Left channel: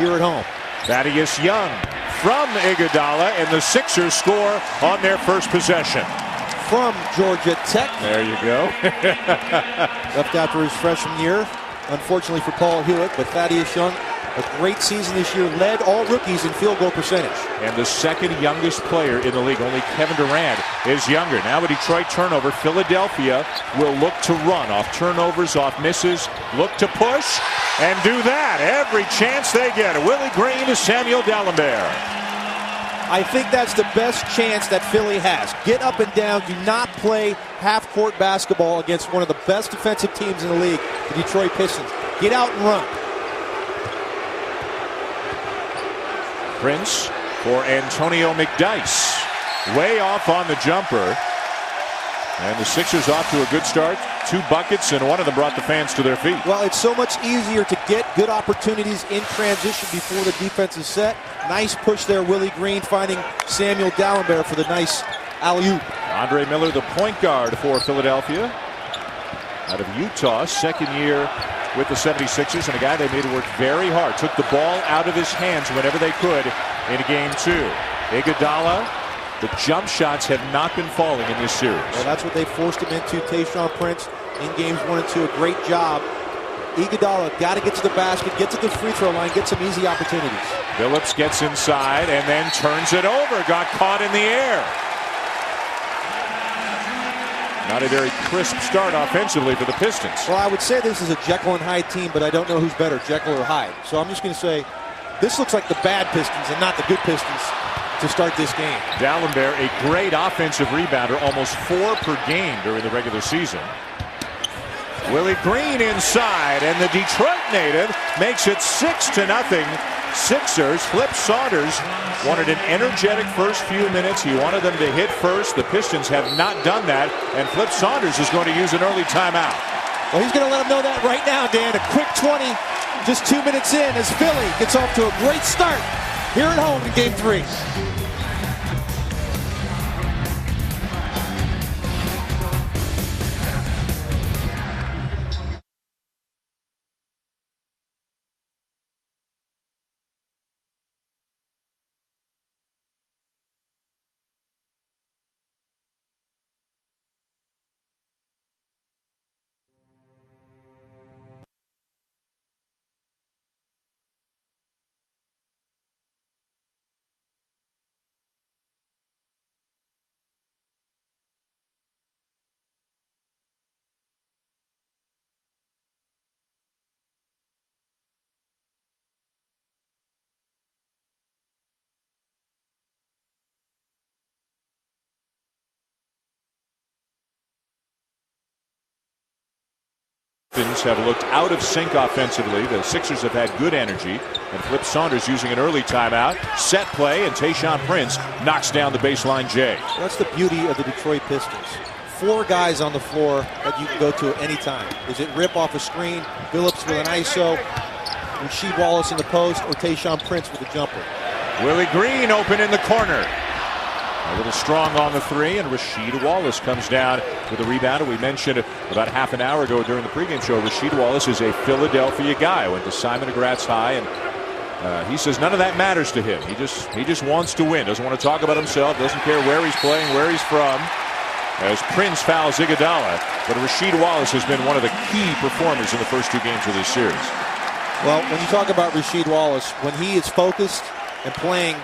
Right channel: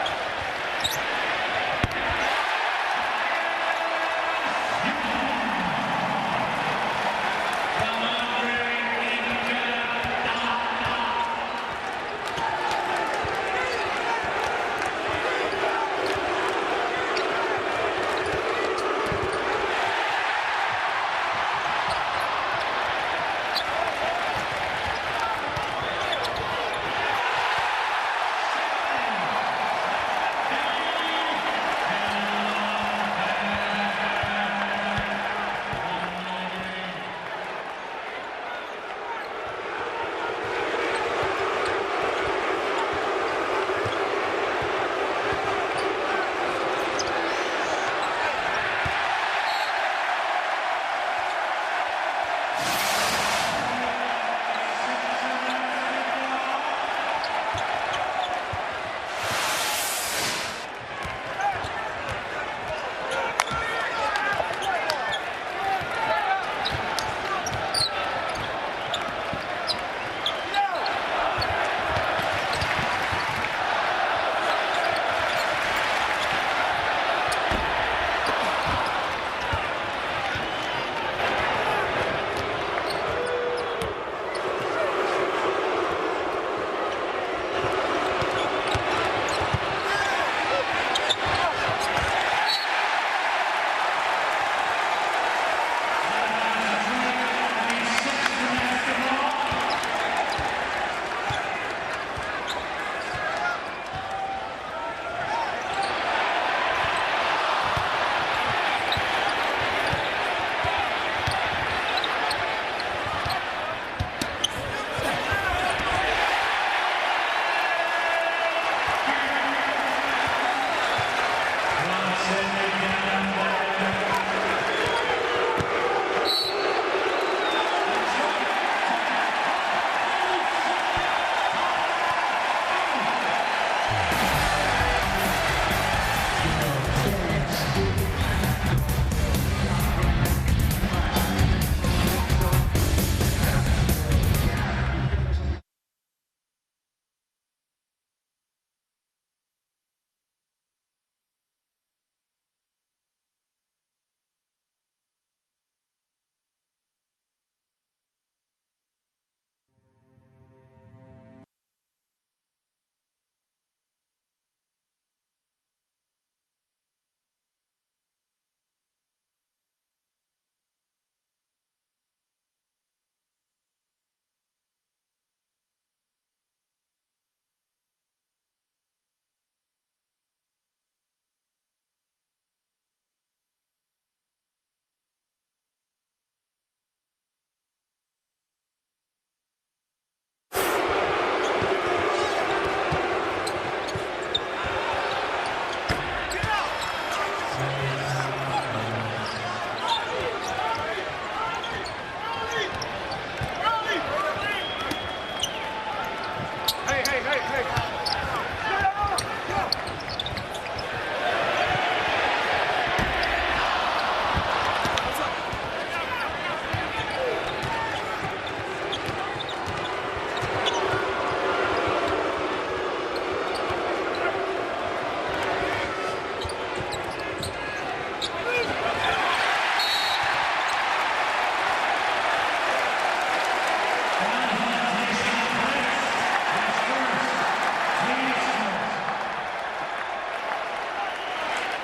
here at home. Thaddeus Young from Iguodala, and the Sixers score on their first possession. From Georgia Tech. There you go. Left after his freshman year, unfortunately for Paul Hewitt, but Thaddeus Young, a great season this year, led all rookies in field goal percentage. And the second youngest player in the league, only Kevin Durant is younger. Now a Detroit turnover, Philadelphia will look to run off turnovers, off misses, look to push, and do that every chance they get. Willie Green to Samuel D'Alembert. I think that's the best chance that Philly has. Get up and down. Do not play half-court basketball against one of the best defensive teams in the league, the Detroit Pistons. Get out and run. Prince for Antonio McDyess. Way off on the jumper. And the Sixers off to a good start. 2 buckets, and one of them brought the fans to their feet. Well, it's so much easier to get good opportunities in transition before the defense is set. Nice push there, Willie Green finding Samuel D'Alembert for the nice alley-oop. Andre Miller, the point guard for Philadelphia. Out of Utah, second year with the 76ers, and a guy they made work very hard. Took the ball out of his hands whenever they could in game 2. Iguodala. The jump shots have not been falling in this series. Well, that's what they forced him into. Tayshaun Prince in games 1 and 2. A great job. Iguodala got to get to the basket, get to the free throw line, get some easy opportunities. Phillips gets inside and then turns it over. Got caught in the air. Not a very crisp start offensively for the Pistons. Well, I would say this is a Jekyll and Hyde team, but I don't know who's better, Jekyll or Hyde. So I'm just going to say this looks like the bad Pistons and not the good Pistons to start this game. D'Alembert, a great offensive rebounder, almost 4 per game during the regular season. Willie Green inside, and the Detroit native makes it 6-0. Sixers. Flip Saunders wanted an energetic first few minutes. He wanted them to hit first. The Pistons have not done that, and Flip Saunders is going to use an early timeout. Well, he's going to let them know that right now, Dan. A quick 20, just 2 minutes in, as Philly gets off to a great start here at home in game 3. Have looked out of sync offensively. The Sixers have had good energy. And Flip Saunders using an early timeout. Set play, and Tayshaun Prince knocks down the baseline J. That's the beauty of the Detroit Pistons. 4 guys on the floor that you can go to at any time. Is it Rip off a screen, Phillips with an ISO, Rasheed Wallace in the post, or Tayshaun Prince with a jumper? Willie Green open in the corner. A little strong on the 3, and Rasheed Wallace comes down with a rebound. We mentioned about half an hour ago during the pregame show, Rasheed Wallace is a Philadelphia guy. Went to Simon Gratz High, and he says none of that matters to him. He just wants to win. Doesn't want to talk about himself. Doesn't care where he's playing, where he's from. As Prince fouls Iguodala, but Rasheed Wallace has been one of the key performers in the first 2 games of this series. Well, when you talk about Rasheed Wallace, when he is focused and playing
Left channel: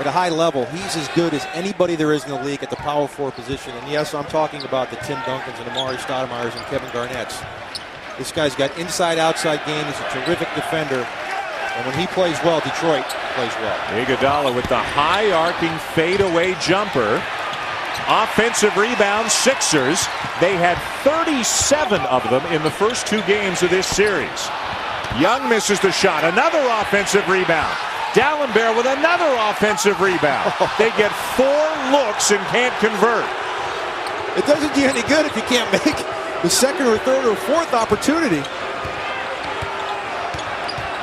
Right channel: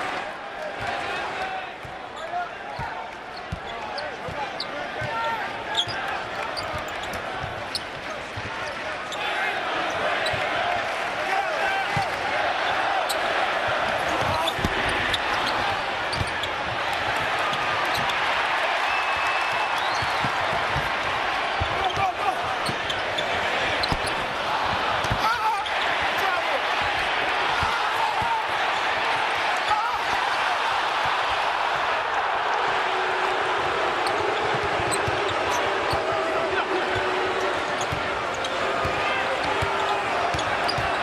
at a high level, he's as good as anybody there is in the league at the power forward position. And yes, I'm talking about the Tim Duncans and Amari Stoudemires and Kevin Garnett's. This guy's got inside-outside game. He's a terrific defender. And when he plays well, Detroit plays well. Iguodala with the high arcing fadeaway jumper. Offensive rebound, Sixers. They had 37 of them in the first 2 games of this series. Young misses the shot. Another offensive rebound. D'Alembert with another offensive rebound. They get 4 looks and can't convert. It doesn't do any good if you can't make the second or third or fourth opportunity.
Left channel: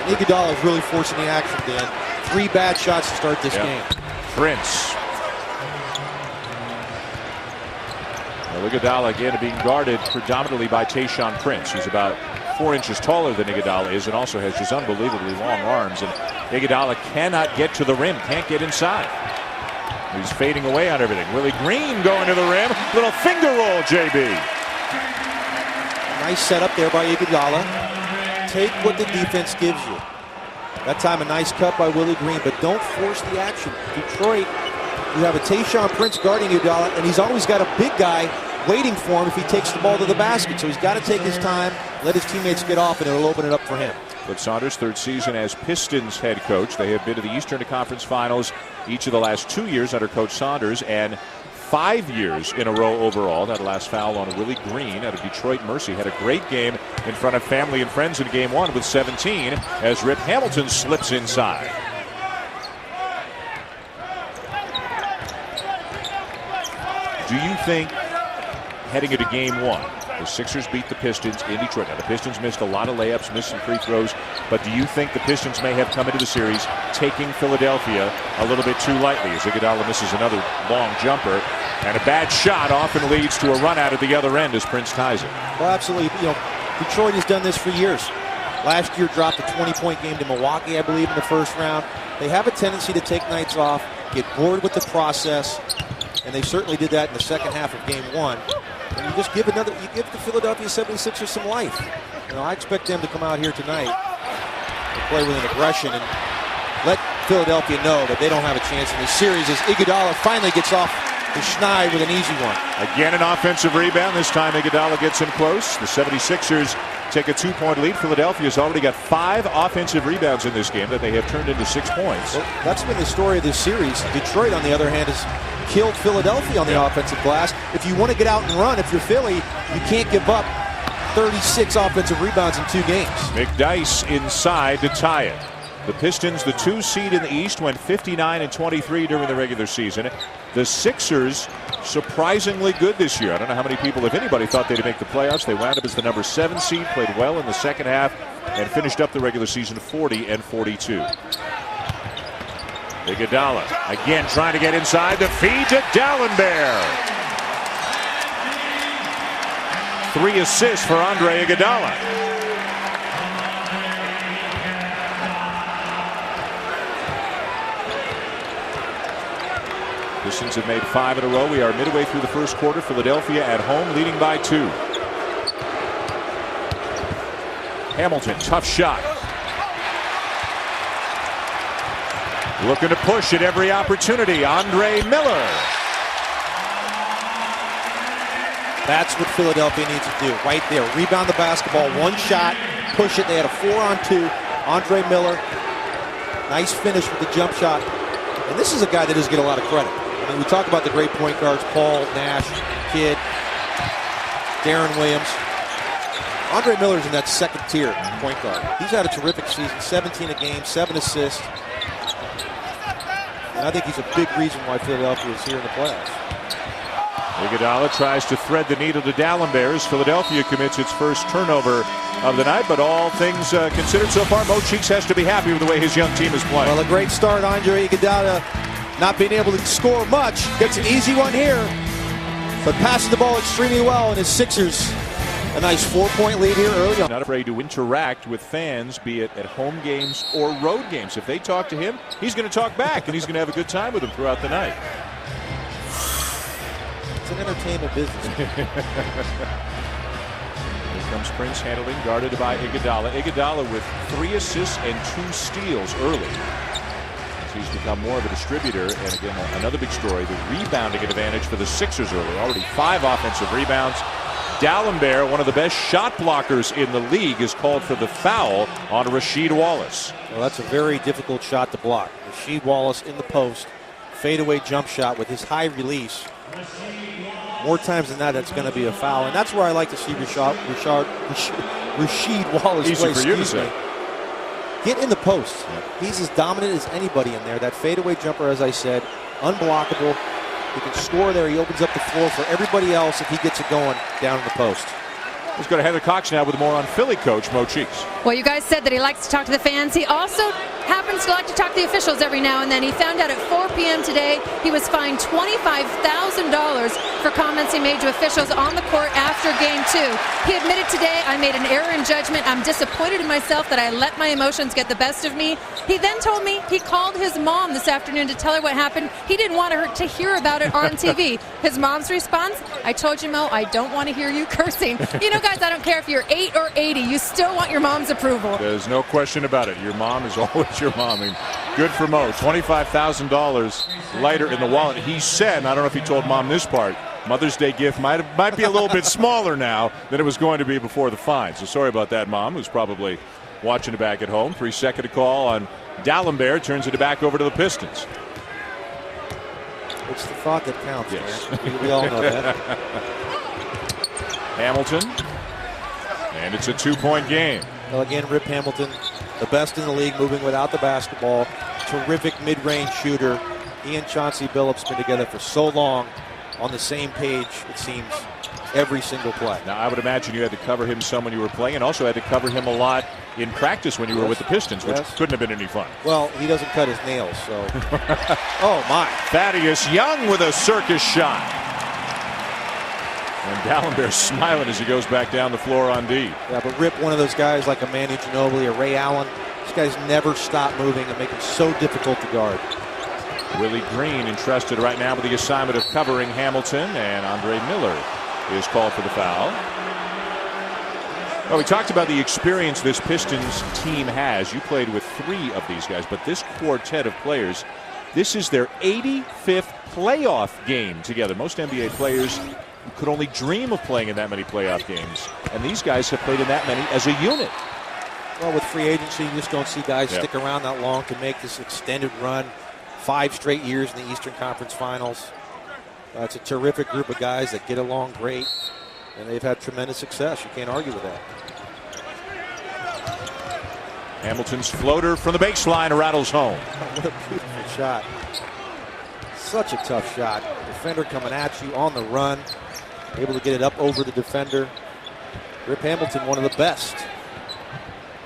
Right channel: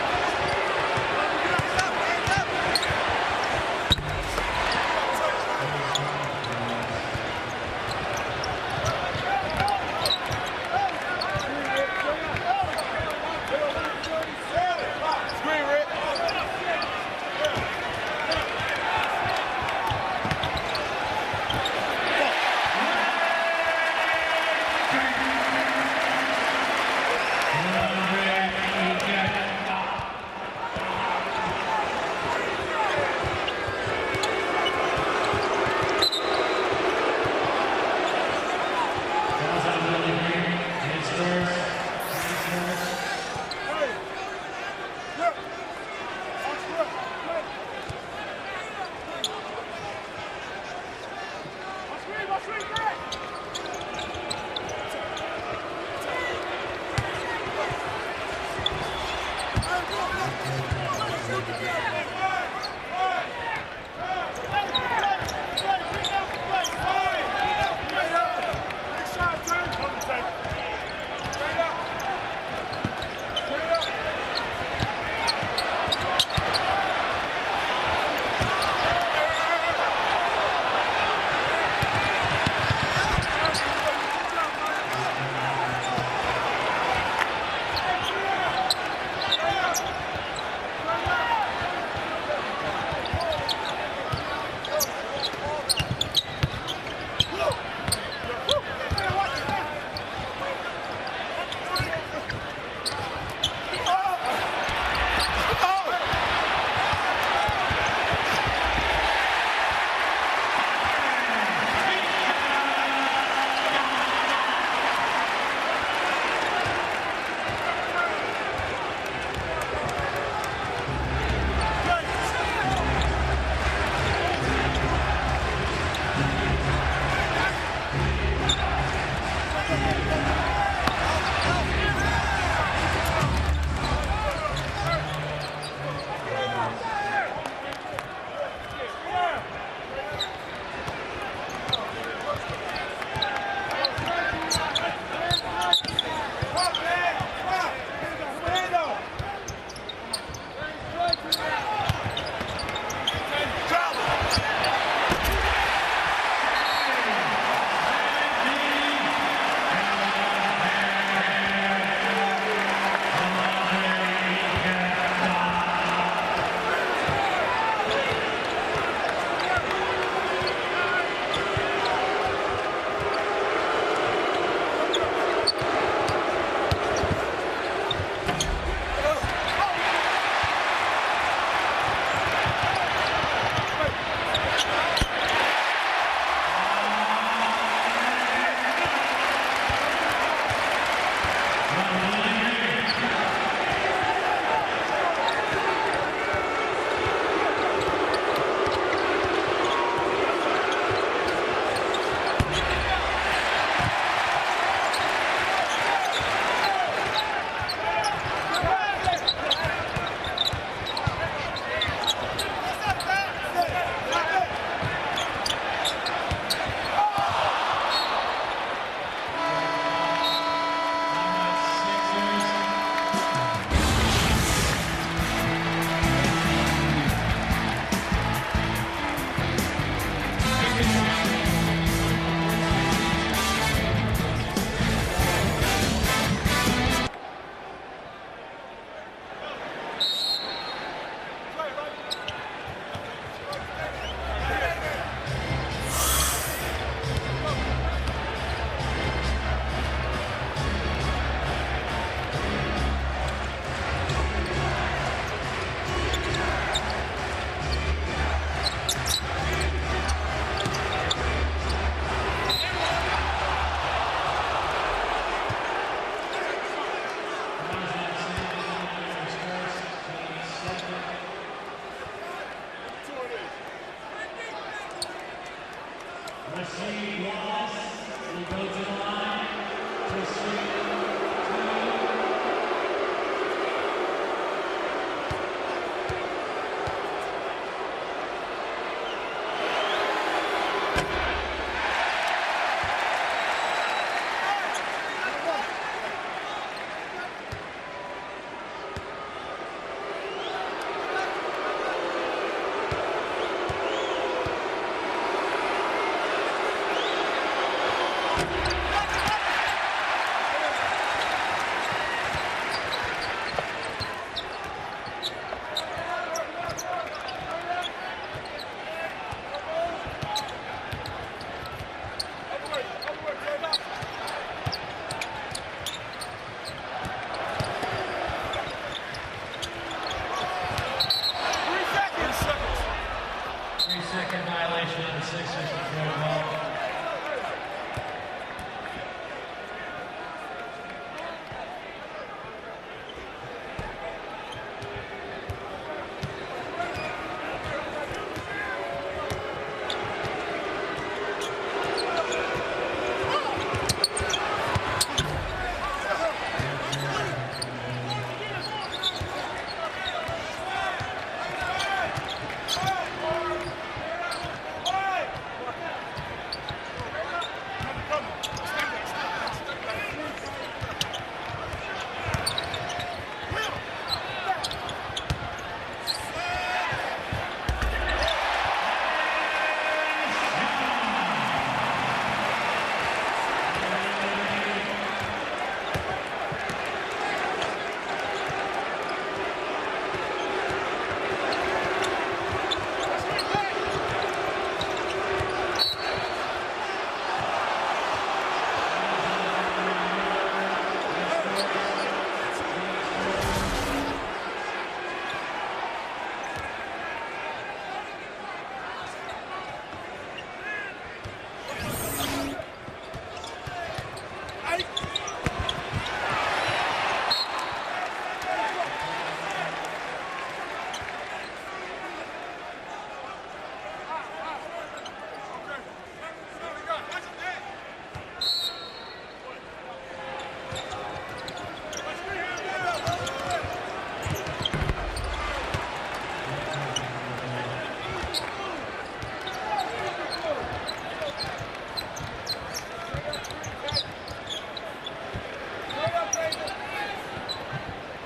Iguodala is really forcing the action, Dan. 3 bad shots to start this game. Prince. Iguodala again being guarded predominantly by Tayshaun Prince. He's about 4 inches taller than Iguodala is and also has just unbelievably long arms. And Iguodala cannot get to the rim, can't get inside. He's fading away on everything. Willie Green going to the rim. Little finger roll, JB. Nice setup there by Iguodala. Take what the defense gives you. That time a nice cut by Willie Green, but don't force the action. Detroit, you have a Tayshaun Prince guarding Iguodala, and he's always got a big guy waiting for him if he takes the ball to the basket. So he's got to take his time, let his teammates get off, and it'll open it up for him. But Saunders' third season as Pistons head coach. They have been to the Eastern Conference Finals each of the last 2 years under Coach Saunders, and 5 years in a row overall. That last foul on Willie Green out of Detroit Mercy. Had a great game in front of family and friends in game 1 with 17 as Rip Hamilton slips inside. Do you think, heading into game 1, the Sixers beat the Pistons in Detroit? The Pistons missed a lot of layups, missed some free throws, but do you think the Pistons may have come into the series taking Philadelphia a little bit too lightly? As Iguodala misses another long jumper, and a bad shot often leads to a run out at the other end as Prince ties it. Well, absolutely. You know, Detroit has done this for years. Last year dropped a 20-point game to Milwaukee, I believe, in the first round. They have a tendency to take nights off, get bored with the process, and they certainly did that in the second half of game 1. You just give the Philadelphia 76ers some life. You know, I expect them to come out here tonight, play with aggression, and let Philadelphia know that they don't have a chance in this series as Iguodala finally gets off the schneid with an easy one. Again, an offensive rebound. This time Iguodala gets him close. The 76ers take a 2-point lead. Philadelphia's already got 5 offensive rebounds in this game that they have turned into 6 points. That's been the story of this series. Detroit, on the other hand, has killed Philadelphia on the offensive glass. If you want to get out and run, if you're Philly, you can't give up 36 offensive rebounds in 2 games. McDyess inside to tie it. The Pistons, the 2 seed in the East, went 59-23 during the regular season. The Sixers, surprisingly good this year. I don't know how many people, if anybody, thought they'd make the playoffs. They wound up as the number 7 seed, played well in the second half, and finished up the regular season 40-42. Iguodala again trying to get inside. The feed to Dallenberg. 3 assists for Andre Iguodala. Pistons have made 5 in a row. We are midway through the first quarter. Philadelphia at home leading by 2. Hamilton, tough shot. Looking to push at every opportunity. Andre Miller. That's what Philadelphia needs to do right there. Rebound the basketball, 1 shot, push it. They had a 4-on-2. Andre Miller. Nice finish with the jump shot. And this is a guy that doesn't get a lot of credit. When we talk about the great point guards, Paul, Nash, Kidd, Darren Williams. Andre Miller's in that second tier point guard. He's had a terrific season, 17 a game, 7 assists. I think he's a big reason why Philadelphia is here in the playoffs. Iguodala tries to thread the needle to Dallenberg as Philadelphia commits its first turnover of the night, but all things considered so far, Mo Cheeks has to be happy with the way his young team is playing. Well, a great start, Andre Iguodala, not being able to score much. Gets an easy one here, but passes the ball extremely well, and his Sixers a nice 4-point lead here early on. Not afraid to interact with fans, be it at home games or road games. If they talk to him, he's going to talk back, and he's going to have a good time with them throughout the night. Prince handed it, guarded by Iguodala. Iguodala with 3 assists and 2 steals early. He's become more of a distributor, and another big story, the rebounding advantage for the Sixers early. Already 5 offensive rebounds. Dallenberg, one of the best shot blockers in the league, is called for the foul on Rasheed Wallace. Well, that's a very difficult shot to block. Rasheed Wallace in the post. Fadeaway jump shot with his high release. More times than that, that's going to be a foul. And that's where I like to see Rasheed Wallace play. Easy for you to say. Get in the post. He's as dominant as anybody in there. That fadeaway jumper, as I said, unblockable. He can score there. He opens up the floor for everybody else if he gets it going down in the post. Let's go to Heather Cox now with more on Philly coach Mo Cheeks. Well, you guys said that he likes to talk to the fans. He also happens to like to talk to the officials every now and then. He found out at 4 p.m. today he was fined $25,000 for comments he made to officials on the court after Game 2. He admitted today, I made an error in judgment. I'm disappointed in myself that I let my emotions get the best of me. He then told me he called his mom this afternoon to tell her what happened. He didn't want her to hear about it on TV. His mom's response, I told you, Mo, I don't want to hear you cursing. You know, guys, I don't care if you're 8 or 80. You still want your mom's approval. There's no question about it. Your mom is always your mom. I mean, good for Mo. $25,000 lighter in the wallet. He said, I don't know if he told mom this part, Mother's Day gift might be a little bit smaller now than it was going to be before the fine. So sorry about that, Mom, who's probably watching it back at home. 3-second call on D'Alembert. Turns it back over to the Pistons. It's the frog that counts. We all know that. Hamilton. And it's a 2-point game. Well, again, Rip Hamilton, the best in the league moving without the basketball. Terrific mid-range shooter. He and Chauncey Billups been together for so long. On the same page, it seems, every single play. Now, I would imagine you had to cover him some when you were playing, and also had to cover him a lot in practice when you were with the Pistons, which couldn't have been any fun. Well, he doesn't cut his nails, so. Oh, my. Thaddeus Young with a circus shot. And D'Alembert smiling as he goes back down the floor on D. Yeah, but Rip, one of those guys like a Manu Ginobili or Ray Allen, these guys never stop moving and make it so difficult to guard. Willie Green entrusted right now with the assignment of covering Hamilton, and Andre Miller is called for the foul. Well, we talked about the experience this Pistons team has. You played with 3 of these guys, but this quartet of players, this is their 85th playoff game together. Most NBA players could only dream of playing in that many playoff games, and these guys have played in that many as a unit. Well, with free agency, you just don't see guys stick around that long to make this extended run. 5 straight years in the Eastern Conference Finals. It's a terrific group of guys that get along great, and they've had tremendous success. You can't argue with that. Hamilton's floater from the baseline rattles home. Shot. Such a tough shot. Defender coming at you on the run. Able to get it up over the defender. Rip Hamilton, one of the best.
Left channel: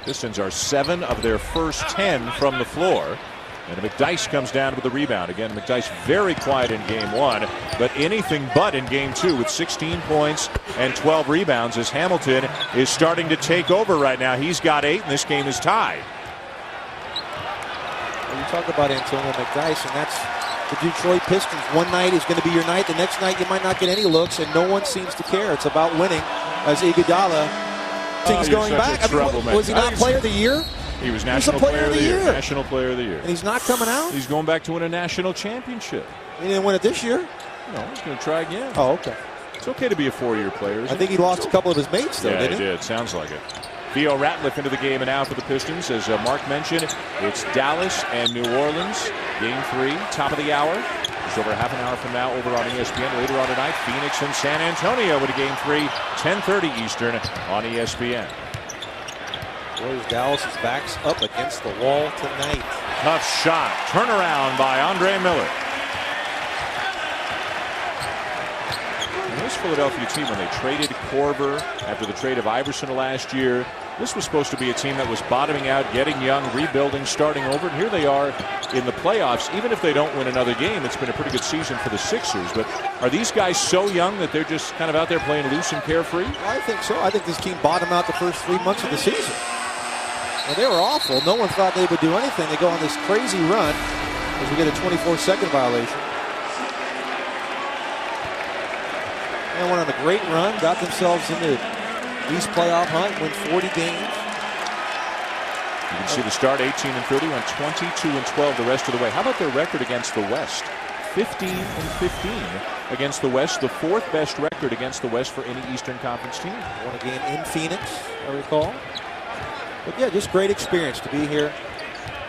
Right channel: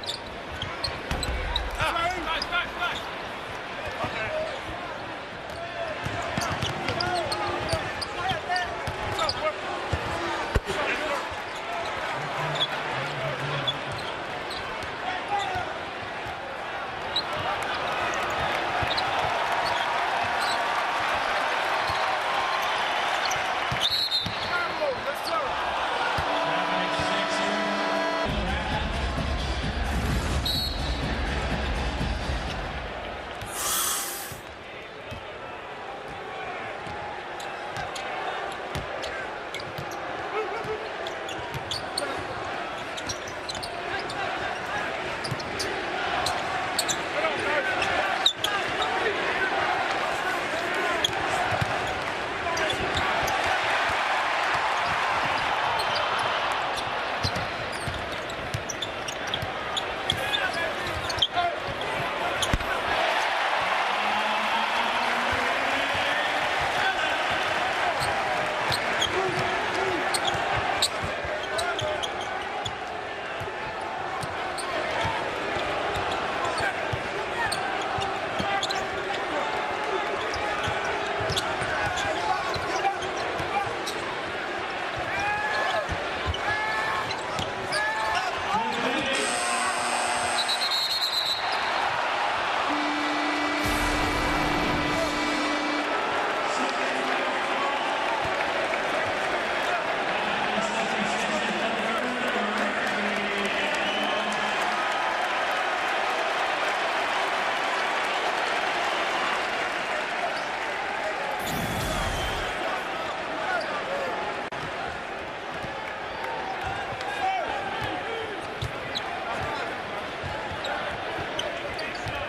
Pistons are 7 of their first 10 from the floor. And McDyess comes down with the rebound. Again, McDyess very quiet in Game 1, but anything but in Game 2 with 16 points and 12 rebounds as Hamilton is starting to take over right now. He's got 8, and this game is tied. You talk about Antonio McDyess, and that's the Detroit Pistons. One night is going to be your night. The next night you might not get any looks, and no one seems to care. It's about winning. As Iguodala, things going back. Was he not Player of the Year? He was National Player of the Year. National Player of the Year. And he's not coming out? He's going back to win a national championship. He didn't win it this year? No, he's going to try again. Oh, okay. It's okay to be a 4-year player. I think he lost a couple of his mates, though, didn't he? Yeah, he did. Sounds like it. Theo Ratliff into the game and now for the Pistons. As Mark mentioned, it's Dallas and New Orleans. Game 3, top of the hour. So they're half an hour from now over on ESPN. Later on tonight, Phoenix and San Antonio with a Game 3, 10:30 Eastern on ESPN. Dallas' backs up against the wall tonight. Tough shot. Turnaround by Andre Miller. This Philadelphia team, when they traded Korver after the trade of Iverson last year, this was supposed to be a team that was bottoming out, getting young, rebuilding, starting over. And here they are in the playoffs. Even if they don't win another game, it's been a pretty good season for the Sixers. But are these guys so young that they're just kind of out there playing loose and carefree? I think so. I think this team bottomed out the first 3 months of the season. And they were awful. No one thought they would do anything. They go on this crazy run to get a 24-second violation. They went on a great run, got themselves into East playoff hunt, win 40 games. You can see the start 18-30 on 22-12 the rest of the way. How about their record against the West? 15-15 against the West, the 4th best record against the West for any Eastern Conference team. Again in Phoenix, I recall. But yeah, just great experience to be here.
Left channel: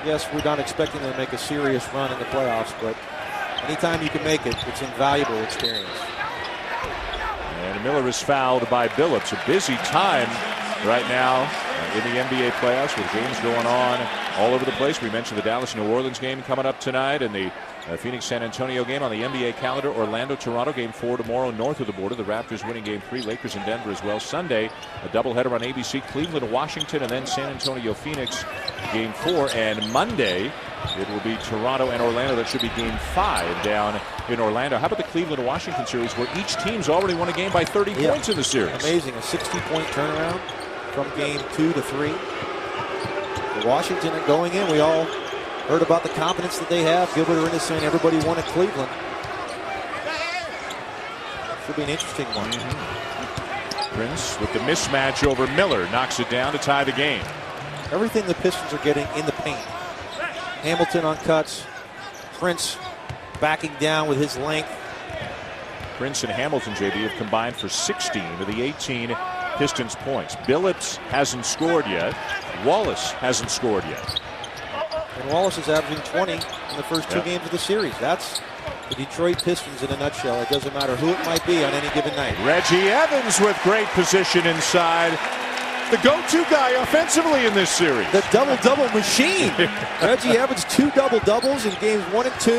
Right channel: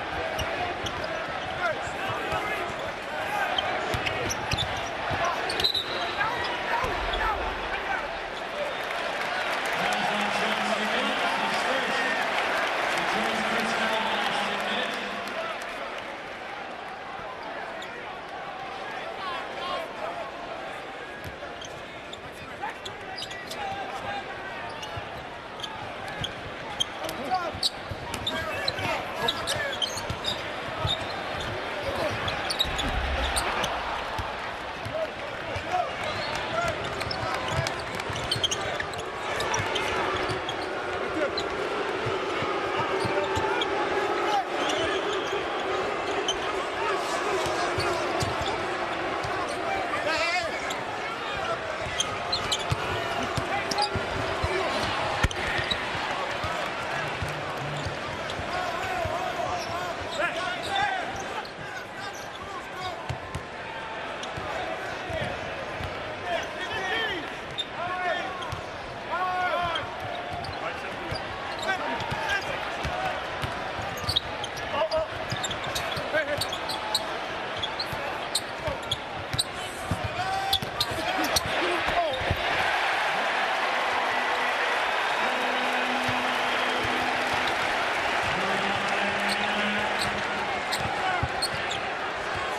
Yes, we're not expecting to make a serious run in the playoffs, but anytime you can make it, it's an invaluable experience. And Miller is fouled by Billups. A busy time right now in the NBA playoffs with games going on all over the place. We mentioned the Dallas-New Orleans game coming up tonight, and the Phoenix-San Antonio game on the NBA calendar. Orlando-Toronto game 4 tomorrow north of the border. The Raptors winning game 3. Lakers in Denver as well. Sunday, a doubleheader on ABC. Cleveland-Washington, and then San Antonio-Phoenix game 4. And Monday, it will be Toronto and Orlando. That should be game 5 down in Orlando. How about the Cleveland-Washington series, where each team's already won a game by 30 points in the series? Amazing. A 16-point turnaround from game 2 to 3. Washington going in, we all heard about the confidence that they have. They were saying everybody won at Cleveland. Should be an interesting one. Prince with the mismatch over Miller knocks it down to tie the game. Everything the Pistons are getting in the paint. Hamilton on cuts. Prince backing down with his length. Prince and Hamilton's AD have combined for 16 of the 18 Pistons points. Billets hasn't scored yet. Wallace hasn't scored yet. And Wallace is averaging 20 in the first 2 games of the series. That's the Detroit Pistons in a nutshell. It doesn't matter who it might be on any given night. Reggie Evans with great position inside. The go-to guy offensively in this series. The double-double machine. Reggie Evans 2 double-doubles in games 1 and 2.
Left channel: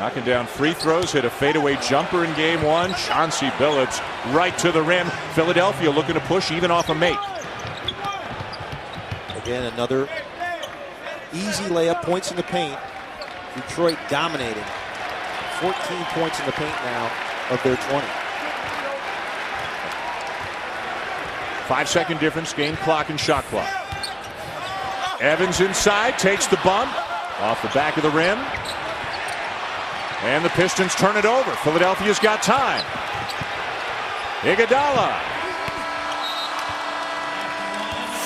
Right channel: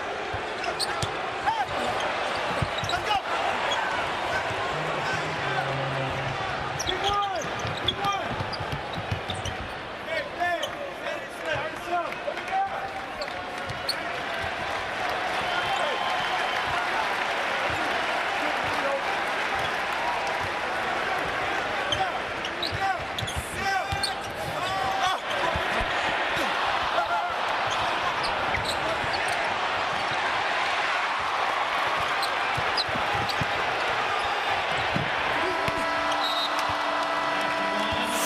Knocking down free throws, hit a fadeaway jumper in game 1. Chauncey Billups right to the rim. Philadelphia looking to push even off a make. Again, another easy layup, points in the paint. Detroit dominating. 14 points in the paint now of their 20. 5-second difference, game clock and shot clock. Evans inside, takes the bump off the back of the rim. And the Pistons turn it over. Philadelphia's got time. Iguodala.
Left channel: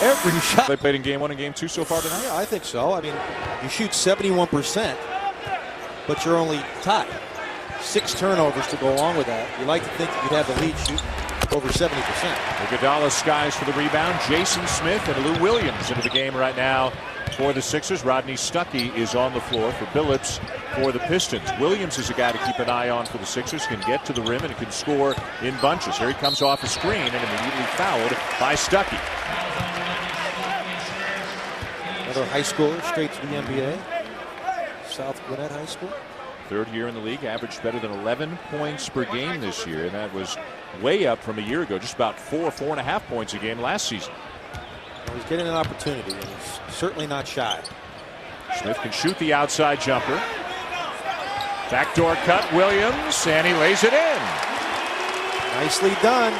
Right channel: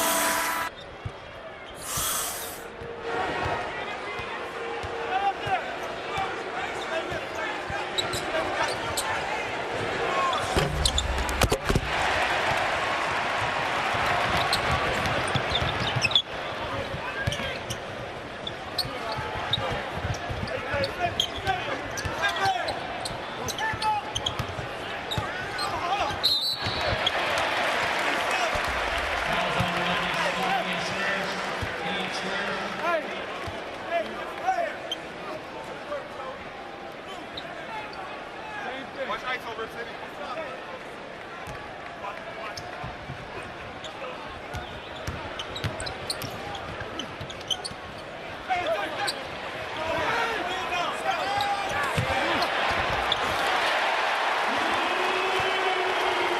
Every shot. They played in game 1 and game 2 so far tonight? Yeah, I think so. I mean, you shoot 71%, but you're only top 6 turnovers to go along with that. You like to think you'd have the lead shoot over 70%. Iguodala skies for the rebound. Jason Smith and Lou Williams into the game right now for the Sixers. Rodney Stuckey is on the floor for Billups for the Pistons. Williams is a guy to keep an eye on for the Sixers. Can get to the rim and can score in bunches. Here he comes off the screen and immediately fouled by Stuckey. Another high schooler straight to the NBA. South Gwinnett High School. 3rd year in the league, averaged better than 11 points per game this year, and that was way up from a year ago, just about 4.5 points a game last season. He's getting an opportunity. He's certainly not shy. Smith can shoot the outside jumper. Backdoor cut, Williams, and he lays it in. Nicely done.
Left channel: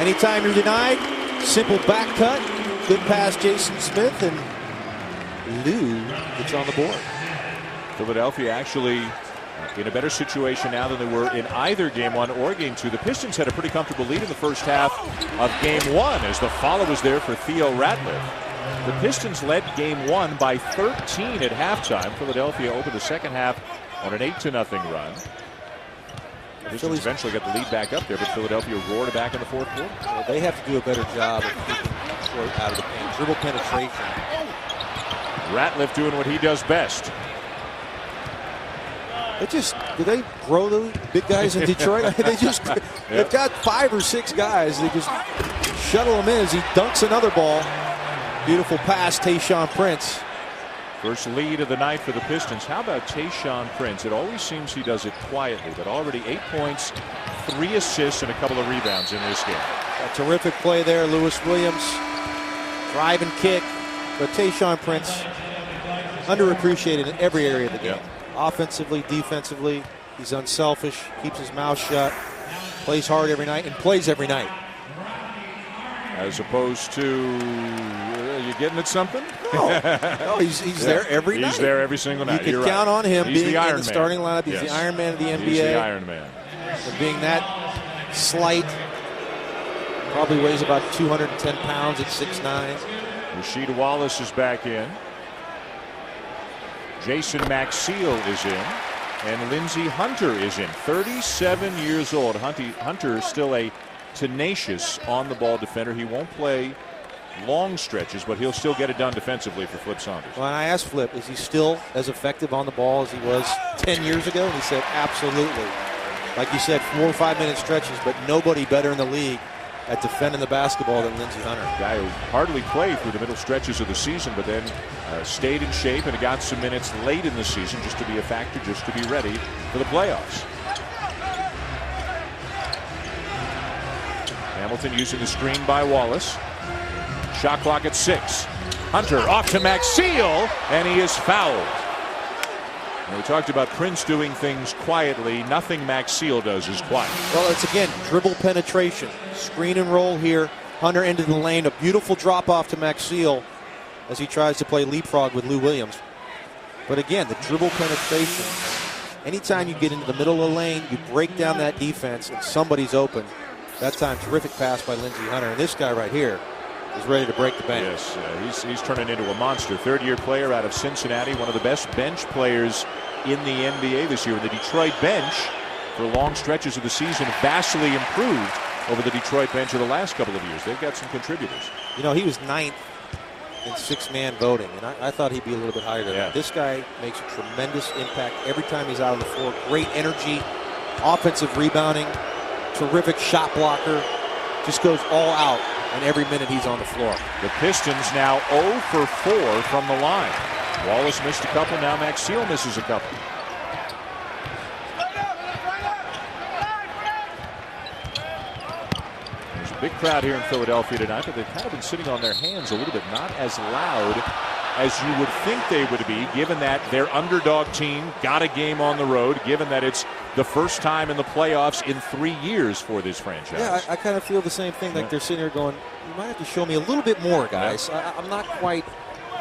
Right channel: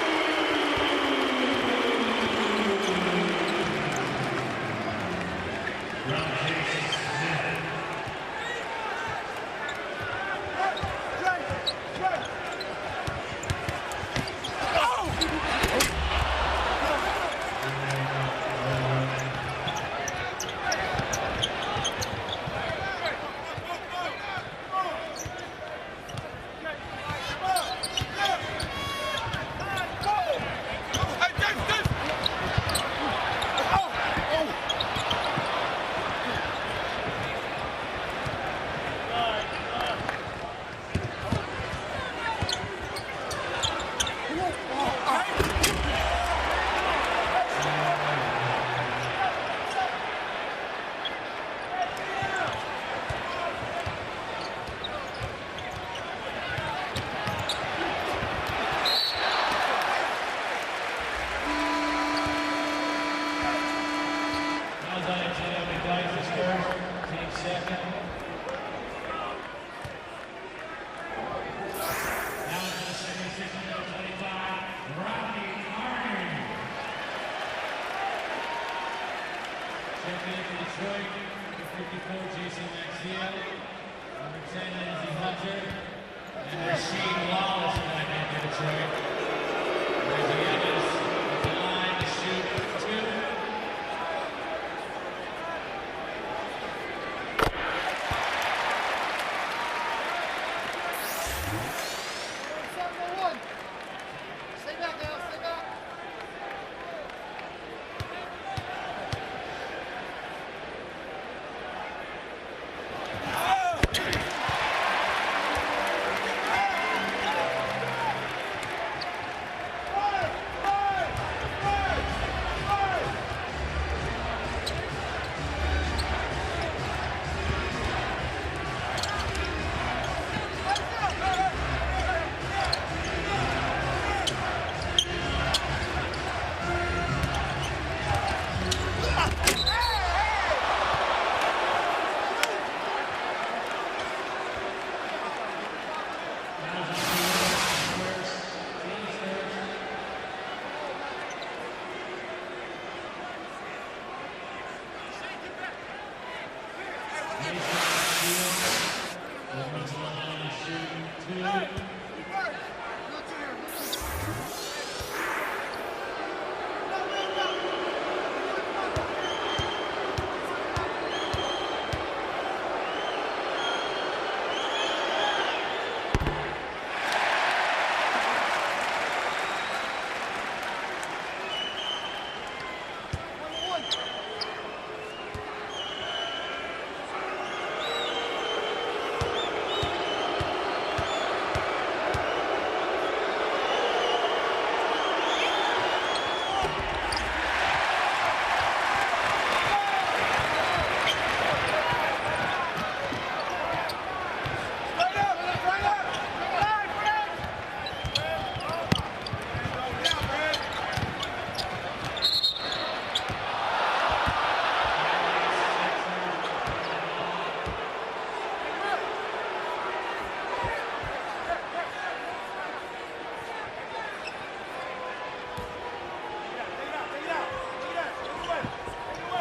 Anytime you're denied, simple back cut. Good pass, Jason Smith, and Lou gets on the board. Philadelphia actually in a better situation now than they were in either game 1 or game 2. The Pistons had a pretty comfortable lead in the first half of game 1 as the follow was there for Theo Ratliff. The Pistons led game 1 by 13 at halftime. Philadelphia over the second half on an 8-0 run. Pistons eventually got the lead back up there, but Philadelphia roared back in the 4th quarter. They have to do a better job. Little penetration. Ratliff doing what he does best. Do they grow the big guys in Detroit? They've got 5 or 6 guys. They just shuttle him in as he dunks another ball. Beautiful pass, Tayshaun Prince. First lead of the night for the Pistons. How about Tayshaun Prince? It always seems he does it quietly, but already 8 points, 3 assists, and a couple of rebounds in this game. A terrific play there, Lewis Williams. Drive and kick. But Tayshaun Prince, underappreciated in every area of the game. Offensively, defensively, he's unselfish, keeps his mouth shut, plays hard every night, and plays every night. As opposed to, you getting at something? No, he's there every night. He's there every single night. You can count on him being in the starting lineup. He's Yes. the Iron Man of the NBA. He's the Iron Man. For being that slight, probably weighs about 210 pounds at 6'9". Rasheed Wallace is back in. Jason Maxiell is in, and Lindsey Hunter is in. 37 years old. Hunter is still a tenacious on-the-ball defender. He won't play long stretches, but he'll still get it done defensively for Flip Saunders. When I asked Flip, is he still as effective on the ball as he was 10 years ago? He said, absolutely. Like you said, 4 or 5 minute stretches, but nobody better in the league at defending the basketball than Lindsey Hunter. Guy who hardly played through the middle stretches of the season, but then stayed in shape and got some minutes late in the season just to be a factor, just to be ready for the playoffs. Hamilton using the screen by Wallace. Shot clock at 6. Hunter off to Maxiel, and he is fouled. And we talked about Prince doing things quietly. Nothing Maxiel does is quiet. Well, it's again dribble penetration, screen and roll here. Hunter into the lane, a beautiful drop off to Maxiel as he tries to play leapfrog with Lou Williams. But again, the dribble penetration. Anytime you get into the middle of the lane, you break down that defense, and somebody's open. That time, terrific pass by Lindsey Hunter. And this guy right here is ready to break the bench. Yes, he's turning into a monster. Third-year player out of Cincinnati, one of the best bench players in the NBA this year. The Detroit bench, for long stretches of the season, vastly improved over the Detroit bench of the last couple of years. They've got some contributors. You know, he was 9th in six-man voting, and I thought he'd be a little bit higher than that. This guy makes a tremendous impact every time he's out on the floor. Great energy, offensive rebounding, terrific shot blocker, just goes all out on every minute he's on the floor. The Pistons now 0 for 4 from the line. Wallace missed a couple, now Maxiel misses a couple. There's a big crowd here in Philadelphia tonight, but they've kind of been sitting on their hands a little bit, not as loud as you would think they would be, given that their underdog team got a game on the road, given that it's the first time in the playoffs in 3 years for this franchise. Yeah, I kind of feel the same thing. Like they're sitting here going, you might have to show me a little bit more, guys. I'm not quite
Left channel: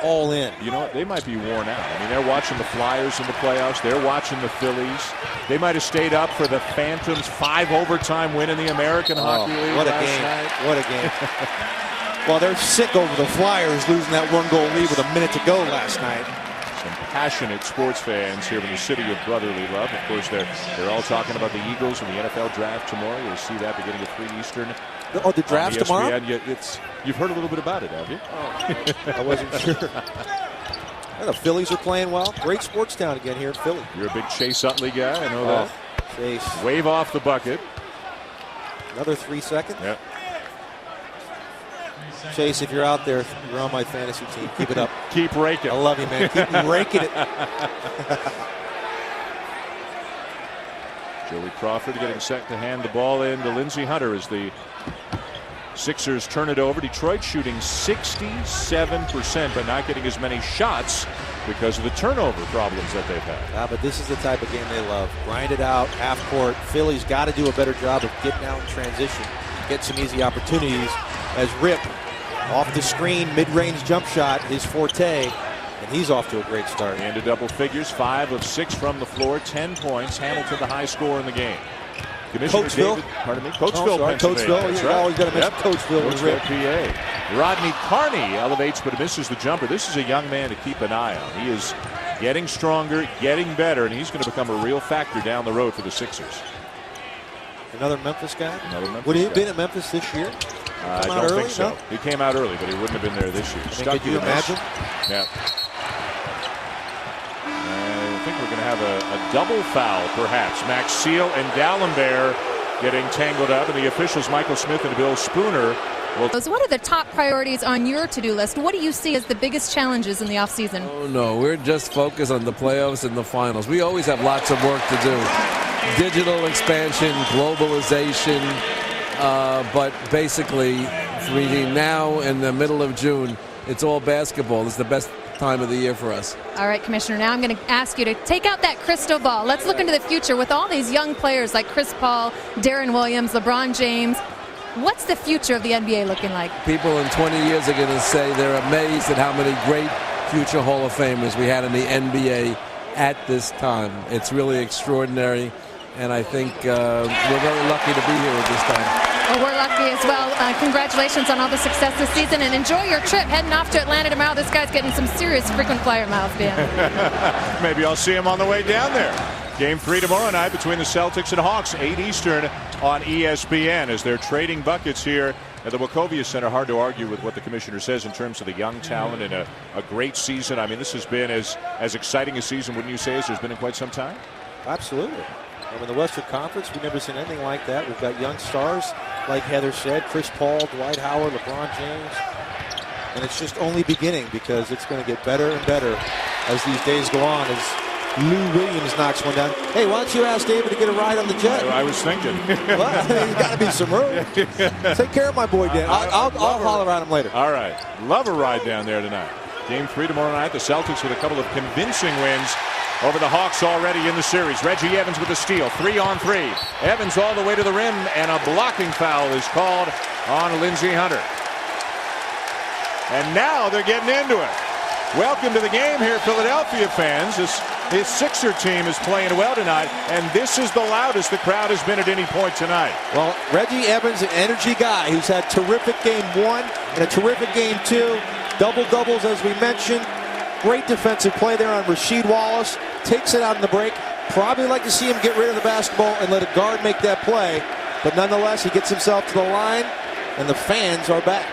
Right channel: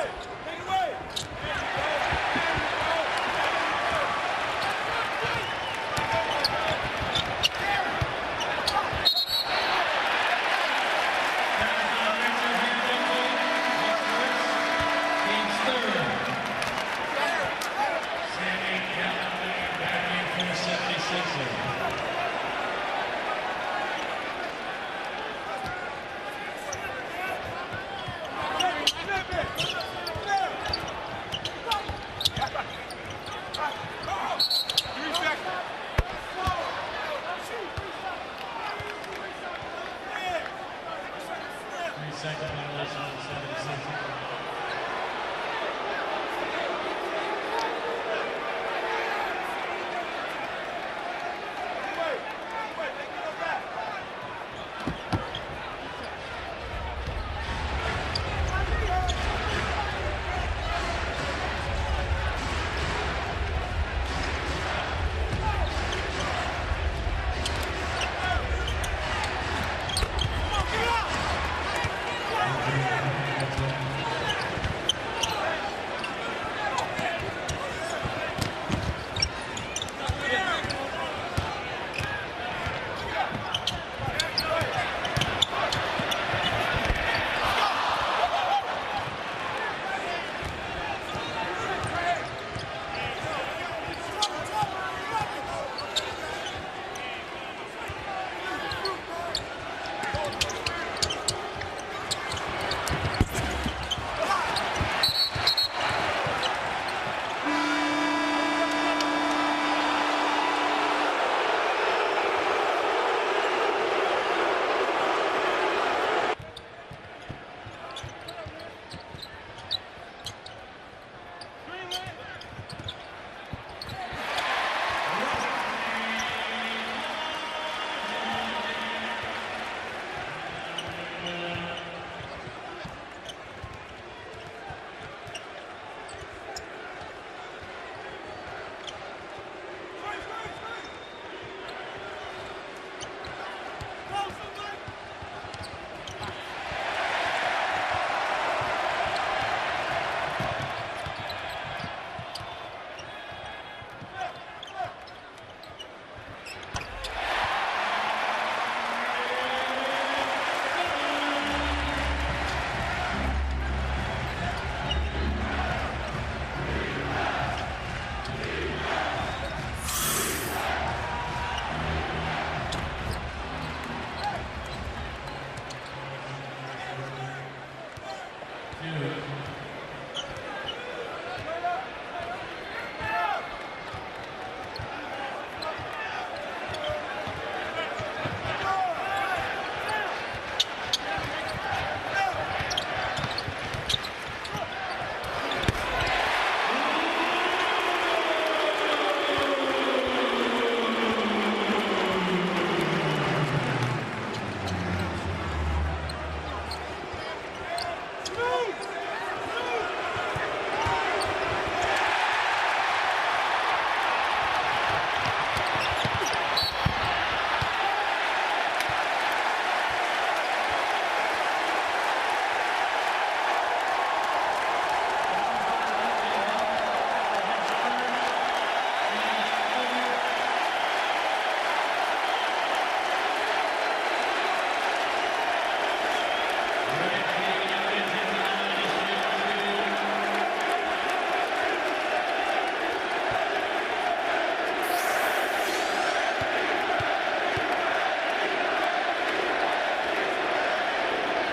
all in. You know, they might be worn out. I mean, they're watching the Flyers in the playoffs. They're watching the Phillies. They might have stayed up for the Phantoms' 5 overtime win in the American Hockey League. What a game. What a game. Well, they're sick over the Flyers losing that 1-goal lead with a minute to go last night. Passionate sports fans here in the city of brotherly love. Of course, they're all talking about the Eagles and the NFL draft tomorrow. We'll see that beginning at 3 Eastern. Oh, the draft tomorrow? You've heard a little bit about it, haven't you? I wasn't sure. The Phillies are playing well. Great sports town again here in Philly. You're a big Chase Utley guy. I know that. Chase. Wave off the bucket. Another 3 seconds. Yep. Chase, if you're out there, you're on my fantasy team. Keep it up. Keep raking. I love you, man. Keep raking it. Joey Crawford getting set to hand the ball in to Lindsey Hunter as the Sixers turn it over. Detroit shooting 67%, but not getting as many shots because of the turnover problems that they've had. Yeah, but this is the type of game they love. Grind it out, half court. Philly's got to do a better job of getting out in transition. Get some easy opportunities as Rip off the screen, mid-range jump shot is forte, and he's off to a great start. Into double figures, 5 of 6 from the floor, 10 points, Hamilton the high score in the game. Coachville. Coachville. Coachville. Rodney Carney elevates but misses the jumper. This is a young man to keep an eye on. He is getting stronger, getting better, and he's going to become a real factor down the road for the Sixers. Another Memphis guy? Would he have been at Memphis this year? I don't think so. He came out early, but he wouldn't have been there this year. Could you imagine? Yeah. I think we're going to have a double foul, perhaps. Maxiel and D'Alembert getting tangled up, and the officials, Michael Smith and Bill Spooner. What are the top priorities on your to-do list? What do you see as the biggest challenges in the offseason? Oh, no, we're just focused on the playoffs and the finals. We always have lots of work to do. Digital expansion, globalization, but basically, between now and the middle of June, it's all basketball. It's the best time of the year for us. All right, Commissioner, now I'm going to ask you to take out that crystal ball. Let's look into the future with all these young players like Chris Paul, Darren Williams, LeBron James. What's the future of the NBA looking like? People in 20 years are going to say they're amazed at how many great future Hall of Famers we had in the NBA at this time. It's really extraordinary, and I think we're very lucky to be here at this time. Well, we're lucky as well. Congratulations on all the success this season, and enjoy your trip heading off to Atlanta tomorrow. This guy's getting some serious frequent flyer miles, Dan. Maybe I'll see him on the way down there. Game 3 tomorrow night between the Celtics and Hawks, 8 Eastern on ESPN, as they're trading buckets here at the Wachovia Center. Hard to argue with what the commissioner says in terms of the young talent and a great season. I mean, this has been as exciting a season, wouldn't you say, as there's been in quite some time? Absolutely. In the Western Conference, we've never seen anything like that. We've got young stars, like Heather said, Chris Paul, Dwight Howard, LeBron James. And it's just only beginning because it's going to get better and better as these days go on. As Lou Williams knocks one down. Hey, why don't you ask David to get a ride on the jet? I was thinking. Well, you got to be some room. Take care of my boy, Dan. I'll holler at him later. All right. Love a ride down there tonight. Game 3 tomorrow night. The Celtics with a couple of convincing wins over the Hawks already in the series. Reggie Evans with a steal. 3-on-3. Evans all the way to the rim, and a blocking foul is called on Lindsey Hunter. And now they're getting into it. Welcome to the game here, Philadelphia fans. His Sixer team is playing well tonight, and this is the loudest the crowd has been at any point tonight. Well, Reggie Evans, an energy guy. He's had terrific game 1 and a terrific game 2. Double-doubles, as we mentioned. Great defensive play there on Rasheed Wallace. Takes it out in the break. Probably like to see him get rid of the basketball and let a guard make that play. But nonetheless, he gets himself to the line, and the fans are back.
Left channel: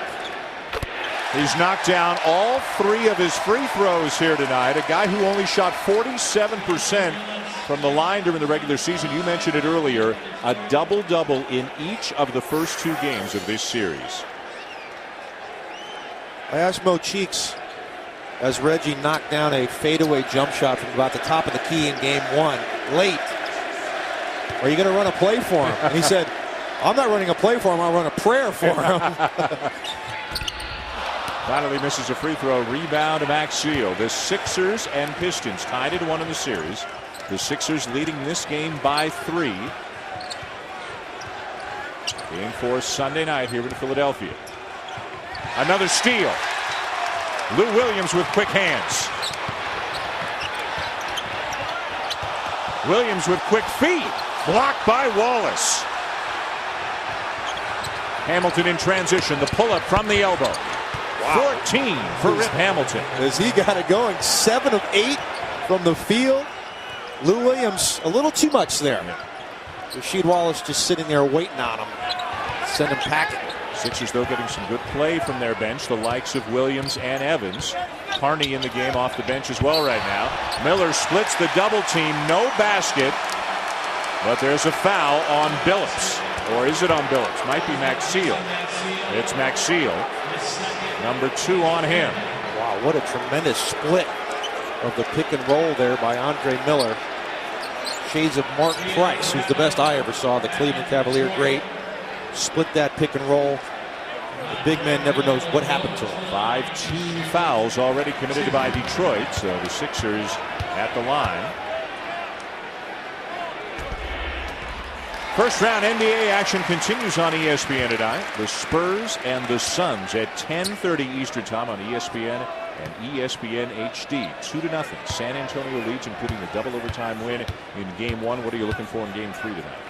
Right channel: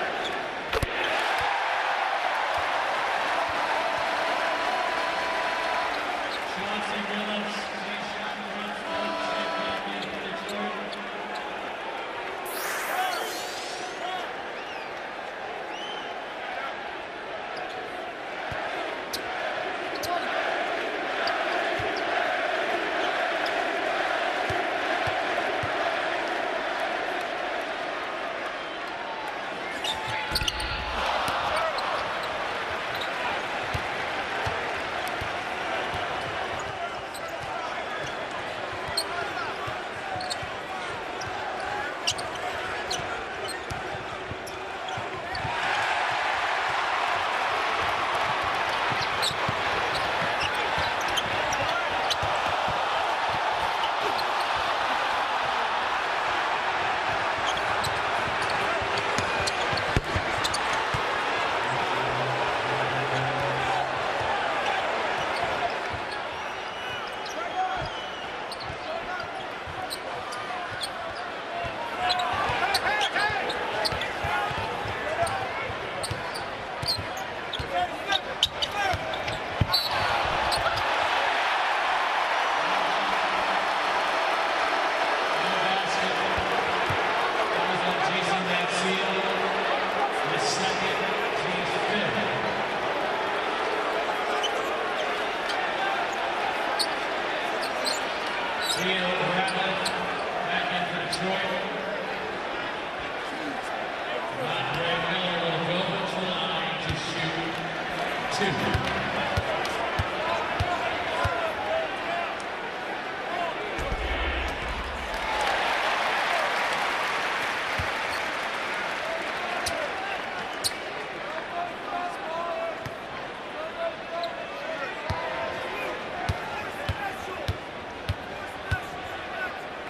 He's knocked down all 3 of his free throws here tonight. A guy who only shot 47% from the line during the regular season. You mentioned it earlier. A double-double in each of the first 2 games of this series. I asked Mo Cheeks as Reggie knocked down a fadeaway jump shot from about the top of the key in game 1. Late. Are you going to run a play for him? And he said, I'm not running a play for him. I'll run a prayer for him. Finally misses a free throw. Rebound to Maxfield. The Sixers and Pistons tied at 1 in the series. The Sixers leading this game by 3. Waiting for Sunday night here in Philadelphia. Another steal. Lou Williams with quick hands. Williams with quick feet. Blocked by Wallace. Hamilton in transition. The pull-up from the elbow. 14 for Rip Hamilton. As he got it going, 7 of 8 from the field. Lou Williams, a little too much there. Rasheed Wallace just sitting there waiting on him. Send him packing. Sixers, though, getting some good play from their bench. The likes of Williams and Evans. Harney in the game off the bench as well right now. Miller splits the double team. No basket. But there's a foul on Billups. Or is it on Billups? Might be Maxfield. It's Maxfield. Number 2 on him. Wow, what a tremendous split of the pick and roll there by Andre Miller. Shades of Martin Price, who's the best I ever saw, the Cleveland Cavalier great. Split that pick and roll. Big man never knows what happened to him. 5 team fouls already committed by Detroit. So the Sixers at the line. First round NBA action continues on ESPN tonight. The Spurs and the Suns at 10:30 Eastern time on ESPN and ESPN HD. 2-0. San Antonio leads, including a double overtime win in game 1. What are you looking for in game 3 tonight?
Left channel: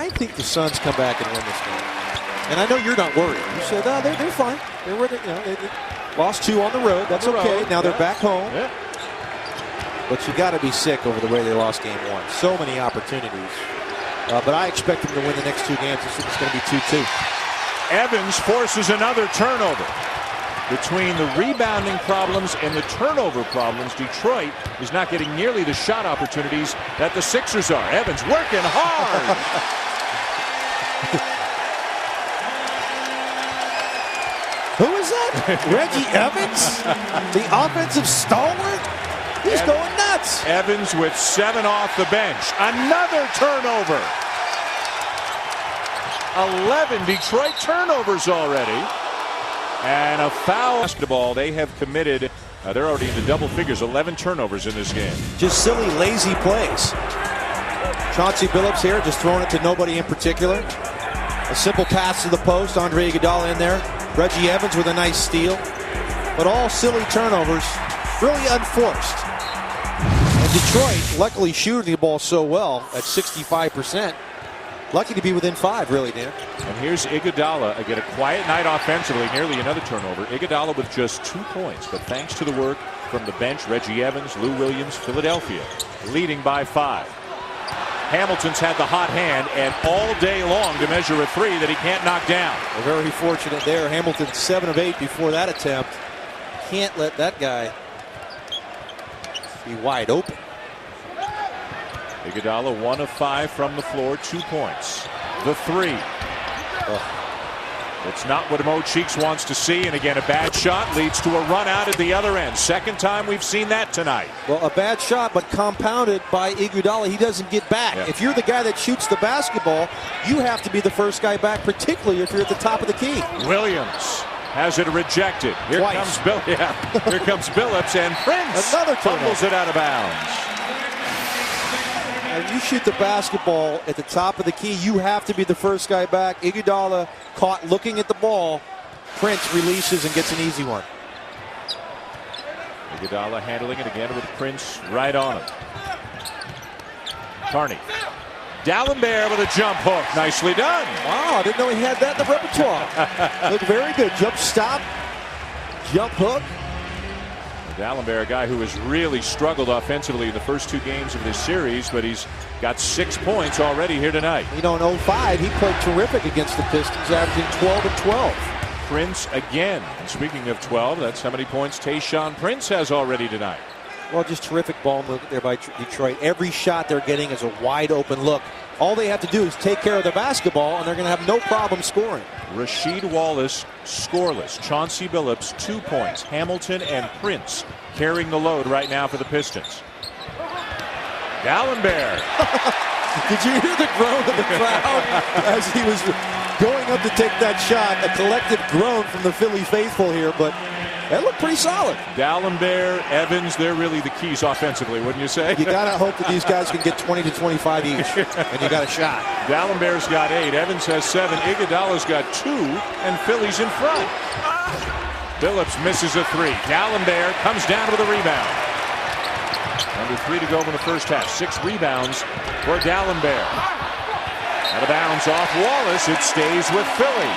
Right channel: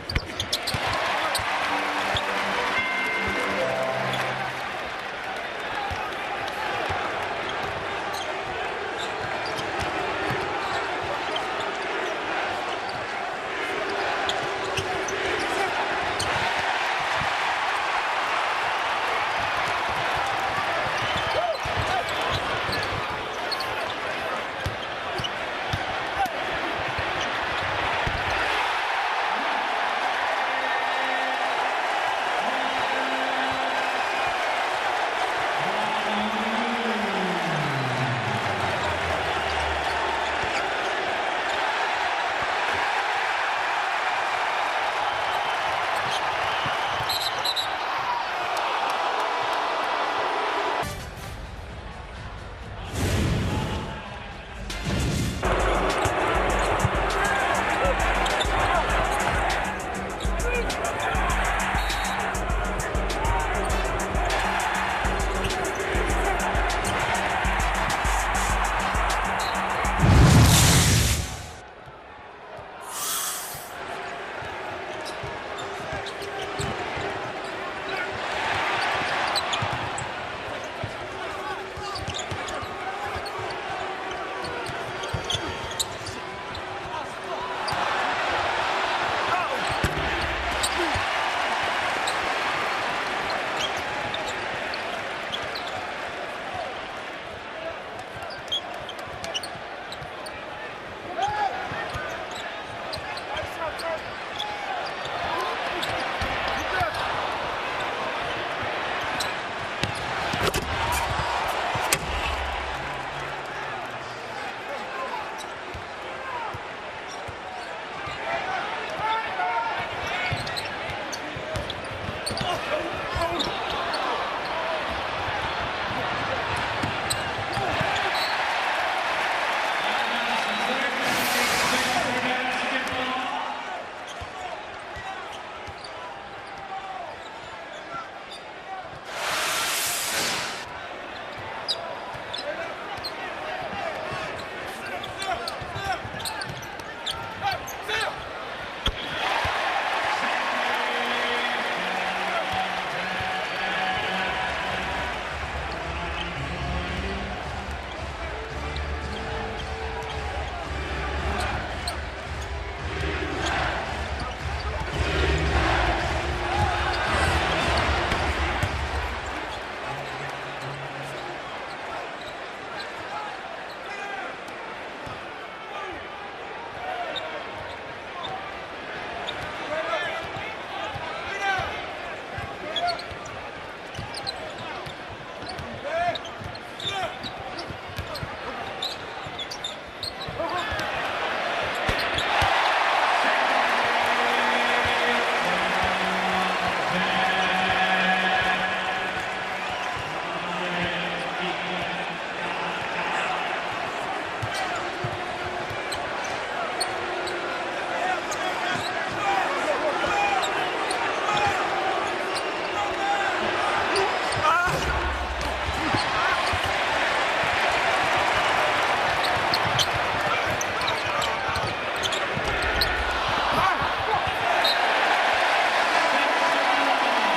I think the Suns come back and win this game. And I know you're not worried. You said, no, they're fine. They lost 2 on the road. That's okay. Now they're back home. But you got to be sick over the way they lost game 1. So many opportunities. But I expect them to win the next 2 games. It's going to be 2-2. Evans forces another turnover. Between the rebounding problems and the turnover problems, Detroit is not getting nearly the shot opportunities that the Sixers are. Evans working hard. Who is that? Reggie Evans? The offensive stalwart? He's going nuts. Evans with 7 off the bench. Another turnover. 11 Detroit turnovers already. And a foul. Basketball, they have committed, they're already in the double figures, 11 turnovers in this game. Just silly, lazy plays. Chauncey Billups here, just throwing it to nobody in particular. A simple pass to the post, Andre Iguodala in there. Reggie Evans with a nice steal. But all silly turnovers, really unforced. Detroit, luckily shooting the ball so well at 65%. Lucky to be within 5, really, Dan. And here's Iguodala. Again, a quiet night offensively, nearly another turnover. Iguodala with just 2 points, but thanks to the work from the bench, Reggie Evans, Lou Williams, Philadelphia, leading by 5. Hamilton's had the hot hand, and all day long to measure a 3 that he can't knock down. They're very fortunate there. Hamilton 7 of 8 before that attempt. Can't let that guy be wide open. Iguodala 1 of 5 from the floor, 2 points. The 3. It's not what Mo Cheeks wants to see, and again, a bad shot leads to a run out at the other end. Second time we've seen that tonight. Well, a bad shot, but compounded by Iguodala. He doesn't get back. Yeah. If you're the guy that shoots the basketball, you have to be the first guy back, particularly if you're at the top of the key. Williams has it rejected. Here Twice. comes Billups, and Prince fumbles it out of bounds. When you shoot the basketball at the top of the key, you have to be the first guy back. Iguodala caught looking at the ball. Prince releases and gets an easy one. Iguodala handling it again with Prince right on him. Carney. Dallenberg with a jump hook. Nicely done. Oh, I didn't know he had that in the repertoire. Looked very good. Jump stop, jump hook. Dallenberg, a guy who has really struggled offensively in the first two games of this series, but he's got 6 points already here tonight. You know, in 05, he played terrific against the Pistons, averaging 12 and 12. Prince again. Speaking of 12, that's how many points Tayshaun Prince has already tonight. Well, just terrific ball movement there by Detroit. Every shot they're getting is a wide open look. All they have to do is take care of the basketball, and they're going to have no problem scoring. Rasheed Wallace scoreless. Chauncey Billups 2 points. Hamilton and Prince carrying the load right now for the Pistons. Dallenberg. Did you hear the groan of the crowd as he was going up to take that shot? A collective groan from the Philly faithful here, but that looked pretty solid. Dallenberg, Evans, they're really the keys offensively, wouldn't you say? You gotta hope that these guys can get 20 to 25 each, and you got a shot. Dallenberg's got 8, Evans has 7, Iguodala's got 2, and Philly's in front. Billups misses a 3. Dallenberg comes down with a rebound. With 3 to go in the first half. 6 rebounds for Dallenberg. The bounce off Wallace. It stays with Philly.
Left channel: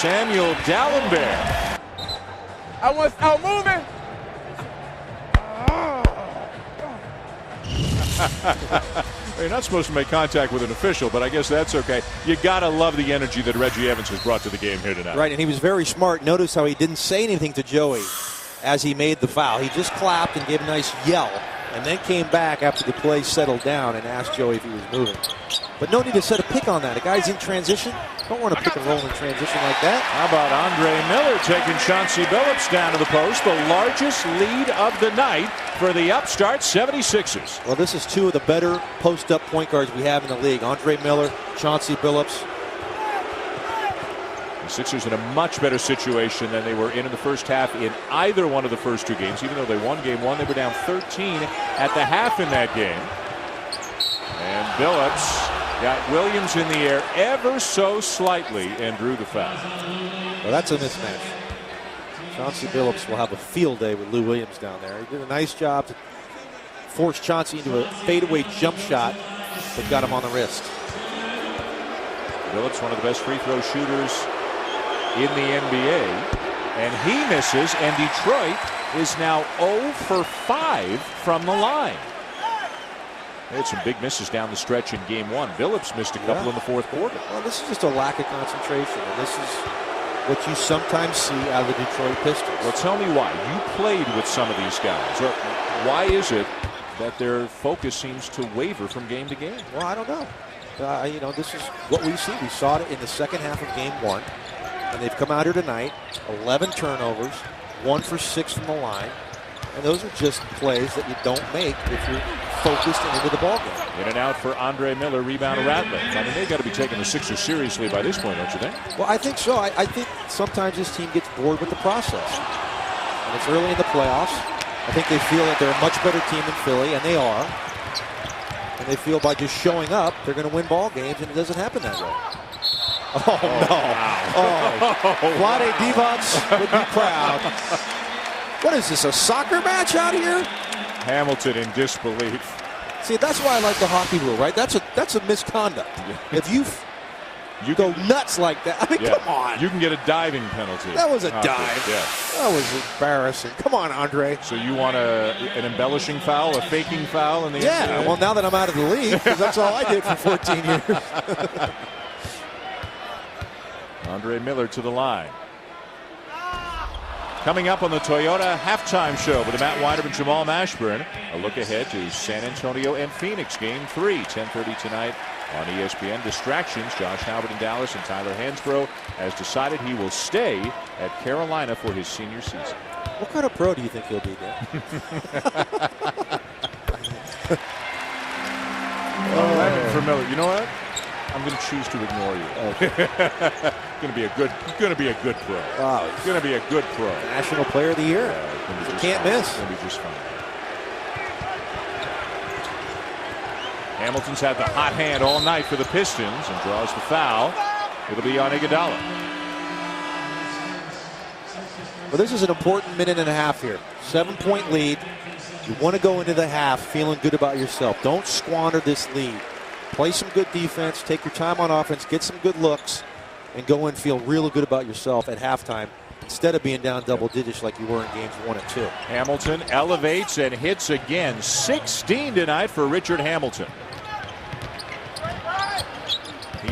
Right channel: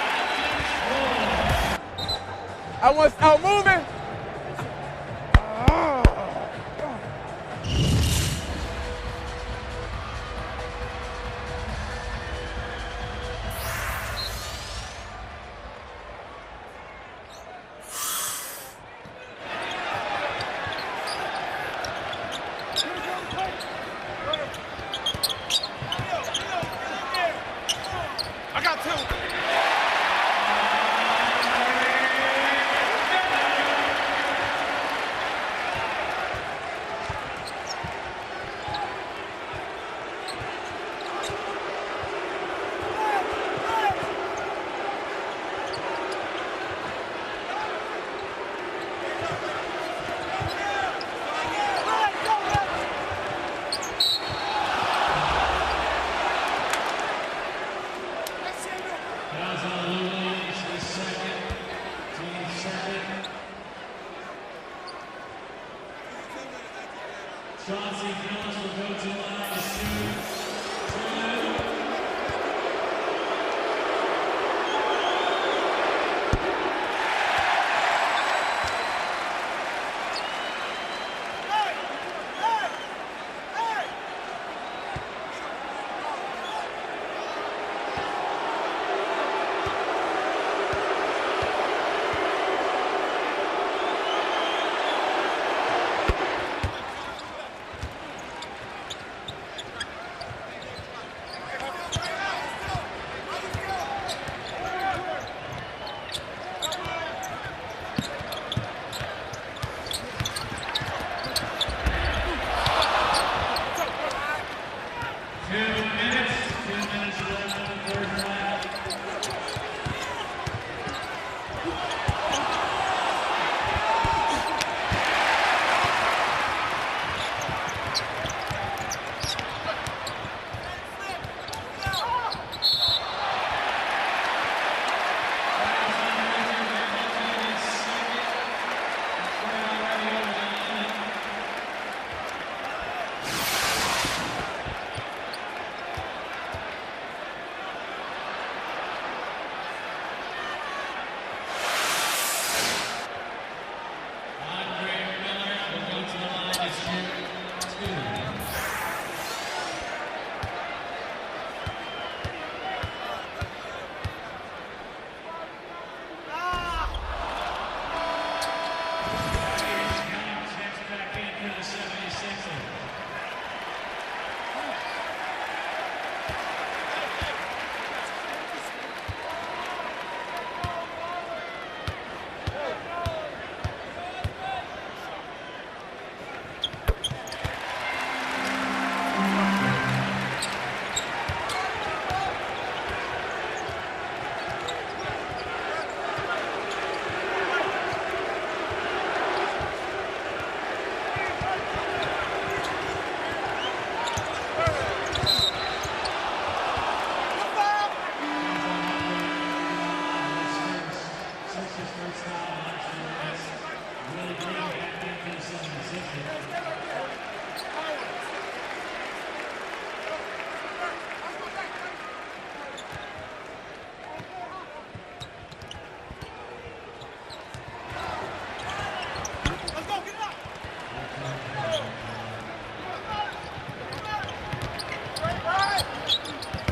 Samuel Dallenberg. I want out moving. You're not supposed to make contact with an official, but I guess that's okay. You got to love the energy that Reggie Evans has brought to the game here tonight. Right, and he was very smart. Notice how he didn't say anything to Joey as he made the foul. He just clapped and gave a nice yell, and then came back after the play settled down and asked Joey if he was moving. But no need to set a pick on that. The guy's in transition. Don't want to pick and roll in transition like that. How about Andre Miller taking Chauncey Billups down to the post? The largest lead of the night for the upstart 76ers. Well, this is 2 of the better post-up point guards we have in the league. Andre Miller, Chauncey Billups. The Sixers in a much better situation than they were in the first half in either one of the first 2 games. Even though they won game 1, they were down 13 at the half in that game. And Billups got Williams in the air ever so slightly and drew the foul. Well, that's a mismatch. Chauncey Billups will have a field day with Lou Williams down there. He did a nice job to force Chauncey into a fadeaway jump shot that got him on the wrist. Billups, one of the best free throw shooters in the NBA, and he misses, and Detroit is now 0 for 5 from the line. They had some big misses down the stretch in game 1. Billups missed a couple in the fourth quarter. Well, this is just a lack of concentration. This is what you sometimes see out of the Detroit Pistons. Well, tell me why. You played with some of these guys. Why is it that their focus seems to waver from game to game? Well, I don't know. You know, this is what we see. We saw it in the second half of game 1. And they've come out here tonight, 11 turnovers, 1 for 6 from the line. And those are just plays that you don't make if you're focused into the ball game. In and out for Andre Miller, rebound around them. They've got to be taking the Sixers seriously by this point, don't you think? Well, I think so. I think sometimes this team gets bored with the process. It's early in the playoffs. I think they feel that they're a much better team than Philly, and they are. And they feel by just showing up, they're going to win ball games, and it doesn't happen that way. Oh, no. Oh, Vlade Divac would be proud. What is this, a soccer match out here? Hamilton in disbelief. See, that's why I like the hockey rule, right? That's a misconduct. If you go nuts like that, I mean, come on. You can get a diving penalty. That was a dive. Yeah. That was embarrassing. Come on, Andre. So you want an embellishing foul, a faking foul? In the Yeah, well, now that I'm out of the league, because that's all I did for 14 years. Andre Miller to the line. Coming up on the Toyota halftime show with Matt Weinert and Jamal Mashburn. A look ahead to San Antonio and Phoenix, game 3, 10:30 tonight On ESPN, distractions. Josh Albert in Dallas and Tyler Hansbrough has decided he will stay at Carolina for his senior season. What kind of pro do you think he'll be? You know what? I'm going to choose to ignore you. Going to be a good pro. Wow. Going to be a good pro. National Player of the Year. Can't miss. Hamilton's had the hot hand all night for the Pistons and draws the foul. It'll be on Iguodala. Well, this is an important minute and a half here. 7-point lead. You want to go into the half feeling good about yourself. Don't squander this lead. Play some good defense. Take your time on offense. Get some good looks. And go in and feel really good about yourself at halftime instead of being down double digits like you were in games 1 and 2. Hamilton elevates and hits again. 16 tonight for Richard Hamilton.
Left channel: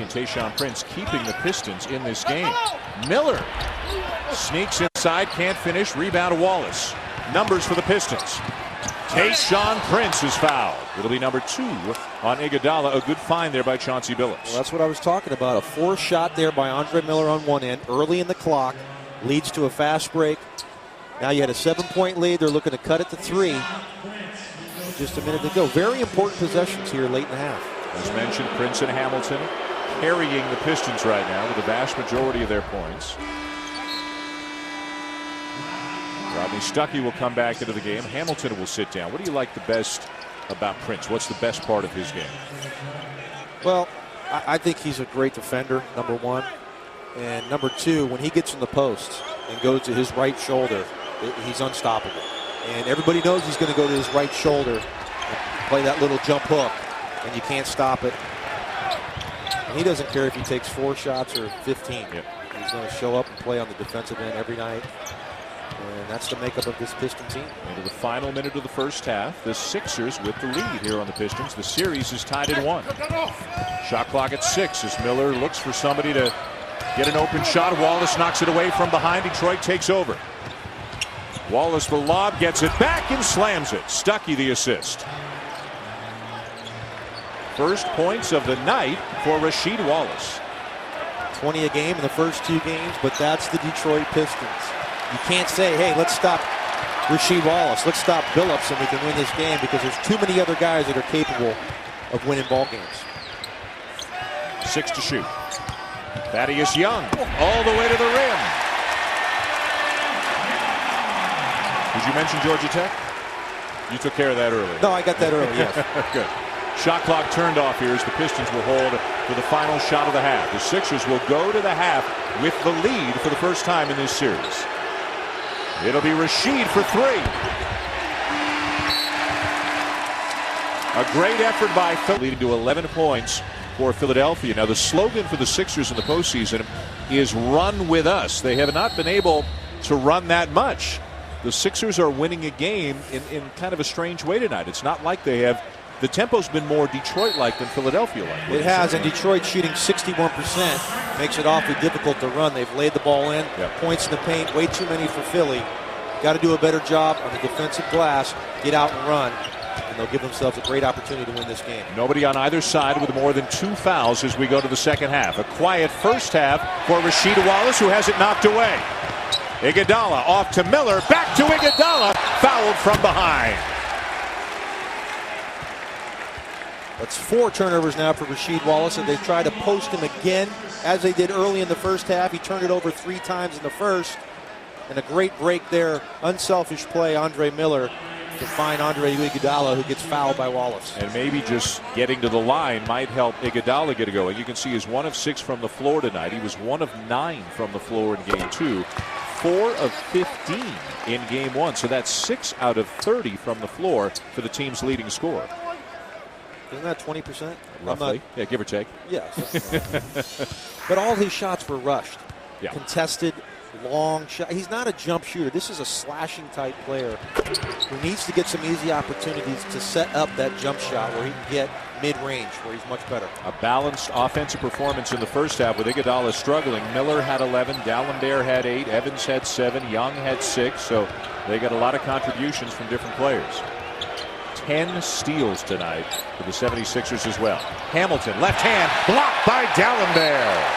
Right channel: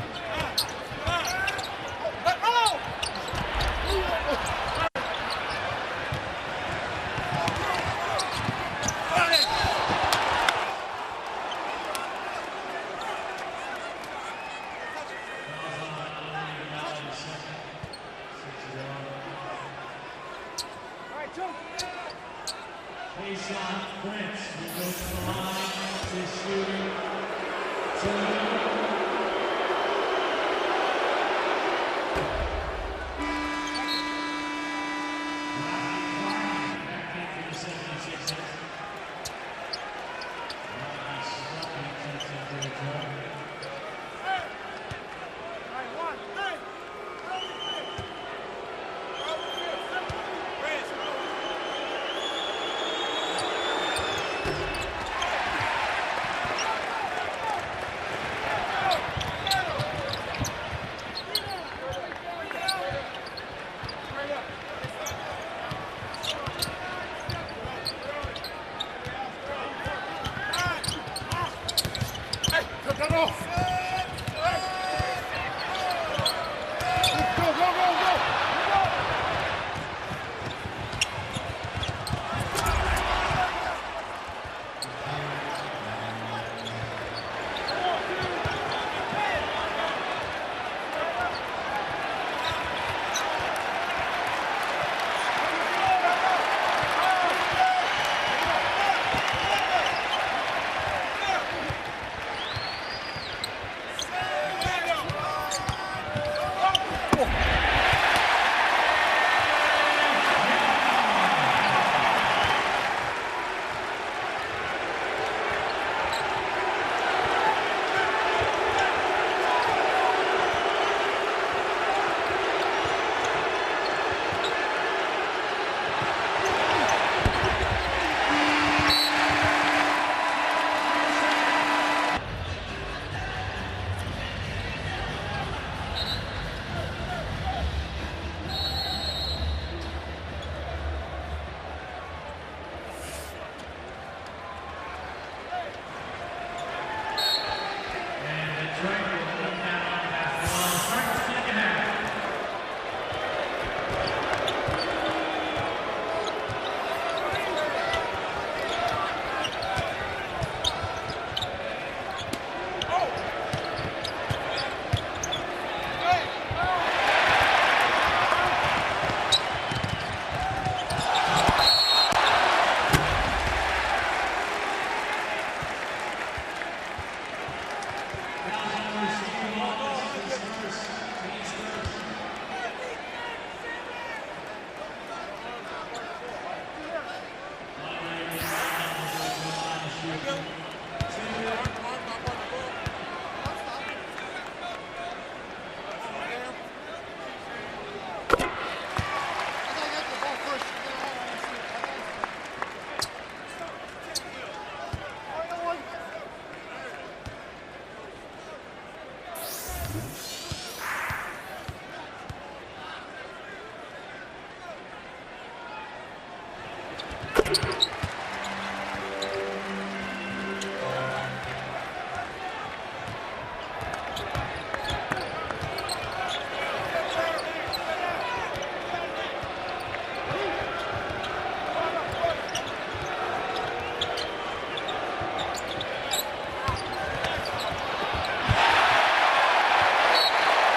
Tayshaun Prince keeping the Pistons in this game. Miller sneaks inside, can't finish. Rebound Wallace. Numbers for the Pistons. Tayshaun Prince is fouled. It'll be number 2 on Iguodala. A good find there by Chauncey Billups. Well, that's what I was talking about. A forced shot there by Andre Miller on one end, early in the clock, leads to a fast break. Now you had a 7-point lead. They're looking to cut it to 3. Just a minute to go. Very important possessions here late in the half. As mentioned, Prince and Hamilton carrying the Pistons right now with the vast majority of their points. Probably Stuckey will come back into the game. Hamilton will sit down. What do you like the best about Prince? What's the best part of his game? Well, I think he's a great defender, number 1. And number 2, when he gets in the post and goes to his right shoulder, he's unstoppable. And everybody knows he's going to go to his right shoulder and play that little jump hook, and you can't stop it. He doesn't care if he takes 4 shots or 15. He's going to show up and play on the defensive end every night. And that's the makeup of this Piston team. In the final minute of the first half, the Sixers with the lead here on the Pistons. The series is tied at 1. Shot clock at 6 as Miller looks for somebody to get an open shot. Wallace knocks it away from behind. Detroit takes over. Wallace will lob, gets it back and slams it. Stuckey the assist. First points of the night for Rasheed Wallace. 20 a game in the first 2 games, but that's the Detroit Pistons. You can't say, hey, let's stop Rasheed Wallace, let's stop Billups and we can win this game, because there's too many other guys that are capable of winning ball games. 6 to shoot. Thaddeus Young all the way to the rim. Did you mention Georgia Tech? You took care of that earlier. No, I got that earlier. Good. Shot clock turned off here as the Pistons will hold for the final shot of the half. The Sixers will go to the half with the lead for the first time in this series. It'll be Rasheed for 3. A great effort by Philly, leading to 11 points for Philadelphia. Now the slogan for the Sixers in the postseason is "Run with us." They have not been able to run that much. The Sixers are winning a game in kind of a strange way tonight. It's not like they have. The tempo's been more Detroit-like than Philadelphia. It has, and Detroit shooting 61% makes it awfully difficult to run. They've laid the ball in, points in the paint, way too many for Philly. Got to do a better job on the defensive glass, get out and run, and they'll give themselves a great opportunity to win this game. Nobody on either side with more than 2 fouls as we go to the second half. A quiet first half for Rasheed Wallace, who has it knocked away. Iguodala off to Miller, back to Iguodala, fouled from behind. It's 4 turnovers now for Rasheed Wallace, and they try to post him again, as they did early in the first half. He turned it over 3 times in the first, and a great break there. Unselfish play, Andre Miller, to find Andre Iguodala, who gets fouled by Wallace. And maybe just getting to the line might help Iguodala get a go. And you can see he's 1 of 6 from the floor tonight. He was 1 of 9 from the floor in game 2. 4 of 15 in game 1. So that's 6 out of 30 from the floor for the team's leading scorer. Isn't that 20%? Roughly. Yeah, give or take. Yeah. But all his shots were rushed. Yeah. Contested, long shot. He's not a jump shooter. This is a slashing type player who needs to get some easy opportunities to set up that jump shot where he can get mid-range, where he's much better. A balanced offensive performance in the first half with Iguodala struggling. Miller had 11, Gallandaire had 8, Evans had 7, Young had 6. So they got a lot of contributions from different players. 10 steals tonight for the 76ers as well. Hamilton, left hand, blocked by Dallenberg.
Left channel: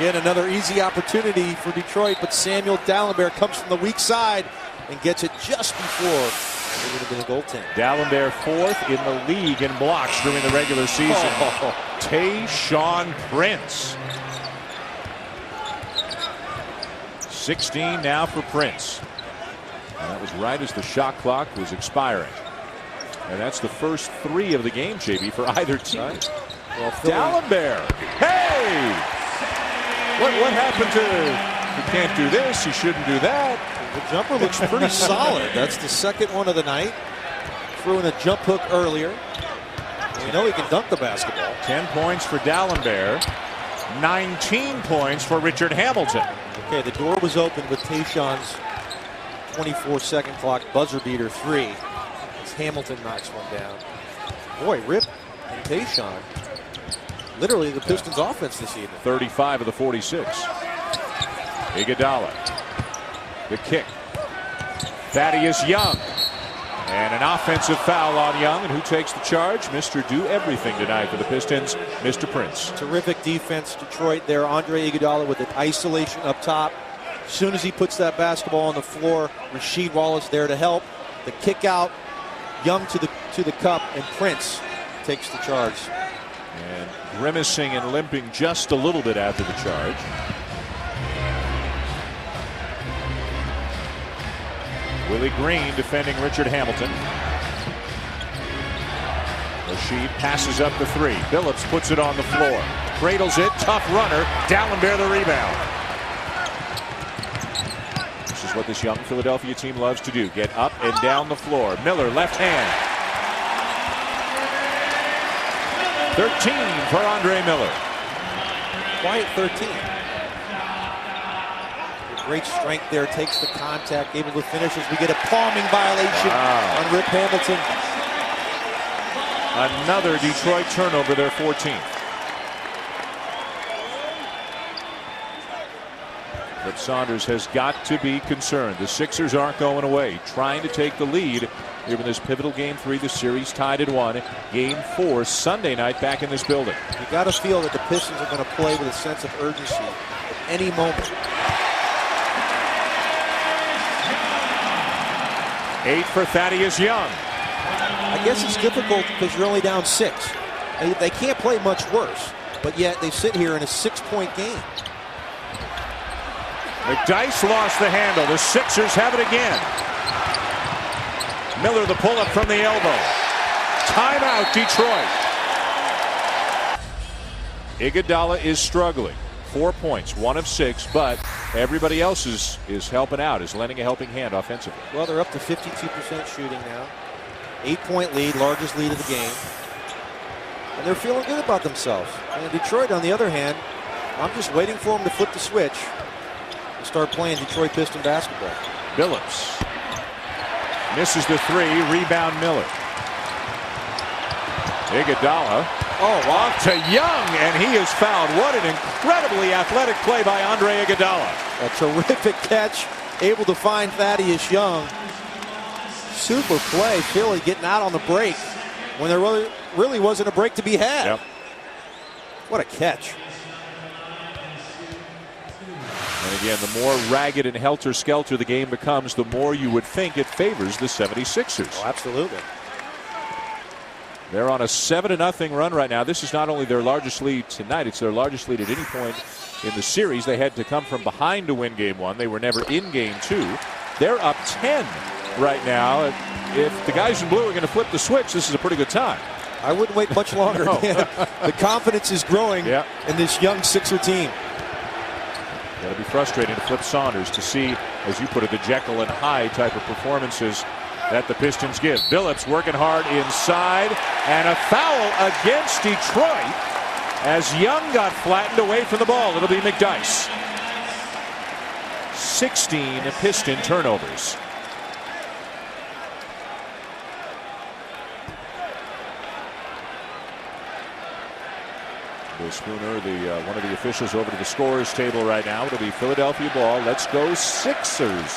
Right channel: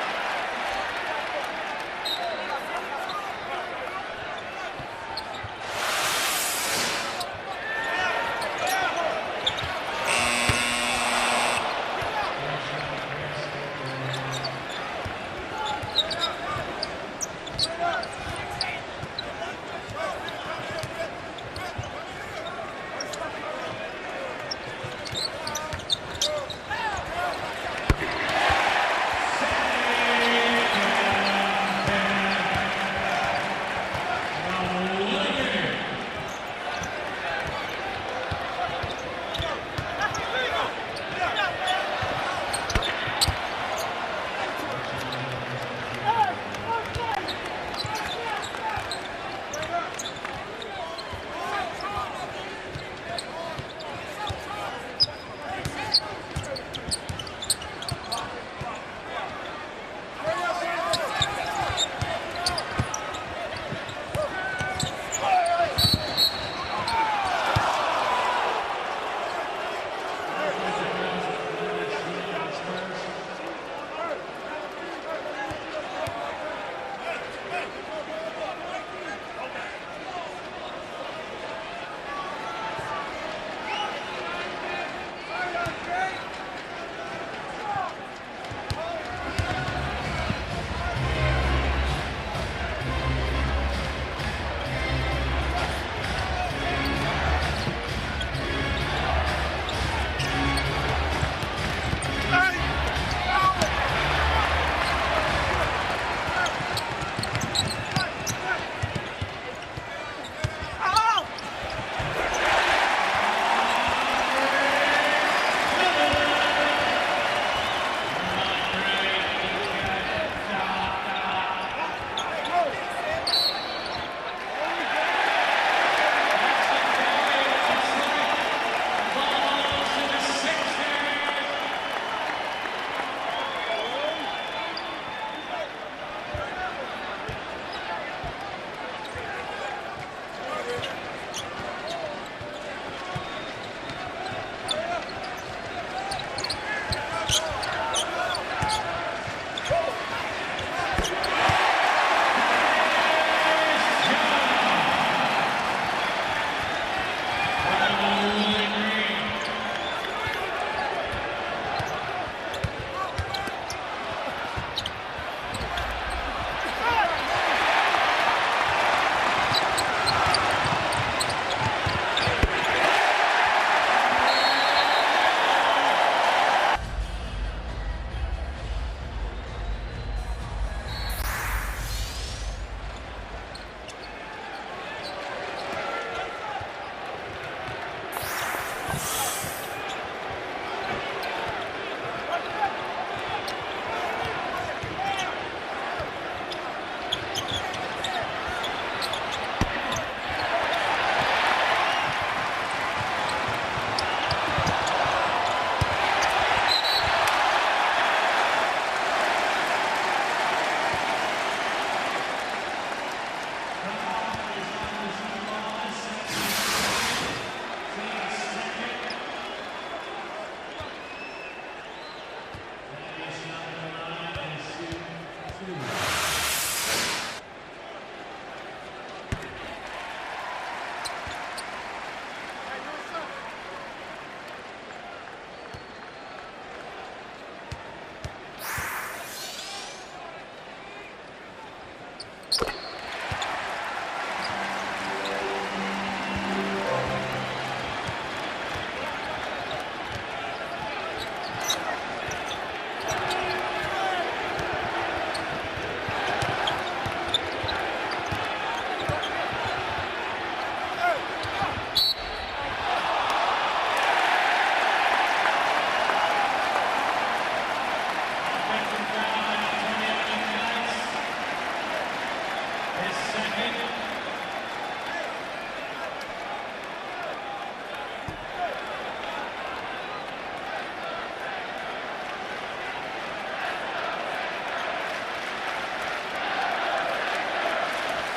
Again, another easy opportunity for Detroit, but Samuel Dallenberg comes from the weak side and gets it just before the goaltender. Dallenberg 4th in the league in blocks during the regular season. Tayshaun Prince. 16 now for Prince. That was right as the shot clock was expiring. And that's the first 3 of the game, JB, for either team. Dallenberg. Hey! What happened to him? He can't do this. He shouldn't do that. The jumper looks pretty solid. That's the second one of the night. Threw in a jump hook earlier. You know he can dunk the basketball. 10 points for Dallenberg. 19 points for Richard Hamilton. Okay, the door was open with Tayshaun's 24-second clock buzzer beater 3. As Hamilton knocks one down. Boy, rip Tayshaun. Literally the Pistons offense this year. 35 of the 46. Iguodala. The kick. Thaddeus Young. And an offensive foul on Young. And who takes the charge? Mr. Do Everything tonight for the Pistons, Mr. Prince. Terrific defense, Detroit there. Andre Iguodala with an isolation up top. As soon as he puts that basketball on the floor, Rasheed Wallace there to help. The kick out, Young to the cup, and Prince takes the charge. Grimacing and limping just a little bit after the charge. Willie Green defending Richard Hamilton. Rasheed passes up the 3. Phillips puts it on the floor. Cradles it. Tough runner. Dallenberg the rebound. This is what this young Philadelphia team loves to do. Get up and down the floor. Miller left hand. 13 for Andre Miller. Quiet 13. Great strength there, takes the contact, able to finish as we get a palming violation on Rick Hamilton. Another Detroit turnover, their 14th. But Saunders has got to be concerned. The Sixers aren't going away, trying to take the lead. Even this pivotal game 3, the series tied at 1. Game 4 Sunday night back in this building. You got to feel that the Pistons are going to play with a sense of urgency any moment. 8 for Thaddeus Young. I guess it's difficult because you're only down 6. They can't play much worse, but yet they sit here in a 6-point game. The dice lost the handle. The Sixers have it again. Miller the pull-up from the elbow. Timeout, Detroit. Iguodala is struggling. 4 points, 1 of 6, but everybody else is helping out, is lending a helping hand offensively. Well, they're up to 52% shooting now. 8-point lead, largest lead of the game. They're feeling good about themselves. And Detroit, on the other hand, I'm just waiting for them to flip the switch and start playing Detroit Piston basketball. Phillips misses the 3. Rebound Miller. Iguodala. Oh, off to Young, and he is fouled. What an incredibly athletic play by Andre Iguodala. A terrific catch, able to find Thaddeus Young. Super play, Philly getting out on the break when there really wasn't a break to be had. Yep. What a catch. And again, the more ragged and helter-skelter the game becomes, the more you would think it favors the 76ers. Oh, absolutely. They're on a 7-0 run right now. This is not only their largest lead tonight, it's their largest lead at any point in the series. They had to come from behind to win game 1. They were never in game 2. They're up 10 right now. And if the guys in blue are going to flip the switch, this is a pretty good time. I wouldn't wait much longer. The confidence is growing in this young Sixer team. It'll be frustrating to Flip Saunders to see, as you put it, the Jekyll and Hyde type of performances that the Pistons give. Phillips working hard inside, and a foul against Detroit as Young got flattened away from the ball. It'll be McDyess. 16 Piston turnovers. Spooner, one of the officials over to the scorer's table right now. It'll be Philadelphia ball. Let's go Sixers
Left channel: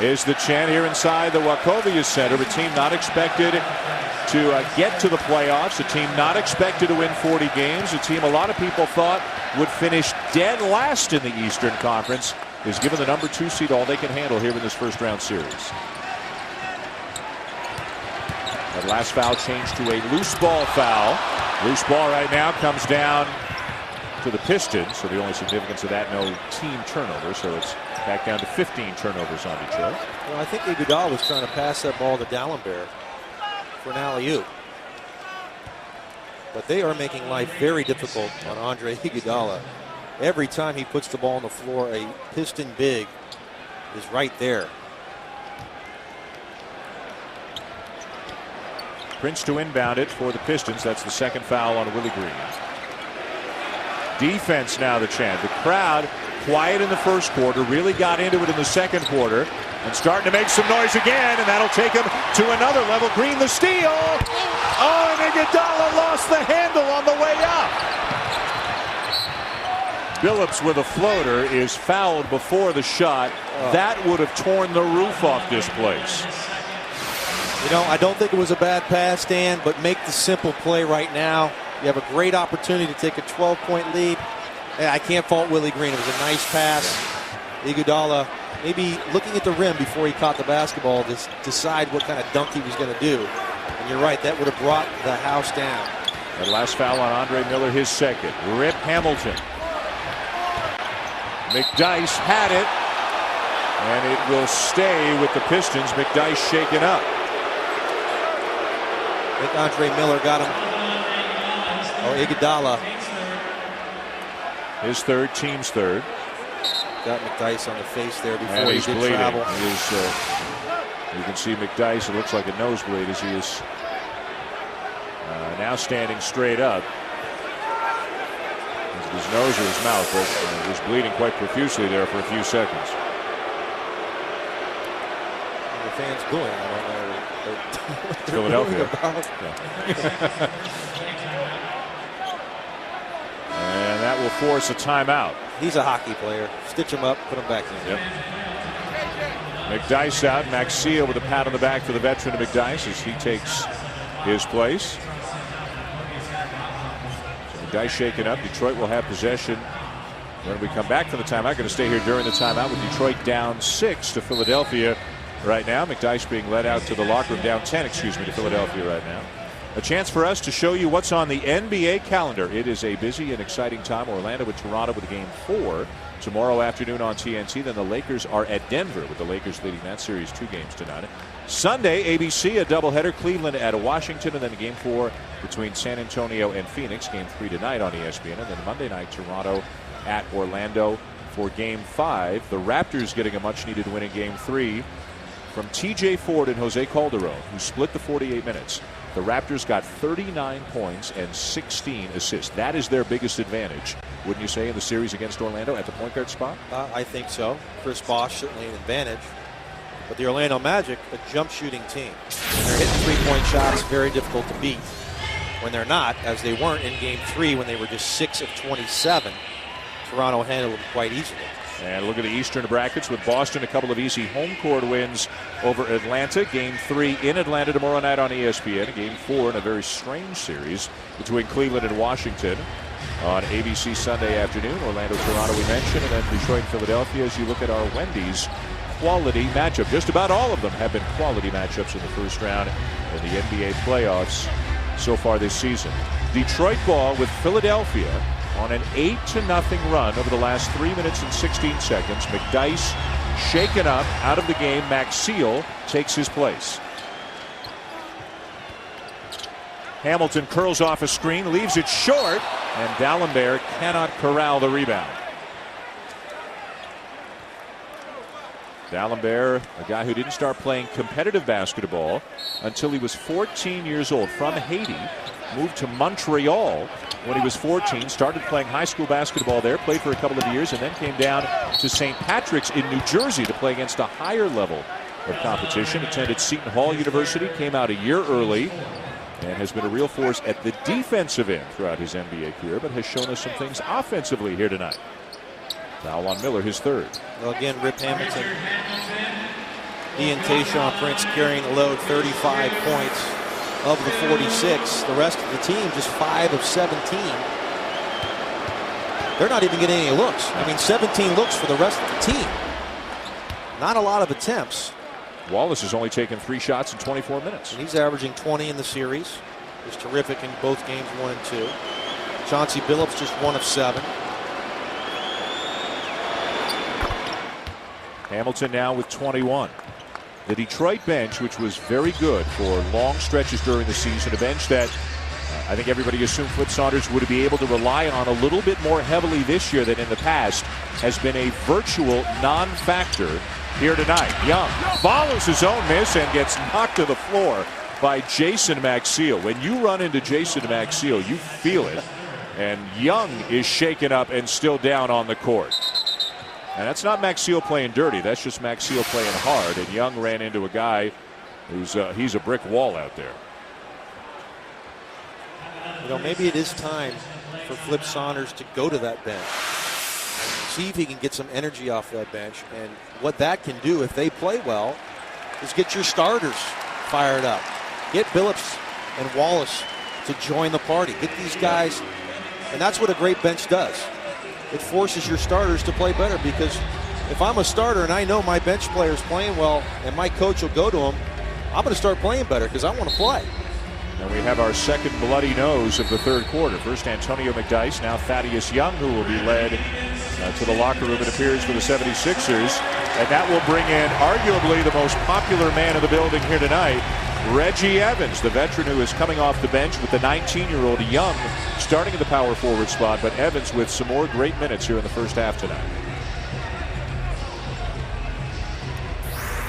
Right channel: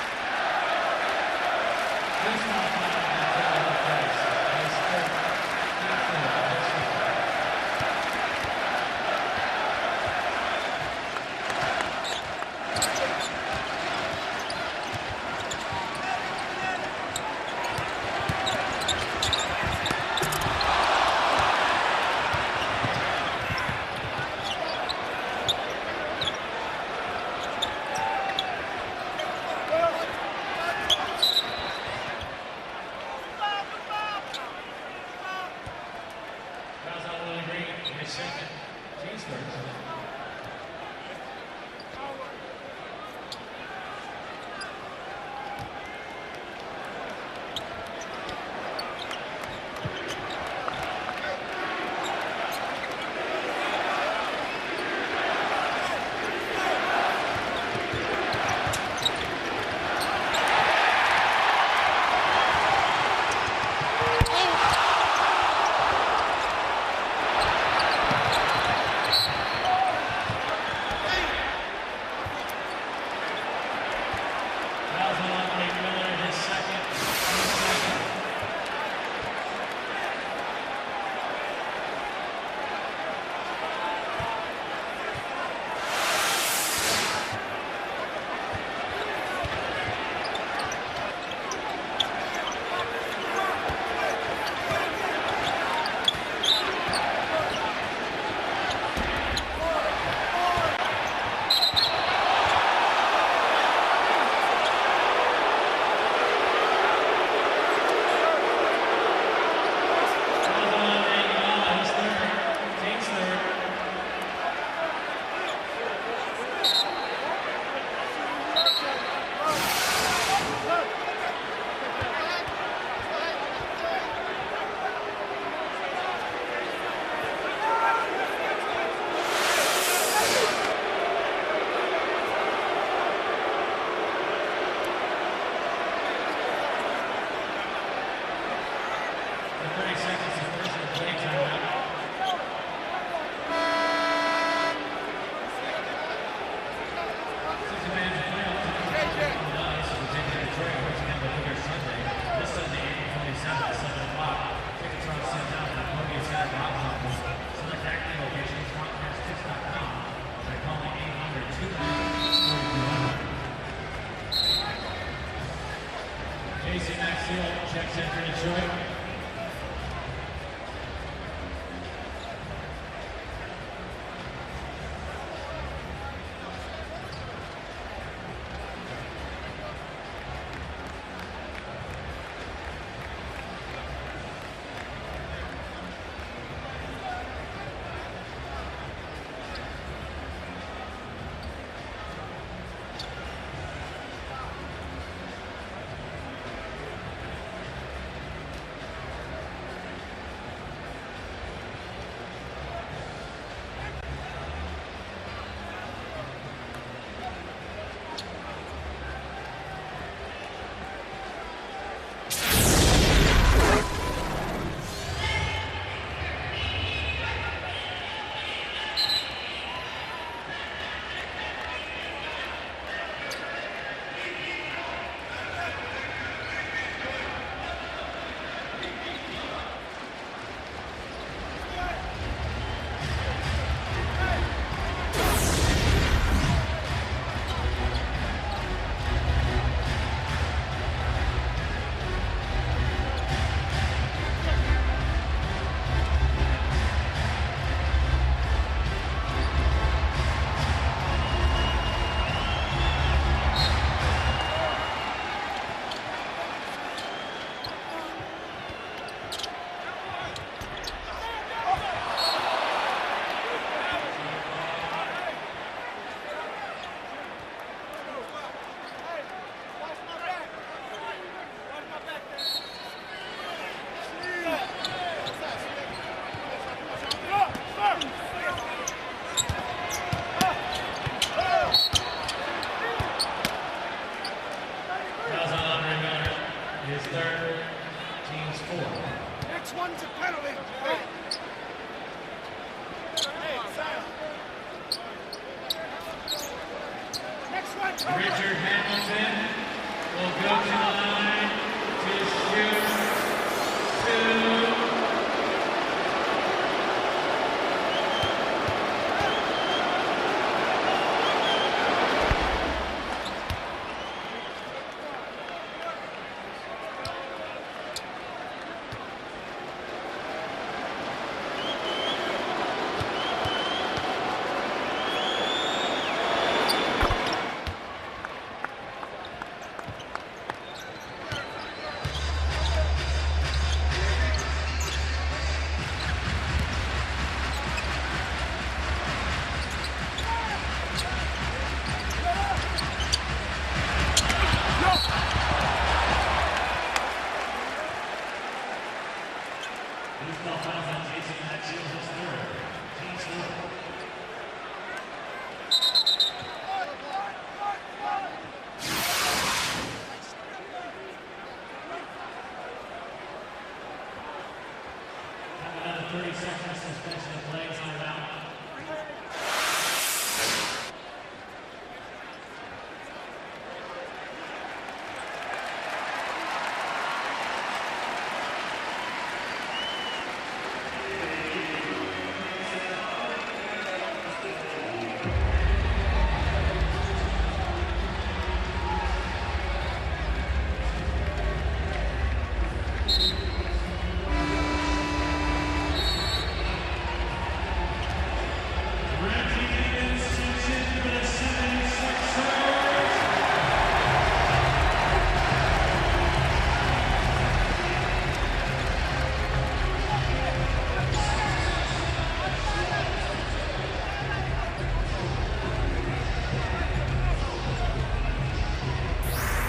is the chant here inside the Wachovia Center. The team not expected to get to the playoffs. The team not expected to win 40 games. The team a lot of people thought would finish dead last in the Eastern Conference is given the number 2 seed all they can handle here in this first round series. The last foul changed to a loose ball foul. Loose ball right now comes down to the Pistons. So the only significance of that, no team turnover. So it's back down to 15 turnovers on Detroit. Well, I think Iguodala was trying to pass that ball to Dallenberg for an alley-oop. But they are making life very difficult on Andre Iguodala. Every time he puts the ball on the floor, a Piston big is right there. Prince to inbound it for the Pistons. That's the second foul on Willie Green. Defense now the chant. The crowd quiet in the first quarter, really got into it in the second quarter, and starting to make some noise again, and that'll take him to another level. Green the steal. Oh, Iguodala lost the handle on the way out. Billups with a floater is fouled before the shot. That would have torn the roof off this place. You know, I don't think it was a bad pass, Dan, but make the simple play right now. You have a great opportunity to take a 12-point lead. And I can't fault Willie Green. It was a nice pass. Iguodala maybe looking at the rim before he caught the basketball to decide what kind of dunk he was going to do. And you're right, that would have brought the house down. The last foul on Andre Miller, his second. Rip Hamilton. McDyess had it, and it will stay with the Pistons. McDyess shaken up. Andre Miller got it. Iguodala. His third, team's third. Got McDyess on the face there before he's bleeding. You can see McDyess, it looks like a nosebleed as he is now standing straight up. His nose or his mouth. He was bleeding quite profusely there for a few seconds. The fans cool. Philadelphia. And that will force a timeout. He's a hockey player. Stitch him up, put him back in. McDyess out. Maxey with a pat on the back for the veteran McDyess as he takes his place. Guy shaken up. Detroit will have possession. When we come back from the timeout, going to stay here during the timeout with Detroit down 6 to Philadelphia right now. McDyess being led out to the locker room, down 10, excuse me, to Philadelphia right now. A chance for us to show you what's on the NBA calendar. It is a busy and exciting time. Orlando with Toronto with game 4 tomorrow afternoon on TNT. Then the Lakers are at Denver with the Lakers leading that series 2 games tonight. Sunday, ABC, a doubleheader. Cleveland at Washington, and then game 4 between San Antonio and Phoenix. Game 3 tonight on ESPN. And then Monday night, Toronto at Orlando for game 5. The Raptors getting a much-needed win in game 3 from TJ Ford and Jose Calderon, who split the 48 minutes. The Raptors got 39 points and 16 assists. That is their biggest advantage, wouldn't you say, in the series against Orlando at the point guard spot? I think so. Chris Bosh certainly an advantage. But the Orlando Magic, a jump shooting team. Three-point shots very difficult to beat. When they're not, as they weren't in game 3 when they were just 6 of 27. Toronto handled it quite easily. And look at the Eastern brackets with Boston, a couple of easy home court wins over Atlanta. Game 3 in Atlanta tomorrow night on ESPN. Game 4 in a very strange series between Cleveland and Washington on ABC Sunday afternoon. Orlando, Toronto, we mentioned, and Detroit, Philadelphia. As you look at our Wendy's quality matchup, just about all of them have been quality matchups in the first round of the NBA playoffs so far this season. Detroit ball with Philadelphia on an 8-0 run over the last 3 minutes and 16 seconds. McDyess shaken up out of the game. Maxey takes his place. Hamilton curls off a screen, leaves it short, and Dallenberg cannot corral the rebound. Dallenberg, a guy who didn't start playing competitive basketball until he was 14 years old, from Haiti, moved to Montreal when he was 14, started playing high school basketball there, played for a couple of years, and then came down to St. Patrick's in New Jersey to play against a higher level of competition. Attended Seton Hall University, came out a year early, and has been a real force at the defensive end throughout his NBA career, but has shown us some things offensively here tonight. Foul on Miller, his third. Well, again, Rip Hamilton. He and Tayshaun Prince carrying the load, 35 points of the 46. The rest of the team just 5 of 17. They're not even getting any looks. I mean, 17 looks for the rest of the team. Not a lot of attempts. Wallace has only taken 3 shots in 24 minutes. He's averaging 20 in the series. He's terrific in both games 1 and 2. Chauncey Billups just 1 of 7. Hamilton now with 21. The Detroit bench, which was very good for long stretches during the season, a bench that I think everybody assumed Flip Saunders would be able to rely on a little bit more heavily this year than in the past, has been a virtual non-factor here tonight. Young follows his own miss and gets knocked to the floor by Jason Maxiell. When you run into Jason Maxiell, you feel it. And Young is shaken up and still down on the court. And that's not Maxiell playing dirty. That's just Maxiell playing hard. And Young ran into a guy who's he's a brick wall out there. You know, maybe it is time for Flip Saunders to go to that bench. See if he can get some energy off that bench. And what that can do if they play well is get your starters fired up. Get Billups and Wallace to join the party. Get these guys. And that's what a great bench does. It forces your starters to play better, because if I'm a starter and I know my bench player is playing well and my coach will go to him, I'm going to start playing better because I want to play. We have our second bloody nose of the third quarter. First Antonio McDyess, now Thaddeus Young, who will be led to the locker room, it appears, for the 76ers. And that will bring in arguably the most popular man in the building here tonight, Reggie Evans, the veteran who is coming off the bench with the 19-year-old Young starting the power forward spot, but Evans with some more great minutes here in the first half tonight.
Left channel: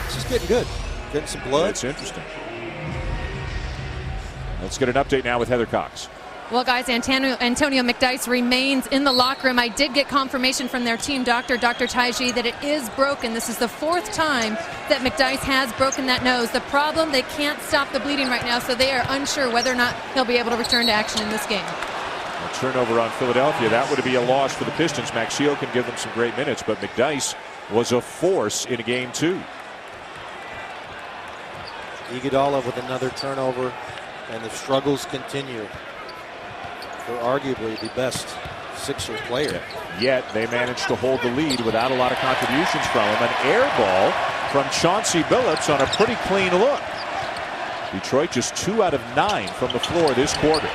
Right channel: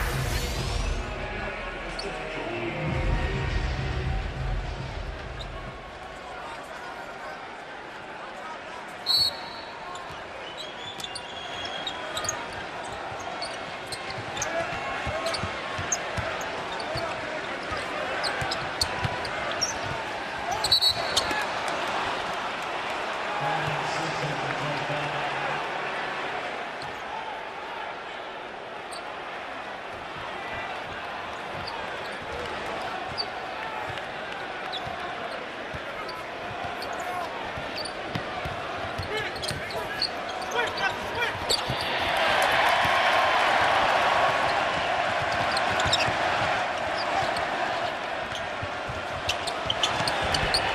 This is getting good. Getting some blood. That's interesting. Let's get an update now with Heather Cox. Well, guys, Antonio McDyess remains in the locker room. I did get confirmation from their team doctor, Dr. Taiji, that it is broken. This is the 4th time that McDyess has broken that nose. The problem, they can't stop the bleeding right now, so they are unsure whether or not he'll be able to return to action in this game. Turnover on Philadelphia. That would be a loss for the Pistons. Maxiell can give them some great minutes, but McDyess was a force in game 2. Iguodala with another turnover, and the struggles continue. They're arguably the best Sixers player. Yet they managed to hold the lead without a lot of contributions from him. An air ball from Chauncey Billups on a pretty clean look. Detroit just 2 out of 9 from the floor this quarter.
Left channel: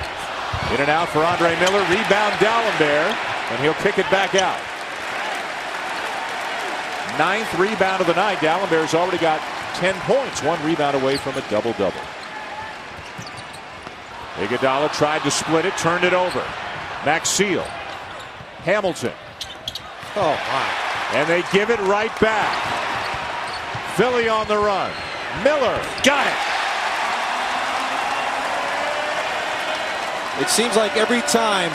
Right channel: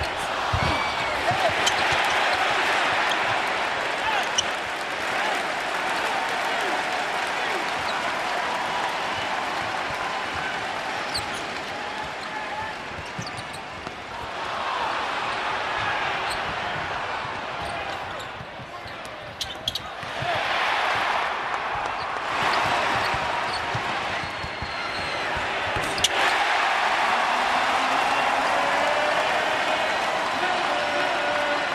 In and out for Andre Miller. Rebound Gallinberg, and he'll kick it back out. 9th rebound of the night. Gallinberg's already got 10 points. 1 rebound away from a double-double. Iguodala tried to split it, turned it over. Maxiell. Hamilton. And they give it right back. Philly on the run. Miller got it. It seems like every time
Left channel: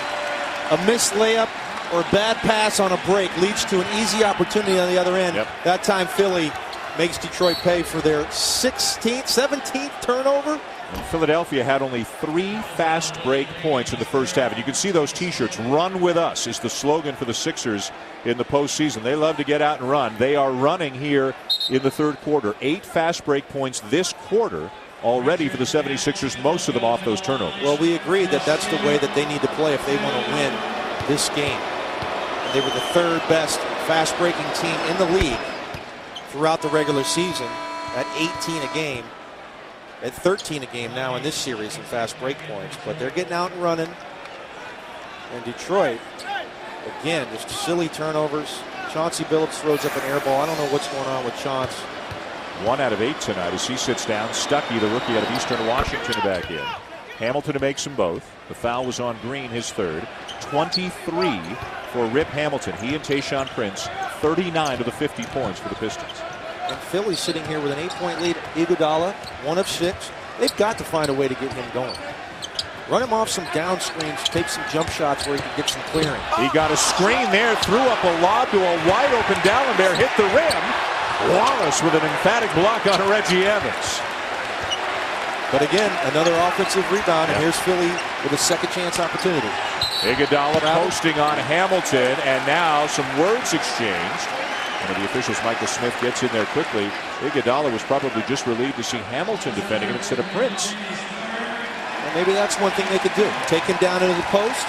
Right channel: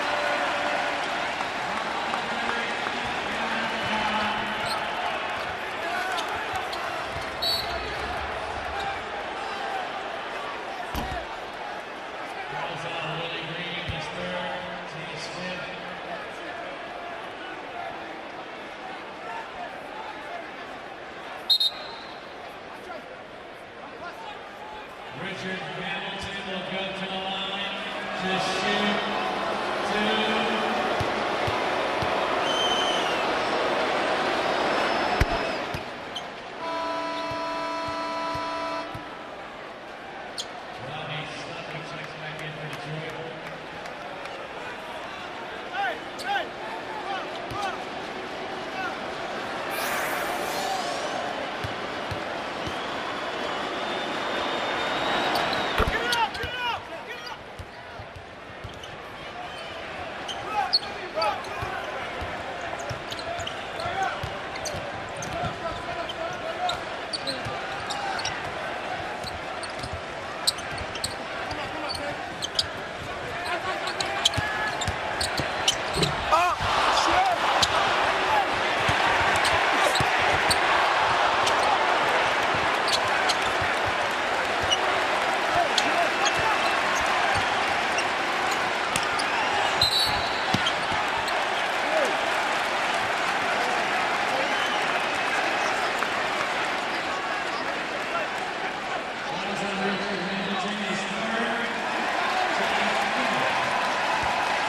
a missed layup or a bad pass on a break leads to an easy opportunity on the other end. That time Philly makes Detroit pay for their 16th, 17th turnover. Philadelphia had only 3 fast break points in the first half. And you can see those T-shirts. Run with us is the slogan for the Sixers in the postseason. They love to get out and run. They are running here in the third quarter. 8 fast break points this quarter already for the 76ers, most of them off those turnovers. Well, we agree that that's the way that they need to play if they want to win this game. They were the 3rd best fast breaking team in the league throughout the regular season at 18 a game. At 13 a game now in this series in fast break points, but they're getting out and running. And Detroit, again, just silly turnovers. Chauncey Billups throws up an air ball. I don't know what's going on with Chauncey. 1 out of 8 tonight as he sits down. Stuckey, the rookie out of Eastern Washington, back in. Hamilton makes them both. The foul was on Green, his 3rd. 23 for Rip Hamilton. He and Tayshaun Prince, 39 of the 50 points for the Pistons. And Philly's sitting here with an 8.8 Iguodala, 1 of 6. They've got to find a way to get him going. Run him off some down screens, take some jump shots where he can get some clearance. He got a screen there, threw up a lob to a wide open Gallinberg, hit the rim. Wallace with an emphatic block on Reggie Evans. But again, another offensive rebound, and here's Philly with a second chance opportunity. Iguodala posting on Hamilton, and now some words exchanged. And the officials, Michael Smith gets in there quickly. Iguodala was probably just relieved to see Hamilton defending instead of Prince. Maybe that's one thing they could do. Take him down into the post,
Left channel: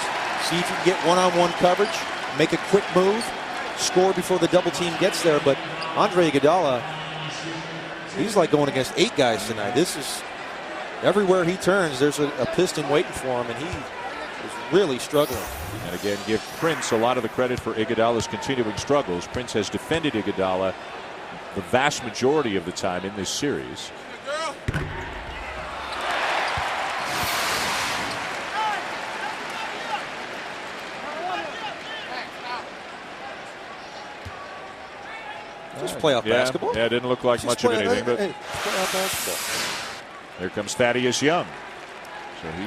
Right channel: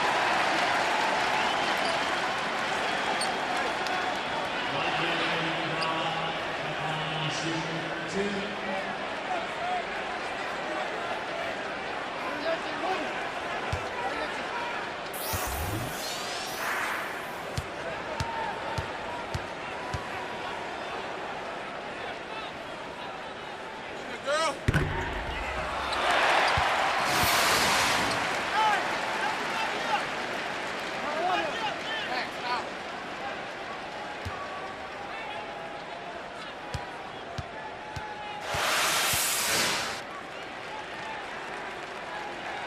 see if you can get one-on-one coverage, make a quick move, score before the double team gets there. But Andre Iguodala, he's like going against 8 guys tonight. This is everywhere he turns, there's a Piston waiting for him, and he's really struggling. And again, give Prince a lot of the credit for Iguodala's continuing struggles. Prince has defended Iguodala the vast majority of the time in this series. Just playoff basketball. Yeah, it didn't look like much of anything. But here comes Thaddeus Young.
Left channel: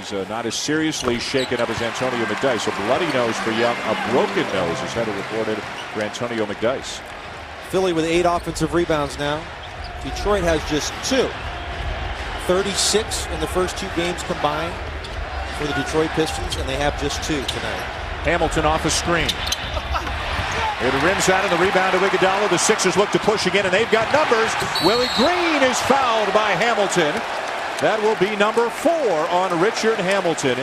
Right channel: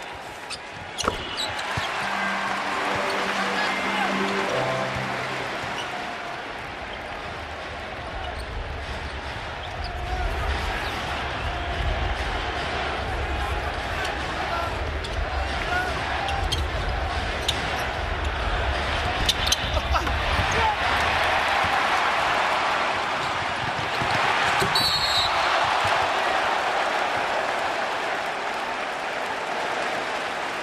So he's not as seriously shaken up as Antonio McDyess. A bloody nose for Young, a broken nose is headed reported for Antonio McDyess. Philly with 8 offensive rebounds now. Detroit has just 2. 36 in the first 2 games combined for the Detroit Pistons, and they have just 2. Hamilton off a screen. It rims out of the rebound to Iguodala. The Sixers look to push again, and they've got numbers. Willie Green is fouled by Hamilton. That will be number 4 on Richard Hamilton.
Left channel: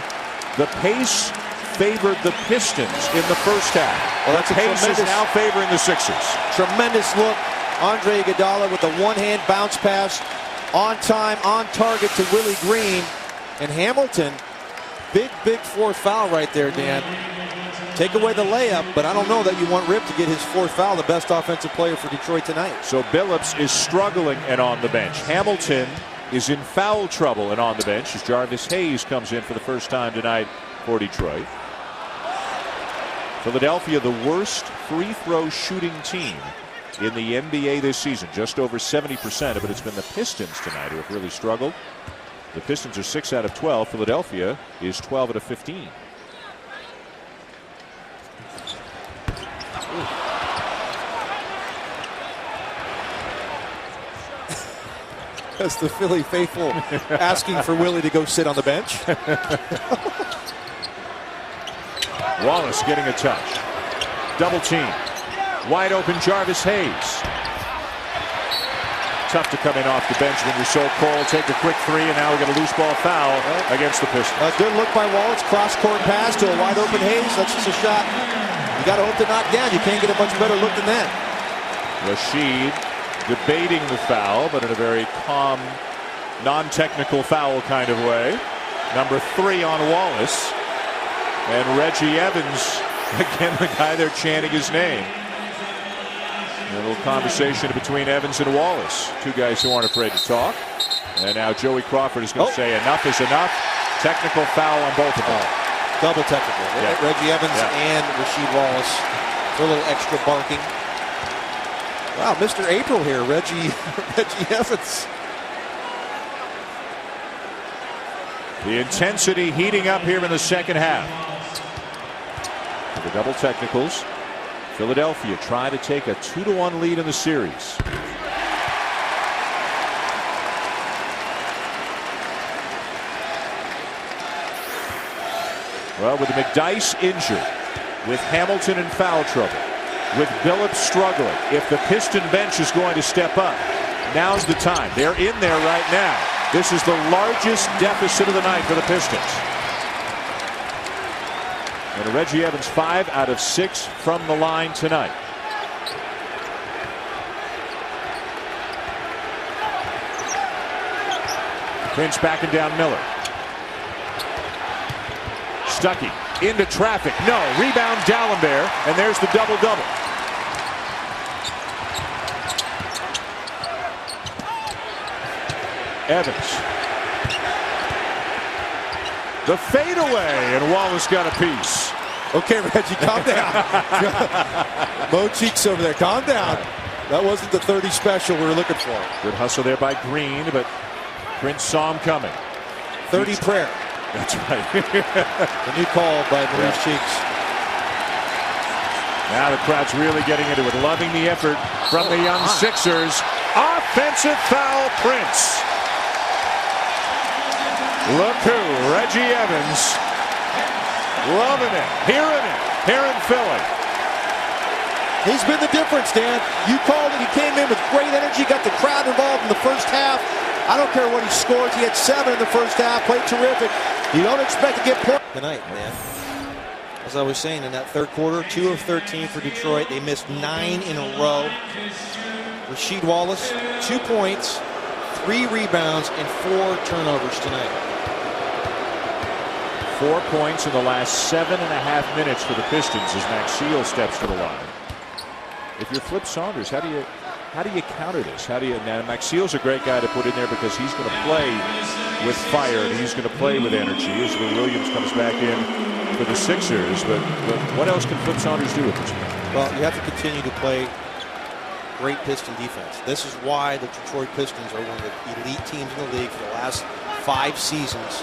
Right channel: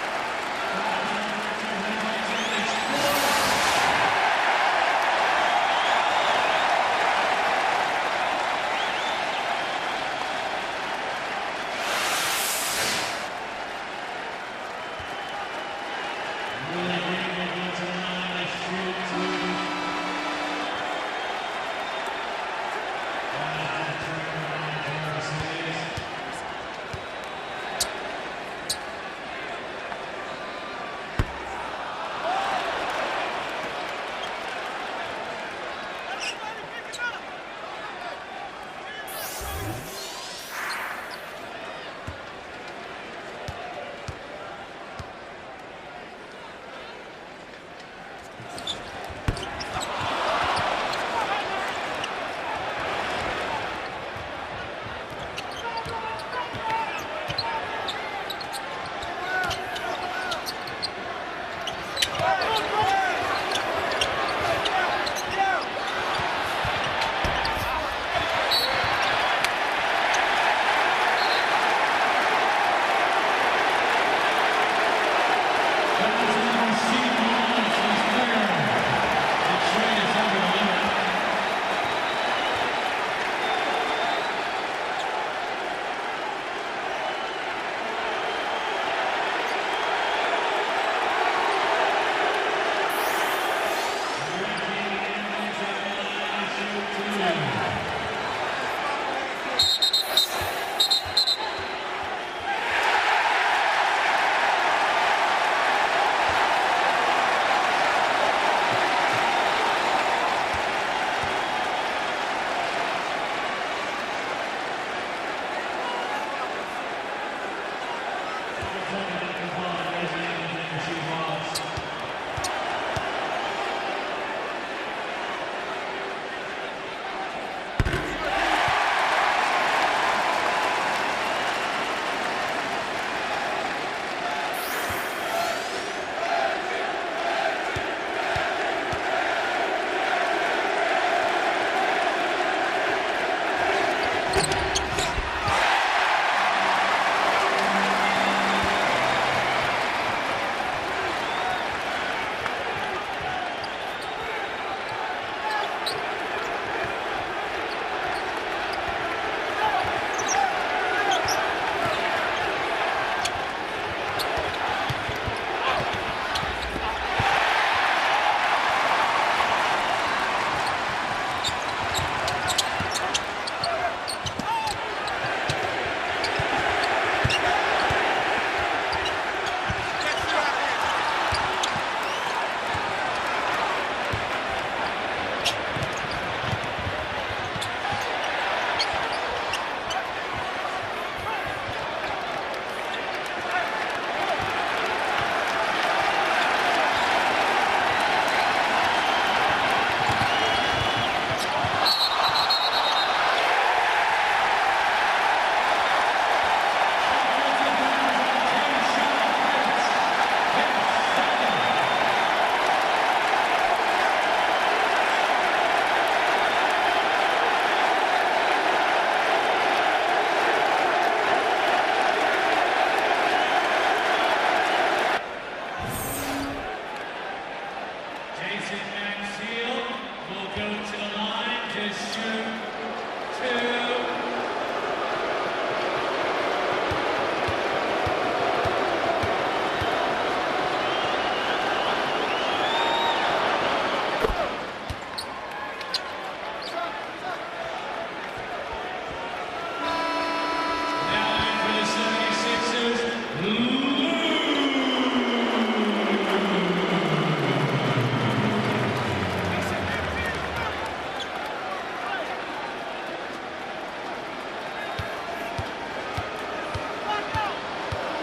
The pace favored the Pistons in the first half. Well, the pace is now favoring the Sixers. Tremendous look. Andre Iguodala with a one-hand bounce pass. On time, on target to Willie Green. And Hamilton, big 4th foul right there, Dan. Take away the layup, but I don't know that you want Rip to get his 4th foul, the best offensive player for Detroit tonight. So Billups is struggling and on the bench. Hamilton is in foul trouble and on the bench as Jarvis Hayes comes in for the first time tonight for Detroit. Philadelphia, the worst free throw shooting team in the NBA this season, just over 70% of it. It's been the Pistons tonight who have really struggled. The Pistons are 6 out of 12. Philadelphia is 12 out of 15. That's the Philly faithful asking for Willie to go sit on the bench. Wallace getting a touch. Double team. Wide open Jarvis Hayes. Tough to come in off the bench when you're so cold. Take a quick 3, and now we get a loose ball foul against the Pistons. A good look by Wallace. Cross-court pass to a wide open Hayes. That's just a shot. You got to look to knock down. You can't get a much better look than that. Rashid debating the foul, but in a very calm, non-technical foul kind of way. Number 3 on Wallace. And Reggie Evans, again, the guy they're chanting his name. A little conversation between Evans and Wallace. 2 guys who aren't afraid to talk. And now Joey Crawford is going to say enough is enough. Technical foul on both of them. Double technical. Yeah. Reggie Evans and Rasheed Wallace. A little extra bunking. Wow, Mr. April here, Reggie Evans. The intensity heating up here in the second half. The double technicals. Philadelphia trying to take a 2-1 lead in the series. Well, with McDyess injured, with Hamilton in foul trouble, with Billups struggling, if the Piston bench is going to step up, now's the time. They're in there right now. This is the largest deficit of the night for the Pistons. And Reggie Evans 5 out of 6 from the line tonight. Prince backing down Miller. Stuckey into traffic. No. Rebound Dalembert. And there's the double-double. Evans. The fadeaway, and Wallace got a piece. Okay, Reggie, calm down. Bo Cheeks over there, calm down. That wasn't the 30 special we were looking for. Good hustle there by Green, but Prince saw him coming. 30 prayer. That's right. A new call by Bo Cheeks. Now the crowd's really getting into it, loving the effort from the young Sixers. Offensive foul, Prince. Look who, Reggie Evans. Loving it. Hearing it. Here in Philly. He's been the difference, Dan. You called it. He came in with great energy, got the crowd involved in the first half. I don't care what he scored. He had 7 in the first half. Played terrific. You don't expect to get picked tonight, man. As I was saying, in that third quarter, 2 of 13 for Detroit. They missed 9 in a row. Rasheed Wallace, 2 points, 3 rebounds, and 4 turnovers tonight. 4 points in the last 7.5 minutes for the Pistons as Maxwell steps to the line. If you're Flip Saunders, how do you counter this? How do you? Maxwell's a great guy to put in there because he's going to play with fire. He's going to play with energy. As Williams comes back in for the Sixers, but what else can Flip Saunders do? Well, you have to continue to play great Piston defense. This is why the Detroit Pistons are one of the elite teams in the league for the last 5 seasons.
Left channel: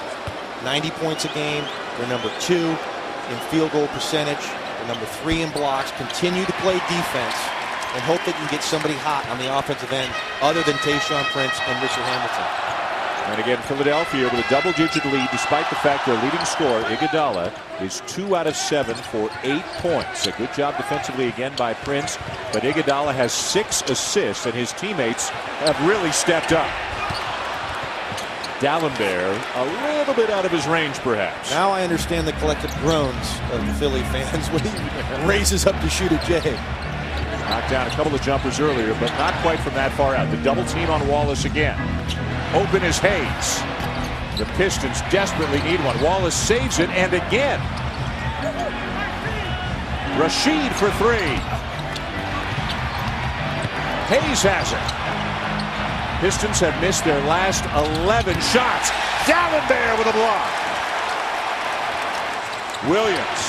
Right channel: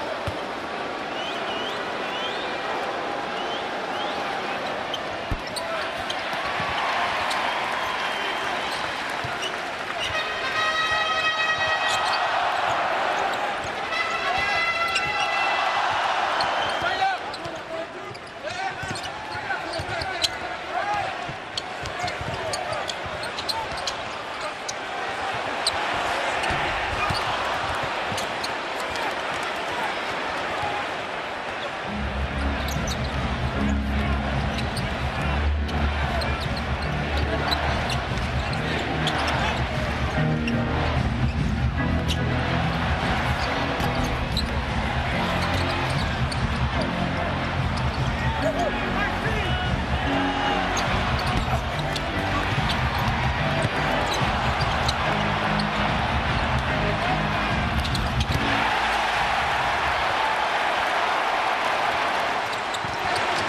90 points a game. They're number 2 in field goal percentage. Number 3 in blocks. Continue to play defense and hope they can get somebody hot on the offensive end other than Tayshaun Prince and Richard Hamilton. And again, Philadelphia with a double-digit lead despite the fact their leading scorer, Iguodala, is 2 out of 7 for 8 points. A good job defensively again by Prince, but Iguodala has 6 assists and his teammates have really stepped up. Dalembert a little bit out of his range, perhaps. Now I understand the collective groans of Philly fans when he raises up to shoot a J. Down a couple of jumpers earlier, but not quite from that far out. The double team on Wallace again. Open is Hayes. The Pistons desperately need one. Wallace saves it, and again. Rasheed for 3. Hayes has it. Pistons have missed their last 11 shots. Down in there with a block. Williams,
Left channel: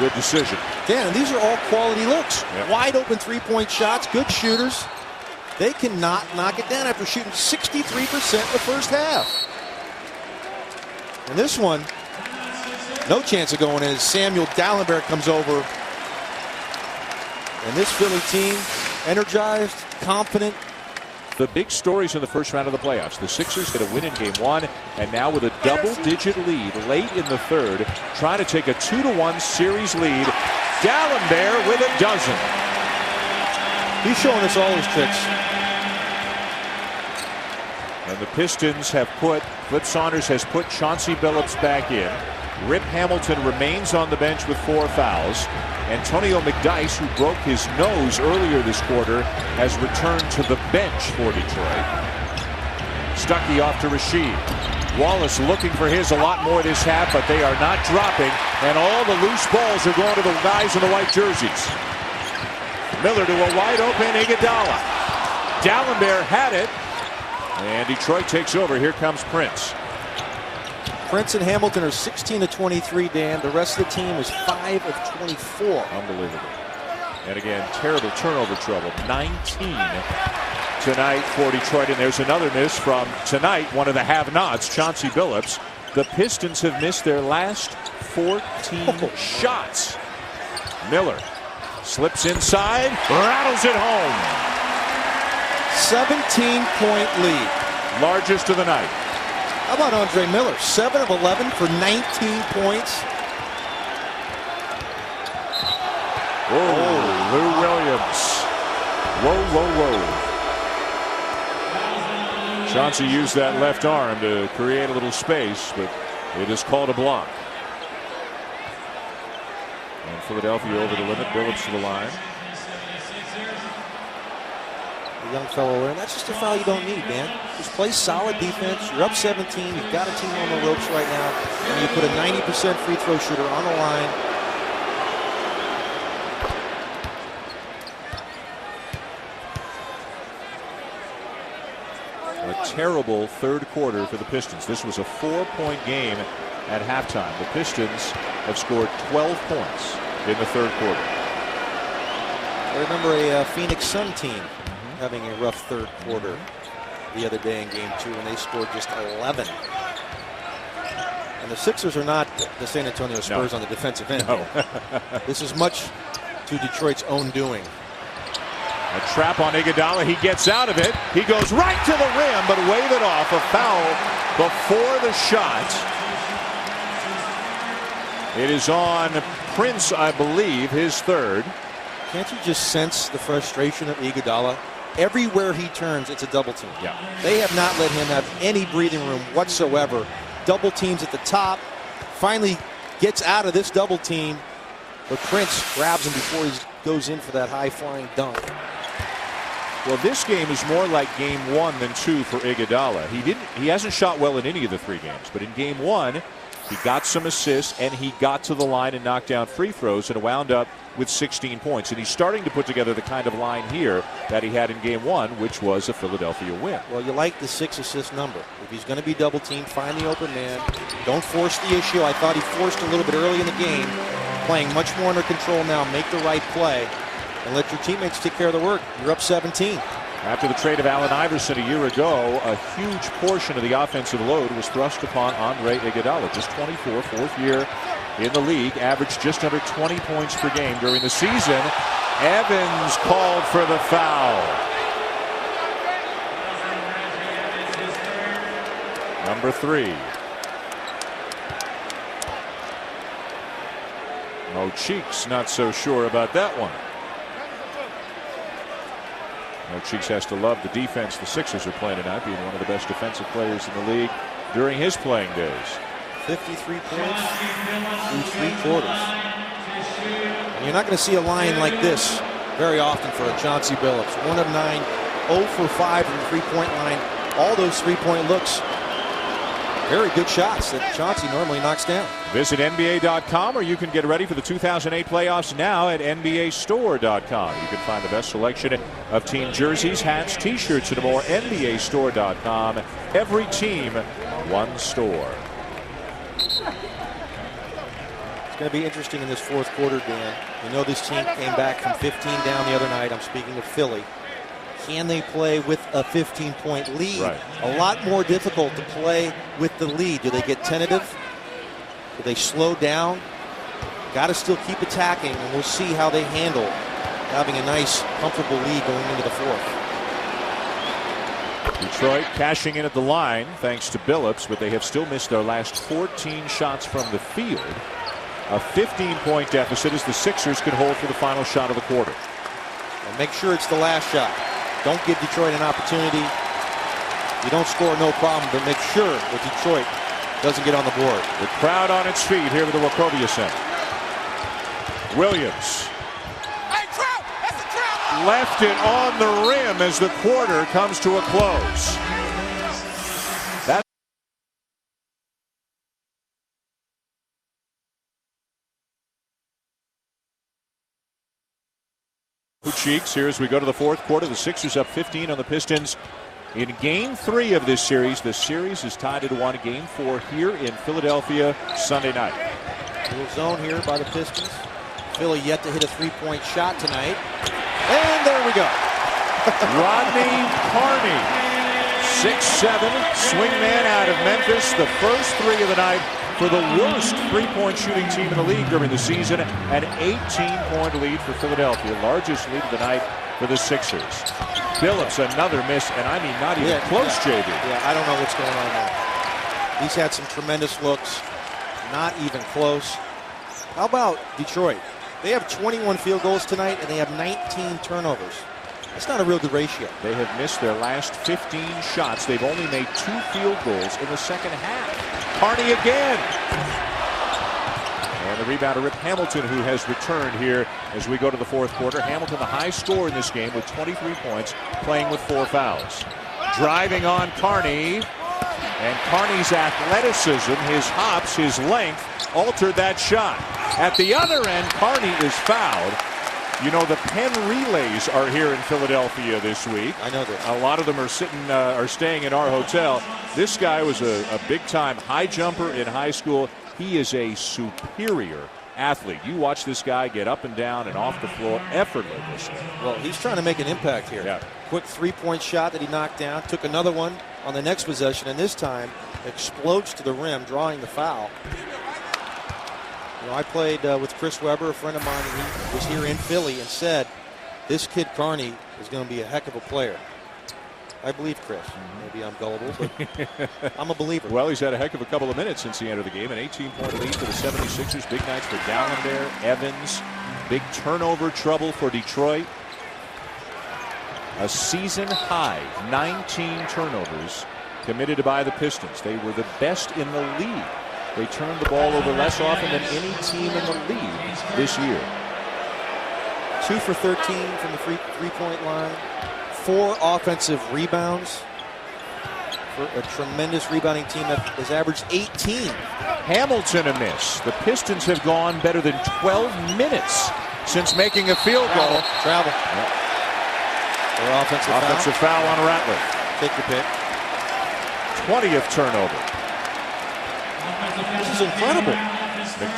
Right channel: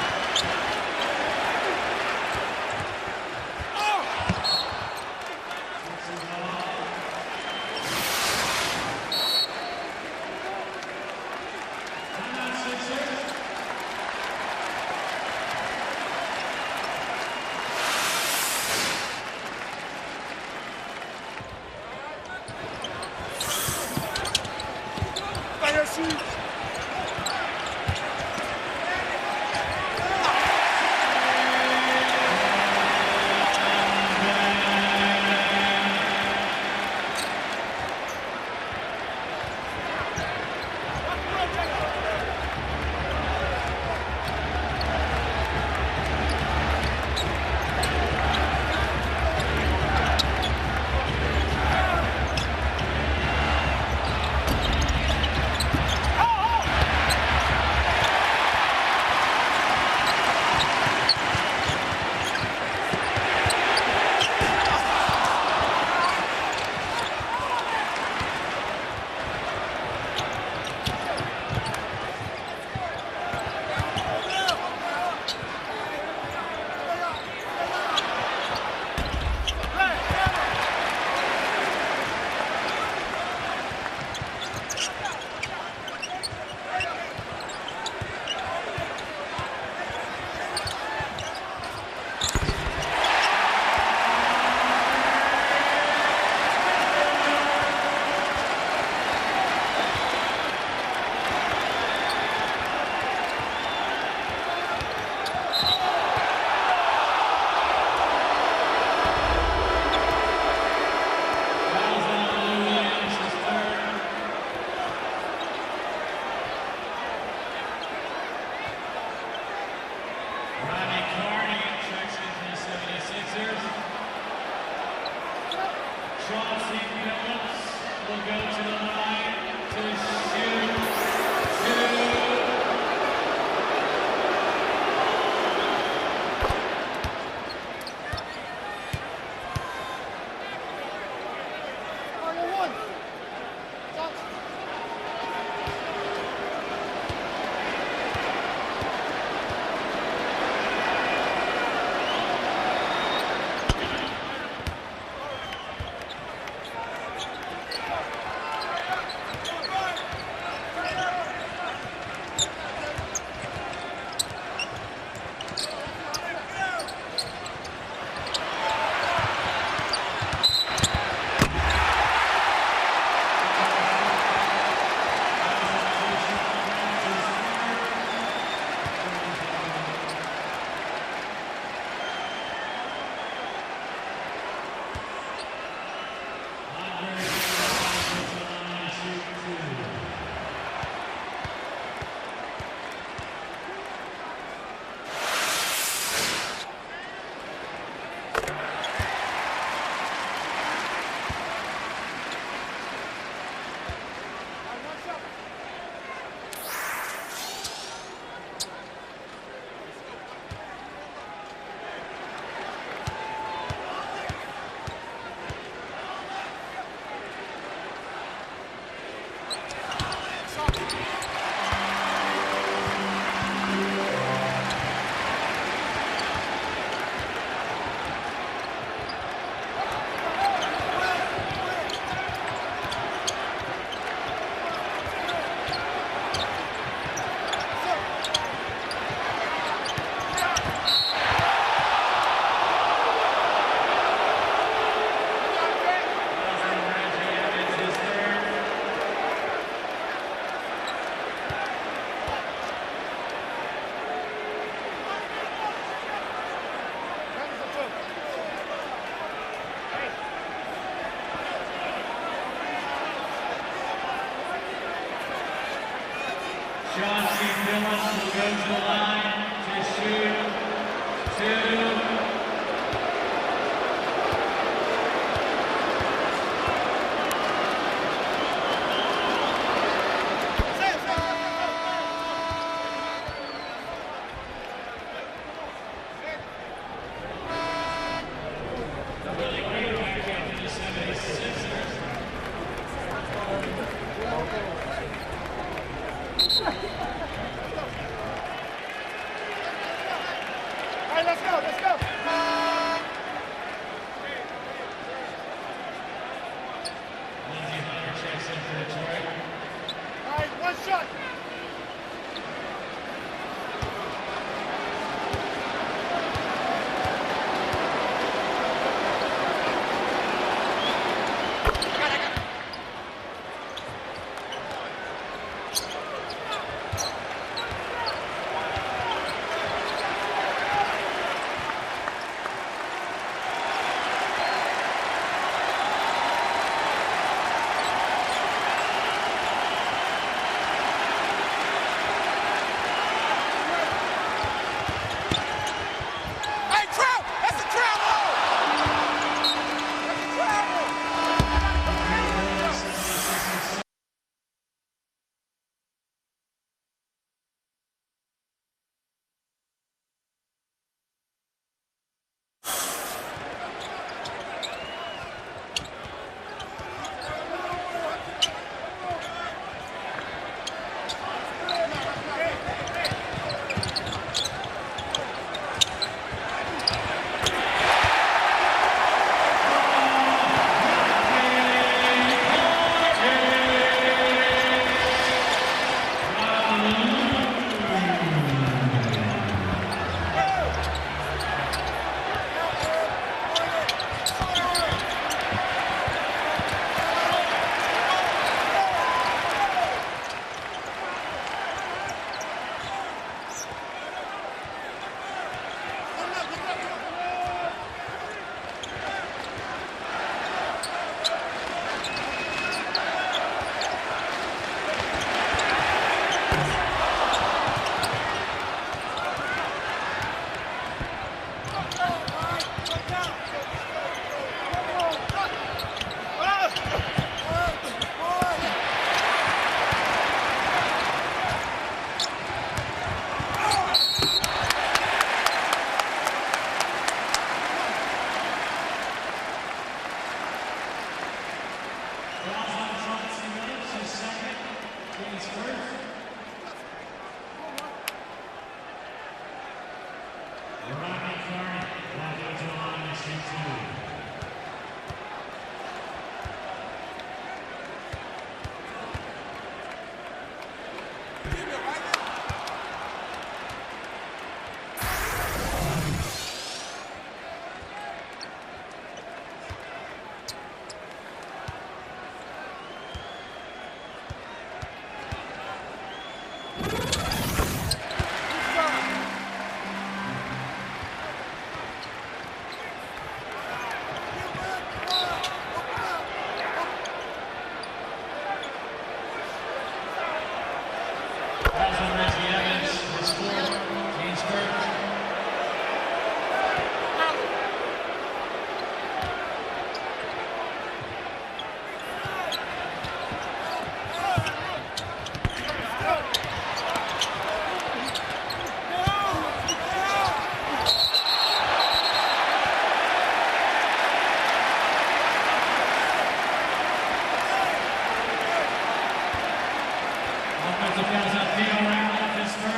good decision. Yeah, and these are all quality looks. Wide open 3-point shots, good shooters. They cannot knock it down after shooting 63% the first half. And this one, no chance of going in. Samuel Dalembert comes over. And this Philly team, energized, confident. The big stories in the first round of the playoffs. The Sixers with a win in game 1, and now with a double-digit lead late in the third, trying to take a 2-1 series lead. Dalembert with a dozen. He's showing us all his tricks. And the Pistons have put, Flip Saunders has put Chauncey Billups back in. Rip Hamilton remains on the bench with 4 fouls. Antonio McDyess, who broke his nose earlier this quarter, has returned to the bench for Detroit. Stuckey off to Rasheed. Wallace looking for his a lot more this half, but they are not dropping, and all the loose balls are going to the guys in the white jerseys. Miller to a wide open Iguodala. Dalembert had it, and Detroit takes over. Here comes Prince. Prince and Hamilton are 16 of 23, Dan. The rest of the team is 5 of 24. Unbelievable. And again, terrible turnover trouble. 19 tonight for Detroit. And there's another miss from tonight, one of the have-nots, Chauncey Billups. The Pistons have missed their last 14 shots. Miller slips inside, rattles it home. 17-point lead. Largest of the night. How about Andre Miller? 7 of 11 for 19 points. Whoa, Lou Williams. Whoa. Chauncey used that left arm to create a little space, but it is called a block. And Philadelphia over the limit, Billups to the line. Young fellow, that's just a foul you don't need, man. Just play solid defense. You're up 17. You've got a team on the ropes right now. And you put a 90% free throw shooter on the line. A terrible third quarter for the Pistons. This was a 4-point game at halftime. The Pistons have scored 12 points in the third quarter. I remember a Phoenix Sun team having a rough third quarter the other day in game 2, and they scored just 11. And the Sixers are not the San Antonio Spurs on the defensive end. No. This is much to Detroit's own doing. A trap on Iguodala. He gets out of it. He goes right to the rim, but wave it off. A foul before the shot. It is on Prince, I believe, his third. Can't you just sense the frustration of Iguodala? Everywhere he turns, it's a double team. Yeah. They have not let him have any breathing room whatsoever. Double teams at the top. Finally gets out of this double team, but Prince grabs him before he goes in for that high-flying dunk. Well, this game is more like game 1 than 2 for Iguodala. He hasn't shot well in any of the 3 games, but in game 1, he got some assists and he got to the line and knocked down free throws and wound up with 16 points. And he's starting to put together the kind of line here that he had in game 1, which was a Philadelphia win. Well, you like the 6 assist number. If he's going to be double teamed, find the open man. Don't force the issue. I thought he forced a little bit early in the game. Playing much more under control now. Make the right play and let your teammates take care of the work. You're up 17. After the trade of Allen Iverson a year ago, a huge portion of the offensive load was thrust upon Andre Iguodala. Just 24, fourth year in the league, averaged just under 20 points per game during the season. Evans called for the foul. Number 3. Oh, Cheeks not so sure about that one. Cheeks has to love the defense the Sixers are playing tonight. He's one of the best defensive players in the league during his playing days. 53 points. You're not going to see a line like this very often for the Chauncey Billups. 1 of 9, 0 for 5 from the 3-point line. All those 3-point looks. Very good shots that Chauncey normally knocks down. Visit NBA.com, or you can get ready for the 2008 playoffs now at NBAstore.com. You can find the best selection of team jerseys, hats, t-shirts, and more. NBAstore.com. Every team, one store. It's going to be interesting in this fourth quarter, Dan. I know this team came back from 15 down the other night. I'm speaking of Philly. Can they play with a 15-point lead? Right. A lot more difficult to play with the lead. Do they get tentative? Do they slow down? Got to still keep attacking, and we'll see how they handle having a nice, comfortable lead going into the fourth. Detroit cashing in at the line thanks to Billups, but they have still missed their last 14 shots from the field. A 15-point deficit as the Sixers can hold for the final shot of the quarter. And make sure it's the last shot. Don't give Detroit an opportunity. You don't score, no problem, but make sure that Detroit doesn't get on the board. The crowd on its feet here to the Wachovia Center. Williams. Hey, Trout! That's a Trout! Left it on the rim as the quarter comes to a close. Cheeks here as we go to the fourth quarter. The Sixers up 15 on the Pistons in game 3 of this series. The series is tied at 1. Game 4 here in Philadelphia Sunday night. Good zone here by the Pistons. Philly yet to hit a 3-point shot tonight. And there we go. Rodney Carney, 6'7", swinging in out of Memphis. The first 3 of the night for the worst 3-point shooting team in the league during the season. An 18-point lead for Philadelphia. Largest lead of the night for the Sixers. Billups, another miss, and I mean not even close, Joby. Yeah, I don't know what's going on. He's had some tremendous looks. Not even close. How about Detroit? They have 21 field goals tonight, and they have 19 turnovers. That's not a real good ratio. They have missed their last 15 shots. They've only made 2 field goals in the second half. Carney again. And the rebounder, Rip Hamilton, who has returned here as we go to the fourth quarter. Hamilton, the high scorer in this game with 23 points, playing with 4 fouls. Driving on Carney. And Carney's athleticism, his hops, his length, altered that shot. At the other end, Carney is fouled. You know, the Penn relays are here in Philadelphia this week. I know that. A lot of them are staying in our hotel. This guy was a big-time high jumper in high school. He is a superior athlete. You watch this guy get up and down and off the floor effortlessly. Well, he's trying to make an impact here. Yeah. Quick 3-point shot that he knocked down. Took another one on the next possession, and this time explodes to the rim, drawing the foul. I played with Chris Webber, a friend of mine who was here in Philly, and said this kid Carney is going to be a heck of a player. I believe Chris. Maybe I'm gullible, but I'm a believer. Well, he's had a heck of a couple of minutes since he entered the game. An 18-point lead for the 76ers. Big night for down there. Evans. Big turnover trouble for Detroit. A season high 19 turnovers committed by the Pistons. They were the best in the league. They turned the ball over less often than any team in the league this year. 2 for 13 from the three-point line. 4 offensive rebounds. A tremendous rebounding team that has averaged 18. Hamilton a miss. The Pistons have gone better than 12 minutes since making a field goal. Travel. The Offensive foul on Rattler. Take the pick. 20th turnover. This is incredible.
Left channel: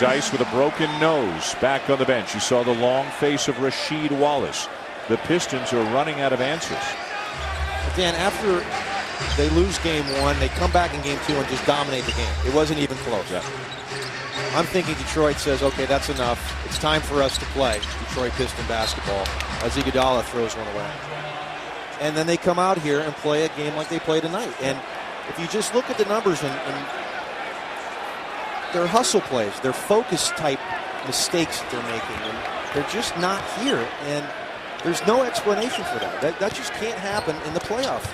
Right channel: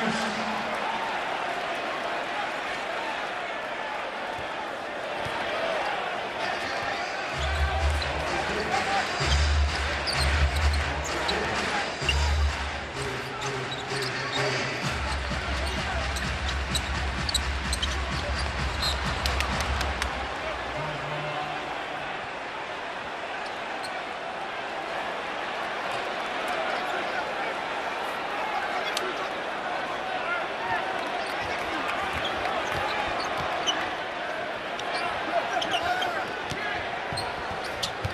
Dice with a broken nose back on the bench. You saw the long face of Rasheed Wallace. The Pistons are running out of answers. Dan, after they lose game 1, they come back in game 2 and just dominate the game. It wasn't even close. I'm thinking Detroit says, okay, that's enough. It's time for us to play Detroit Piston basketball. As Iguodala throws one away. And then they come out here and play a game like they play tonight. And if you just look at the numbers and their hustle plays, their focus type mistakes that they're making, they're just not here. And there's no explanation for that. That just can't happen in the playoffs.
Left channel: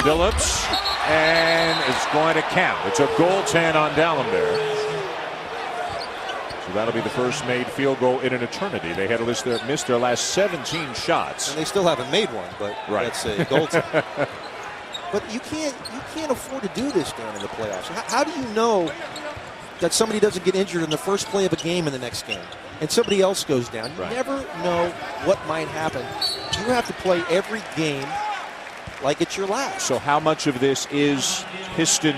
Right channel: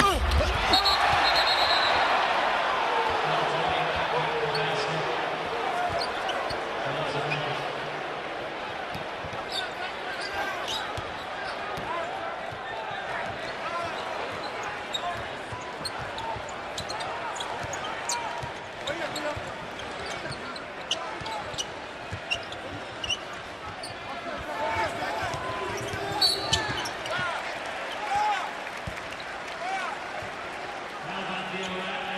Phillips, and it's going to count. It's a goaltend on Dallenberg. So that'll be the first made field goal in an eternity. They had missed their last 17 shots. And they still haven't made one, but that's a goaltend. But you can't afford to do this during the playoffs. How do you know that somebody doesn't get injured in the first play of a game in the next game and somebody else goes down? You never know what might happen. You have to play every game like it's your last. So how much of this is Piston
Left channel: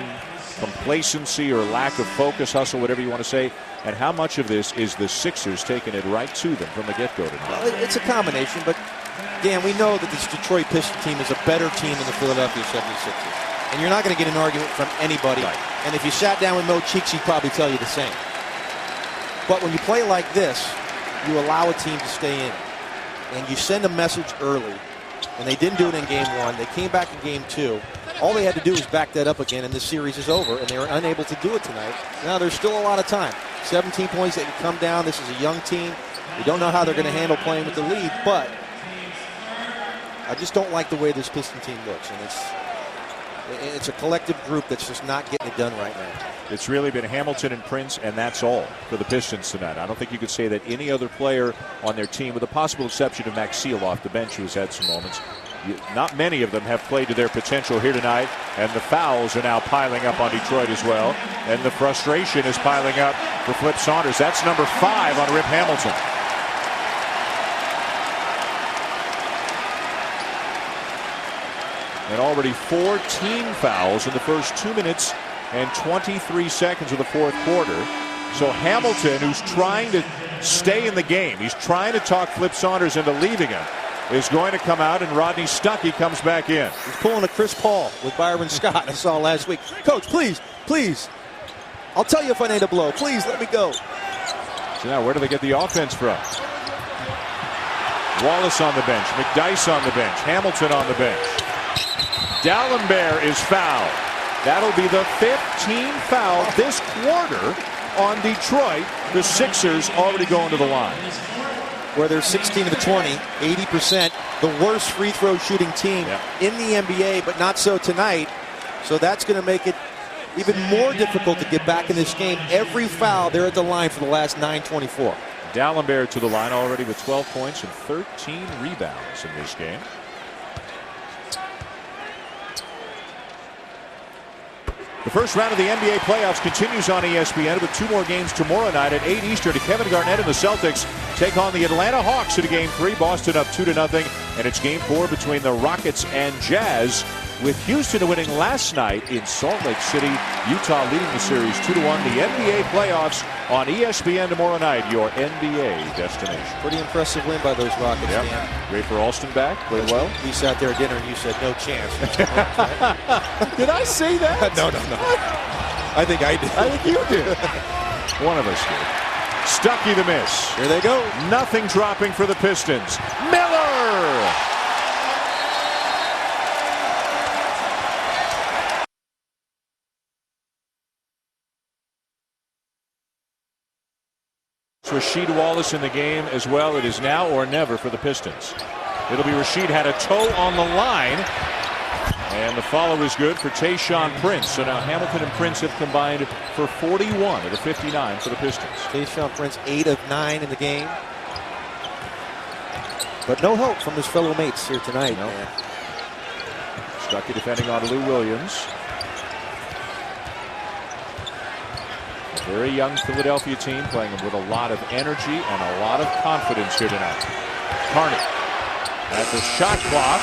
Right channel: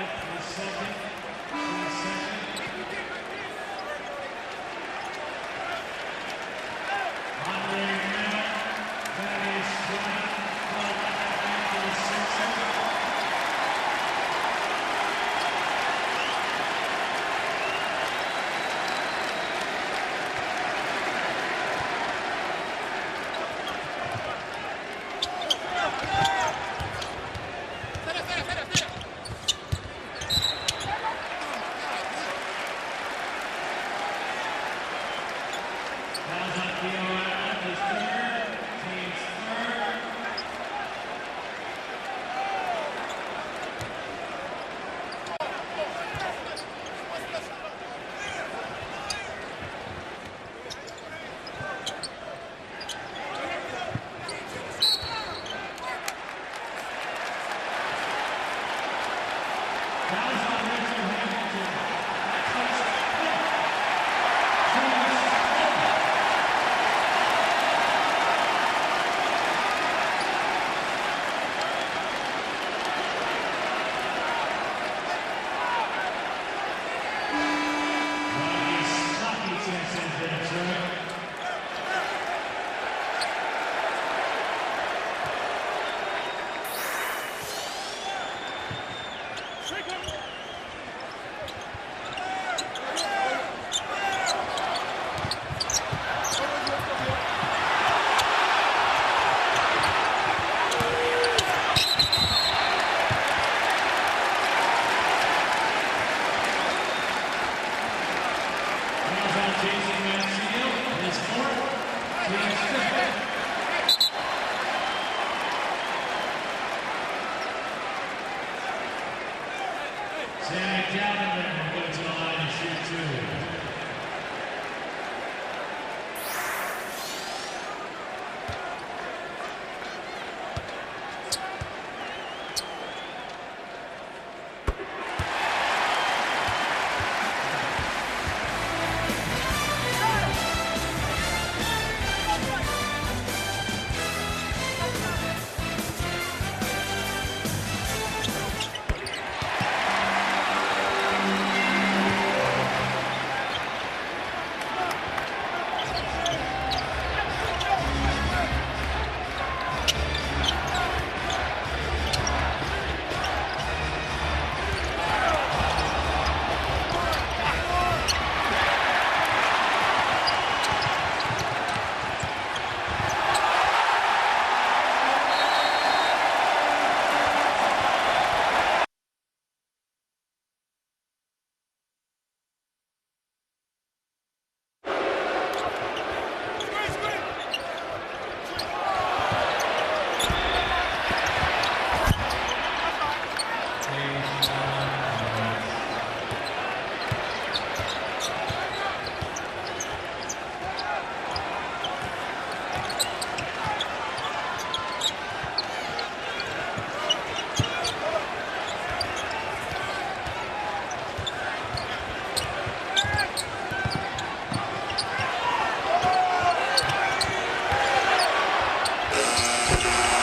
complacency or lack of focus, hustle, whatever you want to say, and how much of this is the Sixers taking it right to them from the get-go? Well, it's a combination, but Dan, we know that this Detroit Pistons team is a better team than the Philadelphia 76ers. And you're not going to get an argument from anybody. And if you sat down with no cheeks, he'd probably tell you the same. But when you play like this, you allow a team to stay in. And you send a message early. And they didn't do it in game 1. They came back in game 2. All they had to do was back that up again, and the series is over. And they were unable to do it tonight. Now there's still a lot of time. 17 points, they can come down. This is a young team. We don't know how they're going to handle playing with the lead, but I just don't like the way this Piston team looks. And it's a collective group that's just not getting it done right now. It's really been Hamilton and Prince, and that's all for the Pistons tonight. I don't think you could say that any other player on their team, with the possible exception of Maxey off the bench, who's had some moments, not many of them have played to their potential here tonight, and the fouls are now piling up on Detroit as well, and the frustration is piling up for Flip Saunders. That's number 5 on Rip Hamilton. And already 4 team fouls in the first 2 minutes and 23 seconds of the fourth quarter. So Hamilton, who's trying to stay in the game, he's trying to talk Flip Saunders into leaving him, is going to come out, and Rodney Stuckey comes back in. He's pulling a Chris Paul with Byron Scott I saw last week. Coach, please, please. I'll tell you if I need a blow. Please, let me go. Yeah, where do they get the offense from? Wallace on the bench, McDyess on the bench, Hamilton on the bench. Dallenberg is fouled. That'll be the 15th foul this quarter on Detroit. The Sixers already going to the line. Where they're 16 to 20, 80%, the worst free throw shooting team in the NBA, but not so tonight. So that's going to make it even more difficult to get back in this game. Every foul, they're at the line for the last 9:24. Dallenberg to the line already with 12 points and 13 rebounds in this game. The first round of the NBA playoffs continues on ESPN with 2 more games tomorrow night at 8 Eastern. Kevin Garnett and the Celtics take on the Atlanta Hawks in Game 3. Boston up 2-0. And it's Game 4 between the Rockets and Jazz, with Houston winning last night in Salt Lake City. Utah leading the series 2-1. The NBA playoffs on ESPN tomorrow night, your NBA destination. Pretty impressive win by those Rockets. Yeah. Ray for Alston back. Very well. He sat there at dinner and he said, no chance. Did I say that? No. I think I did. I think you did. One of us. Stuckey to miss. There they go. Nothing dropping for the Pistons. Miller this in the game as well. It is now or never for the Pistons. It'll be Rasheed had a toe on the line. And the follow is good for Tayshaun Prince. So now Hamilton and Prince have combined for 41 to 59 for the Pistons. Tayshaun Prince 8 of 9 in the game. But no help from his fellow mates here tonight. Got the defending on Lou Williams. Very young Philadelphia team playing with a lot of energy and a lot of confidence here tonight. Harnett at the shot clock.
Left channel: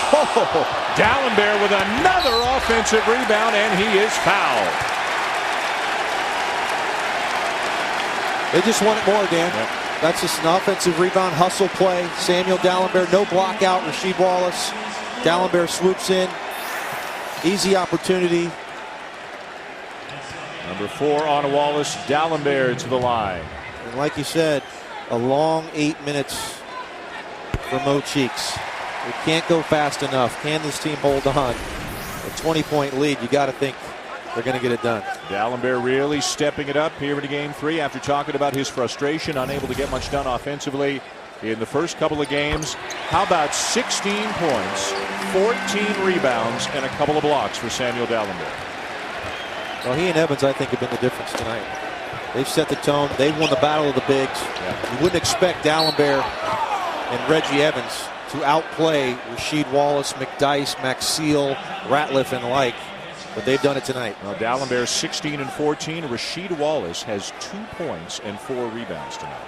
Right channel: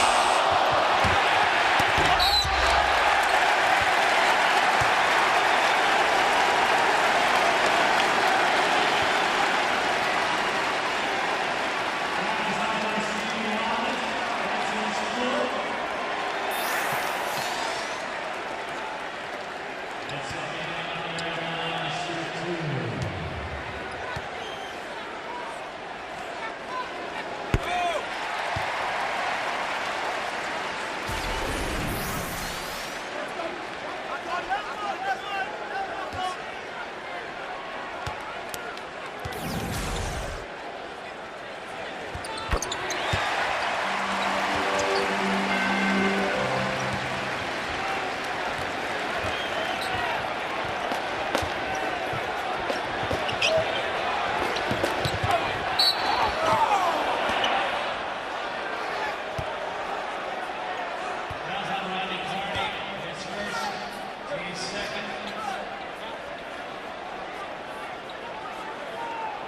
Dallenberg with another offensive rebound, and he is fouled. They just want more again. That's just an offensive rebound, hustle play. Samuel Dallenberg, no block out. Rasheed Wallace. Dallenberg swoops in. Easy opportunity. Number 4 on Wallace. Dallenberg to the line. And like you said, a long 8 minutes for Mo Cheeks. You can't go fast enough. Can this team hold on? A 20-point lead, you got to think they're going to get it done. Dallenberg really stepping it up here in game 3 after talking about his frustration, unable to get much done offensively in the first couple of games. How about 16 points, 14 rebounds, and a couple of blocks for Samuel Dallenberg? Well, he and Evans, I think, have been the difference tonight. They've set the tone. They've won the battle of the bigs. You wouldn't expect Dallenberg and Reggie Evans to outplay Rasheed Wallace, McDyess, Maxeel, Ratliff, and like. But they've done it tonight. Now Dallenberg 16 and 14. Rasheed Wallace has 2 points and 4 rebounds tonight.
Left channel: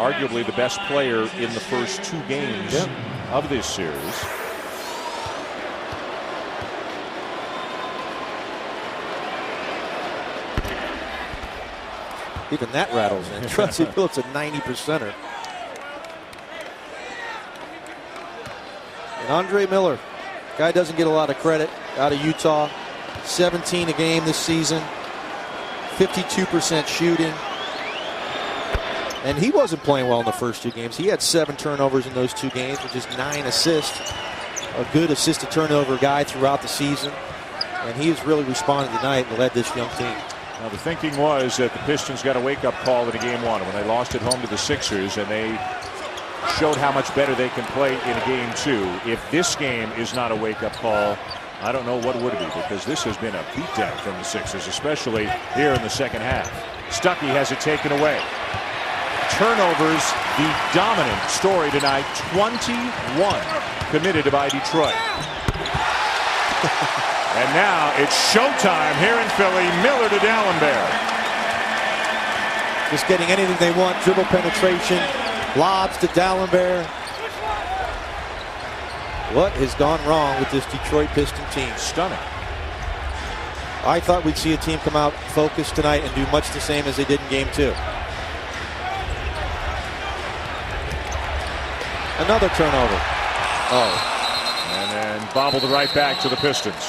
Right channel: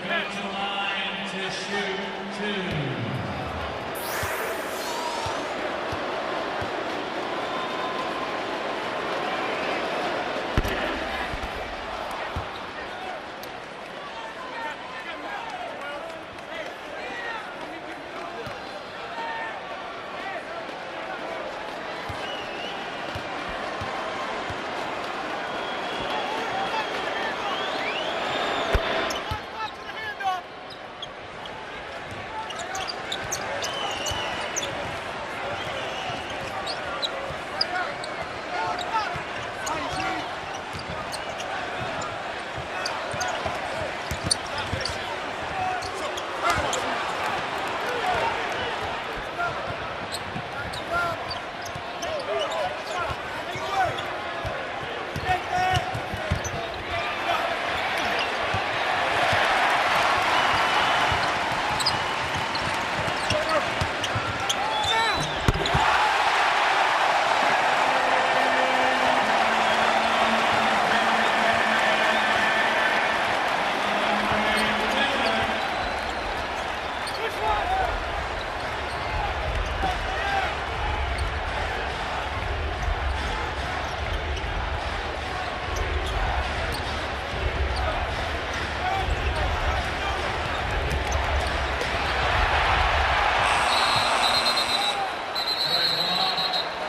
Arguably the best player in the first 2 games of this series. Even that rattles in. Trusty Phillips a 90%er. And Andre Miller, guy doesn't get a lot of credit out of Utah. 17 a game this season. 52% shooting. And he wasn't playing well in the first 2 games. He had 7 turnovers in those 2 games, which is 9 assists. A good assist-to-turnover guy throughout the season. And he was really responding tonight and led this young team. The thinking was that the Pistons got a wake-up call in game 1 when they lost at home to the Sixers, and they showed how much better they can play in game 2. If this game is not a wake-up call, I don't know what would be, because this has been a beatdown from the Sixers, especially here in the second half. Stuckey has it taken away. Turnovers, the dominant story tonight. 21 committed by Detroit. And now it's showtime here in Philly. Miller to Dallenberg. Just getting anything they want. Dribble penetration. Lobs to Dallenberg. What has gone wrong with this Detroit Pistons team? Stunning. I thought we'd see a team come out focused tonight and do much the same as they did in game 2. Another turnover. Oh. And bobbled right back to the Pistons.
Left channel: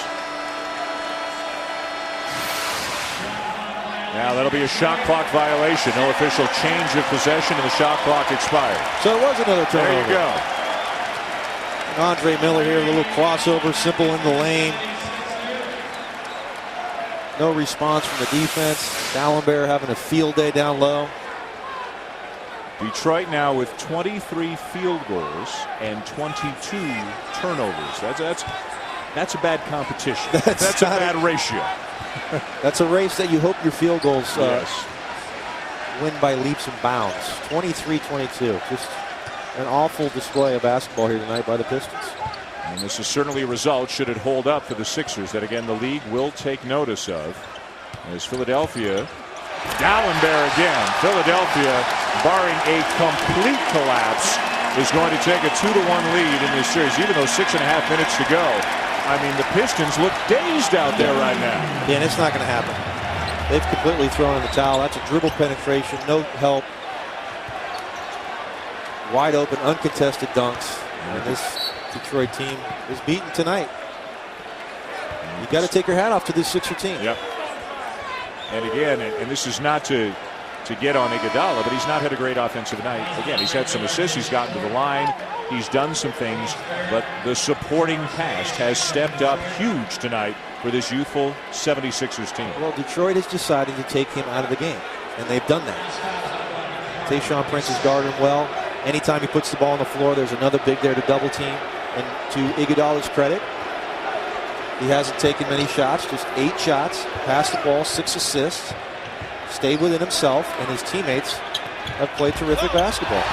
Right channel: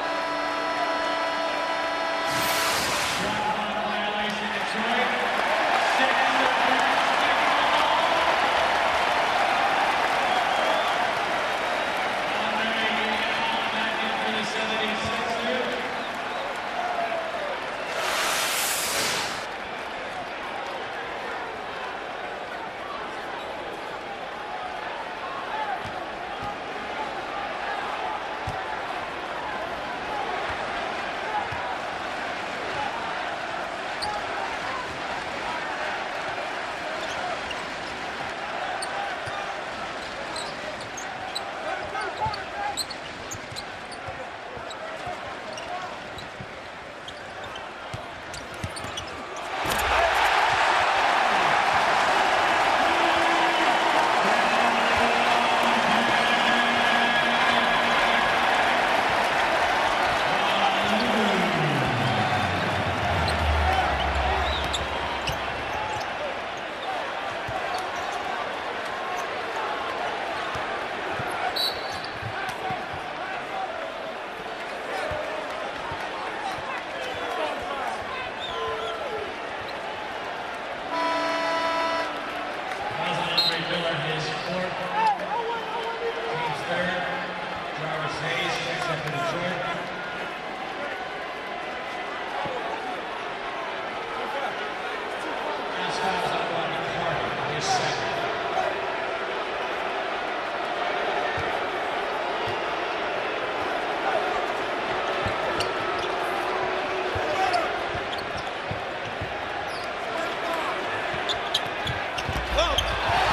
That'll be a shot clock violation. No official change of possession, and the shot clock expired. So it was another turnover. There you go. Andre Miller here, a little crossover, simple in the lane. No response from the defense. Dallenberg having a field day down low. Detroit now with 23 field goals and 22 turnovers. That's a bad competition. That's a bad ratio. That's a race that you hope your field goals win by leaps and bounds. 23-22. Just an awful display of basketball here tonight by the Pistons. And this is certainly a result, should it hold up for the Sixers, that again the league will take notice of. As Philadelphia, Dallenberg again. Philadelphia, barring a complete collapse, is going to take a 2-1 lead in this series, even though 6.5 minutes to go. I mean, the Pistons look dazed out there right now. Yeah, and it's not going to happen. They've completely thrown in the towel. That's a dribble penetration, no help. Wide open, uncontested dunks. And this Detroit team is beaten tonight. You've got to take your hat off to this Sixer team. Yep. And again, and this is not to get on Iguodala, but he's not had a great offensive night. Again, he's had some assists, he's gotten to the line, he's done some things, but the supporting cast has stepped up huge tonight with his youthful 76ers team. Well, Detroit is deciding to take him out of the game. and they've done that. Tayshaun Prince is guarding well. Anytime he puts the ball on the floor, there's another big there to double team. And to Iguodala's credit, he hasn't taken many shots, just 8 shots, passed the ball, 6 assists, stayed within himself, and his teammates have played terrific basketball.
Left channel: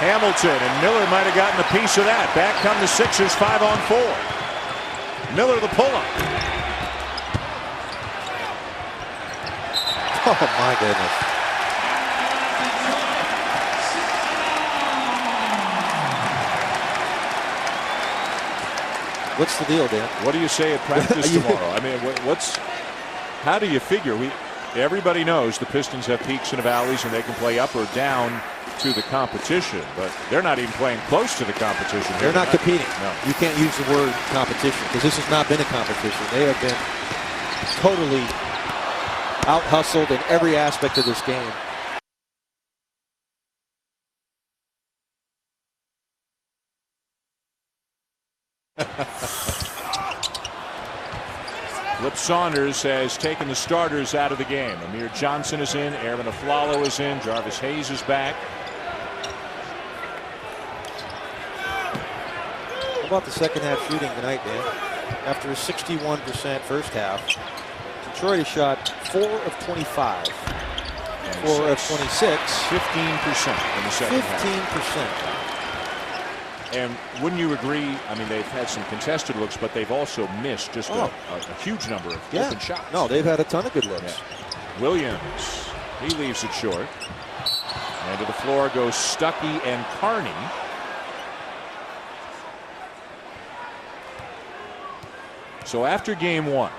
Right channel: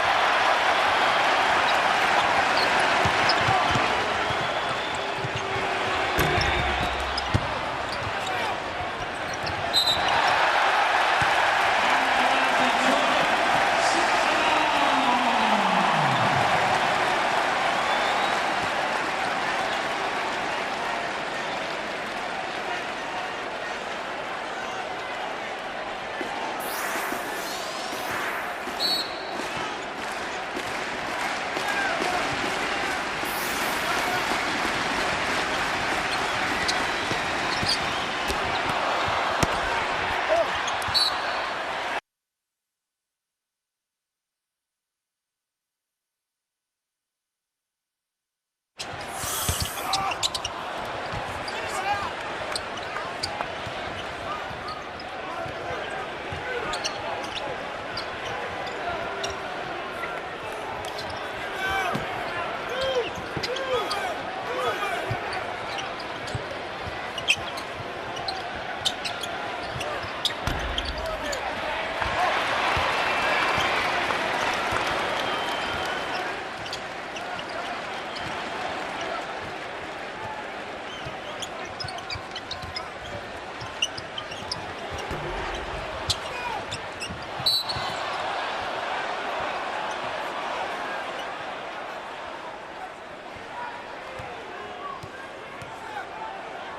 Hamilton, and Miller might have gotten a piece of that. Back come the Sixers, 5-on-4. Miller the pull-up. Oh, my goodness. What's the deal, Dan? What do you say at practice tomorrow? I mean, how do you figure? Everybody knows the Pistons have peaks and valleys, and they can play up or down to the competition, but they're not even playing close to the competition. They're not competing. No. You can't use the word competition because this has not been a competition. They have been totally out-hustled in every aspect of this game. Flip Saunders has taken the starters out of the game. Amir Johnson is in. Aaron Aflalo is in. Jarvis Hayes is back. How about the second half shooting tonight, man? After a 61% first half, Detroit shot 4 of 25. 4 of 26. 15%. 15%. And wouldn't you agree? I mean, they've had some contested looks, but they've also missed just a huge number of open shots. No, they've had a ton of good looks. Williams, he leaves it short. Over the floor goes Stuckey and Carney. So after game 1,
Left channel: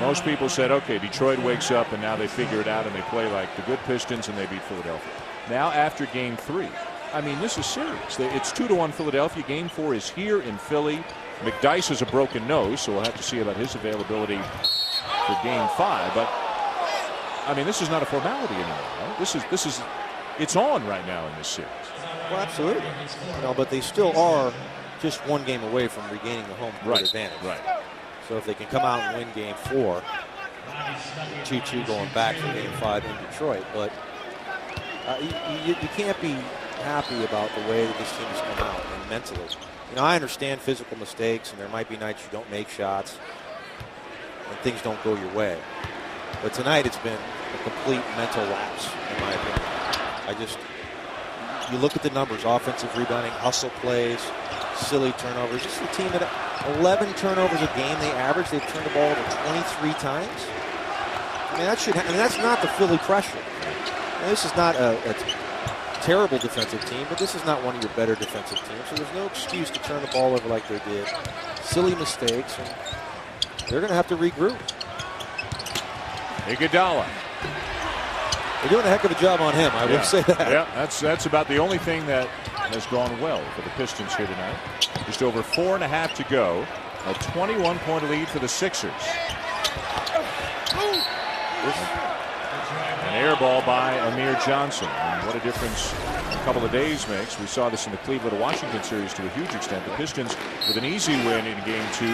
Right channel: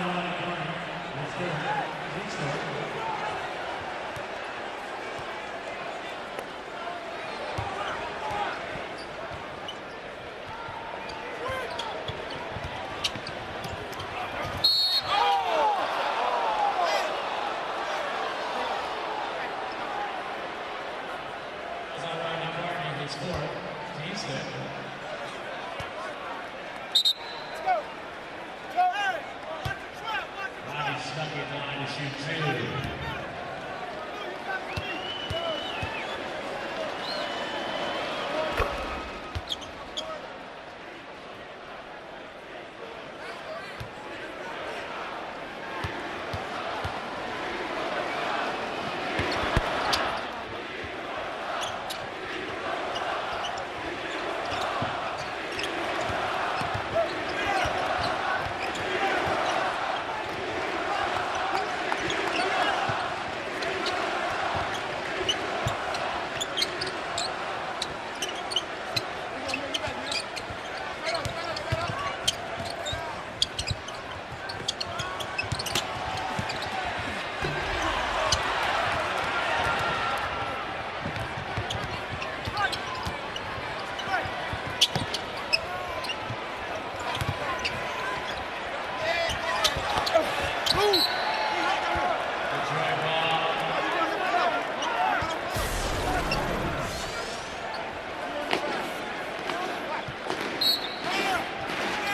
most people said, okay, Detroit wakes up and now they figure it out and they play like the good Pistons and they beat Philadelphia. Now after game 3, I mean, this is serious. It's 2-1 Philadelphia. Game 4 is here in Philly. McDyess has a broken nose, so we'll have to see about his availability for game 5. But I mean, this is not a formality anymore. Right? This is it's on right now in this series. Well, absolutely. No, but they still are just 1 game away from regaining the home court advantage. Right. So if they can come out and win game 4, 2-2 going back to game 5 in Detroit, but you can't be happy about the way this team is playing mentally. You know, I understand physical mistakes, and there might be nights you don't make shots, and things don't go your way. But tonight it's been complete mental lapse. You look at the numbers: offensive rebounding, hustle plays, silly turnovers. It's a team that 11 turnovers a game. They average. They've turned the ball 23 times. I mean, that's not the Philly pressure. This is not a terrible defensive team, but this is not one of your better defensive teams. So there's no excuse to turn the ball over like they did. Silly mistakes. They're going to have to regroup. Iguodala. They're doing a heck of a job on him. I would say that. Yeah, that's about the only thing that has gone well for the Pistons here tonight. Just over 4.5 to go. A 21-point lead for the Sixers. Air ball by Amir Johnson. What a difference a couple of days makes. We saw this in the Cleveland-Washington series to a huge extent. The Pistons with an easy win in game 2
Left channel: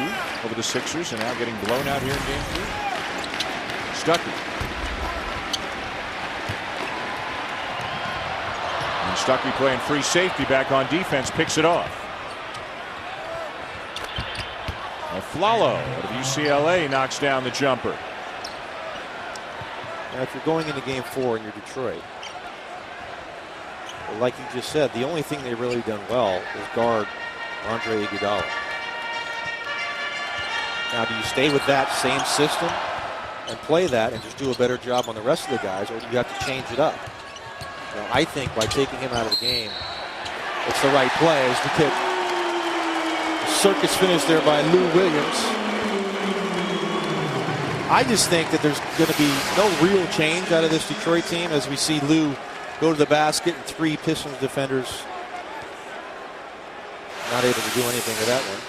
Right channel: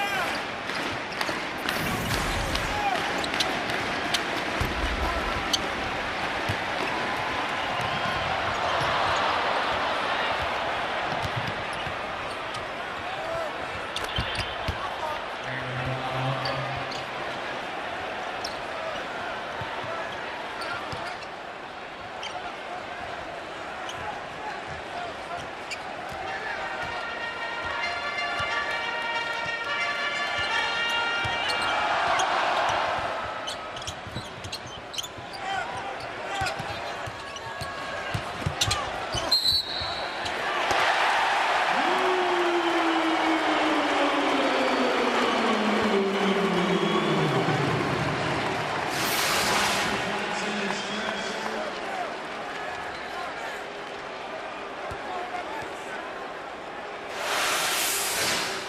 over the Sixers, and now getting blown out here in game 3. Stuckey. And Stuckey playing free safety back on defense, picks it off. Aflalo, UCLA knocks down the jumper. If you're going into game 4 and you're Detroit, like you just said, the only thing they've really done well is guard Andre Iguodala. Now, do you stay with that same system and play that and just do a better job on the rest of the guys, or do you have to change it up? And I think by taking him out of the game, it's the right play. Is to pick circus finish there by Lou Williams. I just think that there's going to be no real change out of this Detroit team as we see Lou go to the basket. 3 Pistons defenders not able to do anything with that one.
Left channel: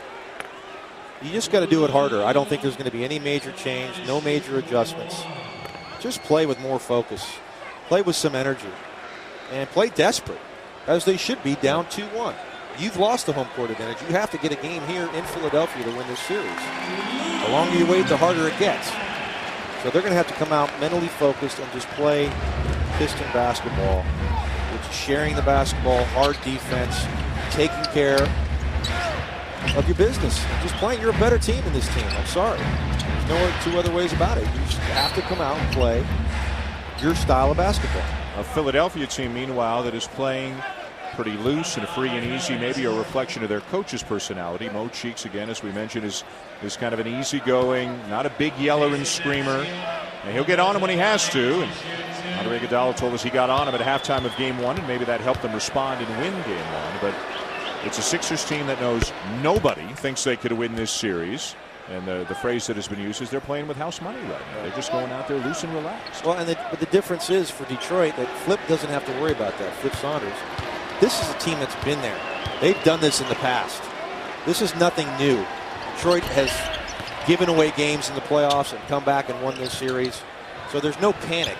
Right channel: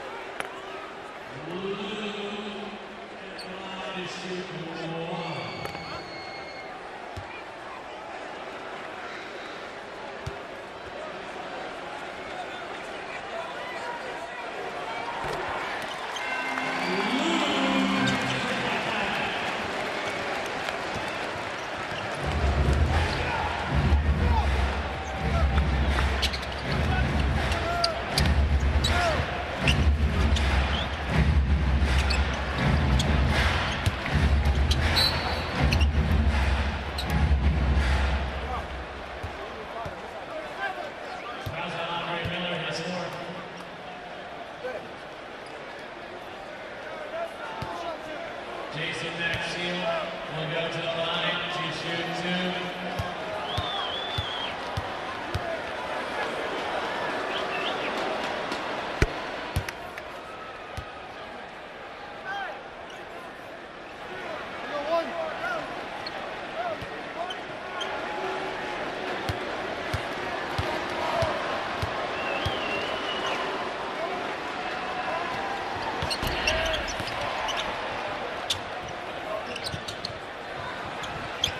You just got to do it harder. I don't think there's going to be any major change, no major adjustments. Just play with more focus. Play with some energy. And play desperate, as they should be, down 2-1. You've lost the home court advantage. You have to get a game here in Philadelphia to win this series. The longer you wait, the harder it gets. So they're going to have to come out mentally focused and just play Piston basketball. Just sharing the basketball, hard defense, taking care of your business. Just playing. You're a better team in this team. I'm sorry. There's no two other ways about it. You just have to come out and play your style of basketball. A Philadelphia team, meanwhile, that is playing pretty loose and free and easy, maybe a reflection of their coach's personality. Mo Cheeks, again, as we mentioned, is kind of an easygoing, not a big yeller and screamer. And he'll get on him when he has to. Ray Iguodala told us he got on him at halftime of game 1, and maybe that helped them respond and win game 1. But it's a Sixers team that knows nobody thinks they could win this series. And the phrase that has been used is they're playing with house money right now. They're just going out there loose and relaxed. Well, and the difference is for Detroit that Flip doesn't have to worry about that. Flip Saunders. This is a team that's been there. They've done this in the past. This is nothing new. Detroit has given away games in the playoffs and come back and won this series. So there's no panic.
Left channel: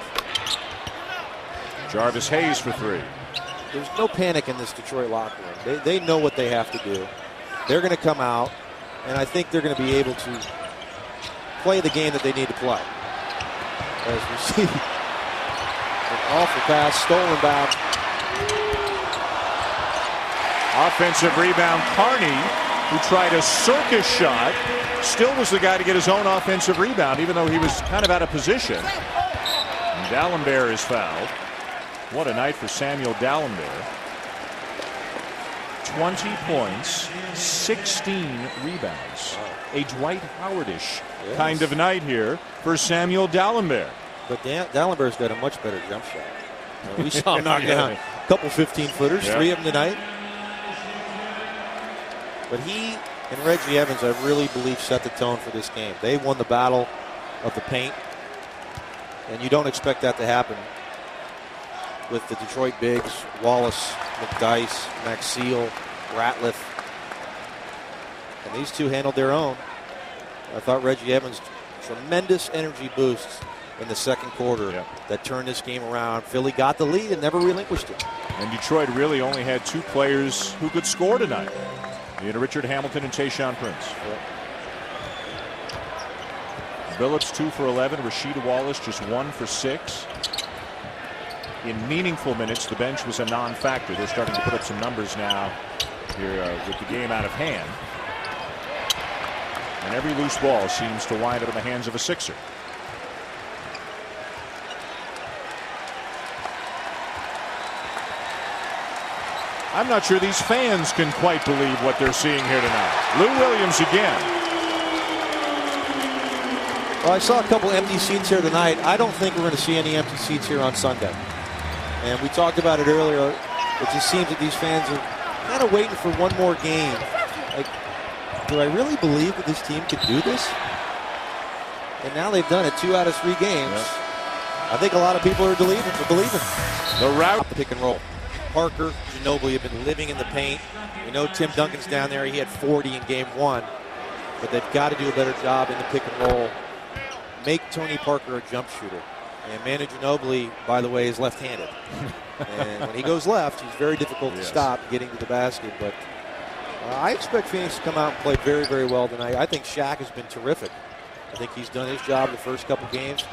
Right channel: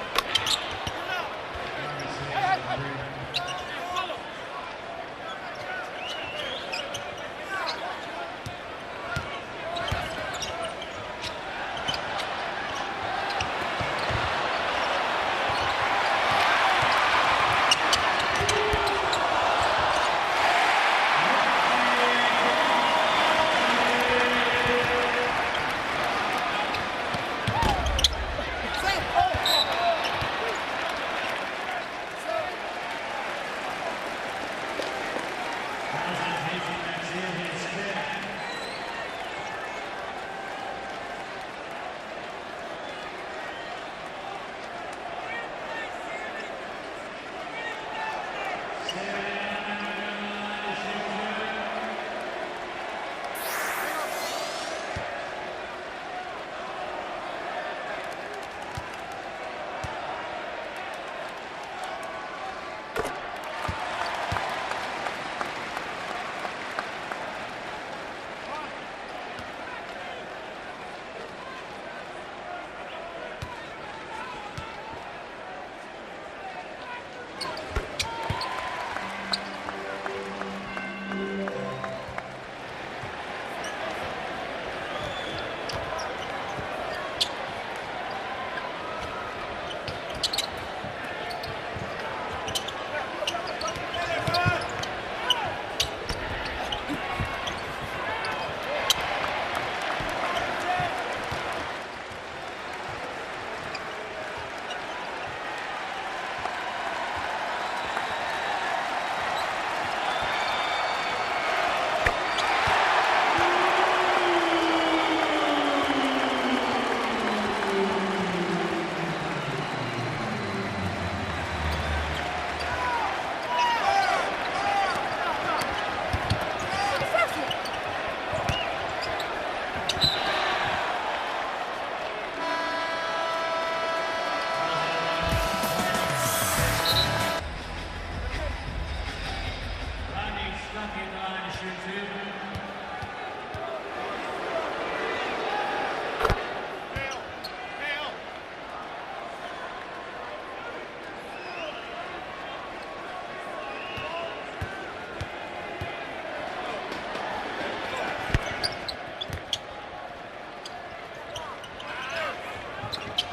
Jarvis Hayes for 3. There's no panic in this Detroit locker room. They know what they have to do. They're going to come out, and I think they're going to be able to play the game that they need to play. As we see, off the pass, stolen back. Offensive rebound, Carney, who tried a circus shot, still was the guy to get his own offensive rebound, even though he was kind of out of position. Dalembert is fouled. What a night for Samuel Dalembert. 20 points, 16 rebounds. A Dwight Howard-ish kind of night here for Samuel Dalembert. But Dalembert's got a much better jump shot. We saw him knock down a couple 15-footers, 3 of them tonight. But he and Reggie Evans, I really believe, set the tone for this game. They won the battle of the paint, and you don't expect that to happen with the Detroit bigs, Wallace, McDyess, Maxeel, Ratliff. And these two handled their own. I thought Reggie Evans, tremendous energy boost in the second quarter that turned this game around. Philly got the lead and never relinquished it. And Detroit really only had 2 players who could score tonight. You know, Richard Hamilton and Tayshaun Prince. Billups 2 for 11. Rasheed Wallace just 1 for 6. In meaningful minutes, the bench was a non-factor. They're starting to put some numbers now here, with the game out of hand. And every loose ball seems to wind up in the hands of a Sixer. I'm not sure these fans can quite believe what they're seeing here tonight. Lou Williams again. Well, I saw a couple empty seats here tonight. I don't think we're going to see any empty seats here on Sunday. And we talked about it earlier. It just seems that these fans are kind of waiting for one more game. Like, do I really believe that this team could do this? And now they've done it 2 out of 3 games. I think a lot of people are believing. The route. Pick and roll. Parker, Ginobili have been living in the paint. You know Tim Duncan's down there. He had 40 in game 1. But they've got to do a better job in the pick and roll. Make Tony Parker a jump shooter. And Manu Ginobili, by the way, is left-handed. And when he goes left, he's very difficult to stop getting to the basket. But I expect Phoenix to come out and play very, very well tonight. I think Shaq has been terrific. I think he's done his job the first couple games.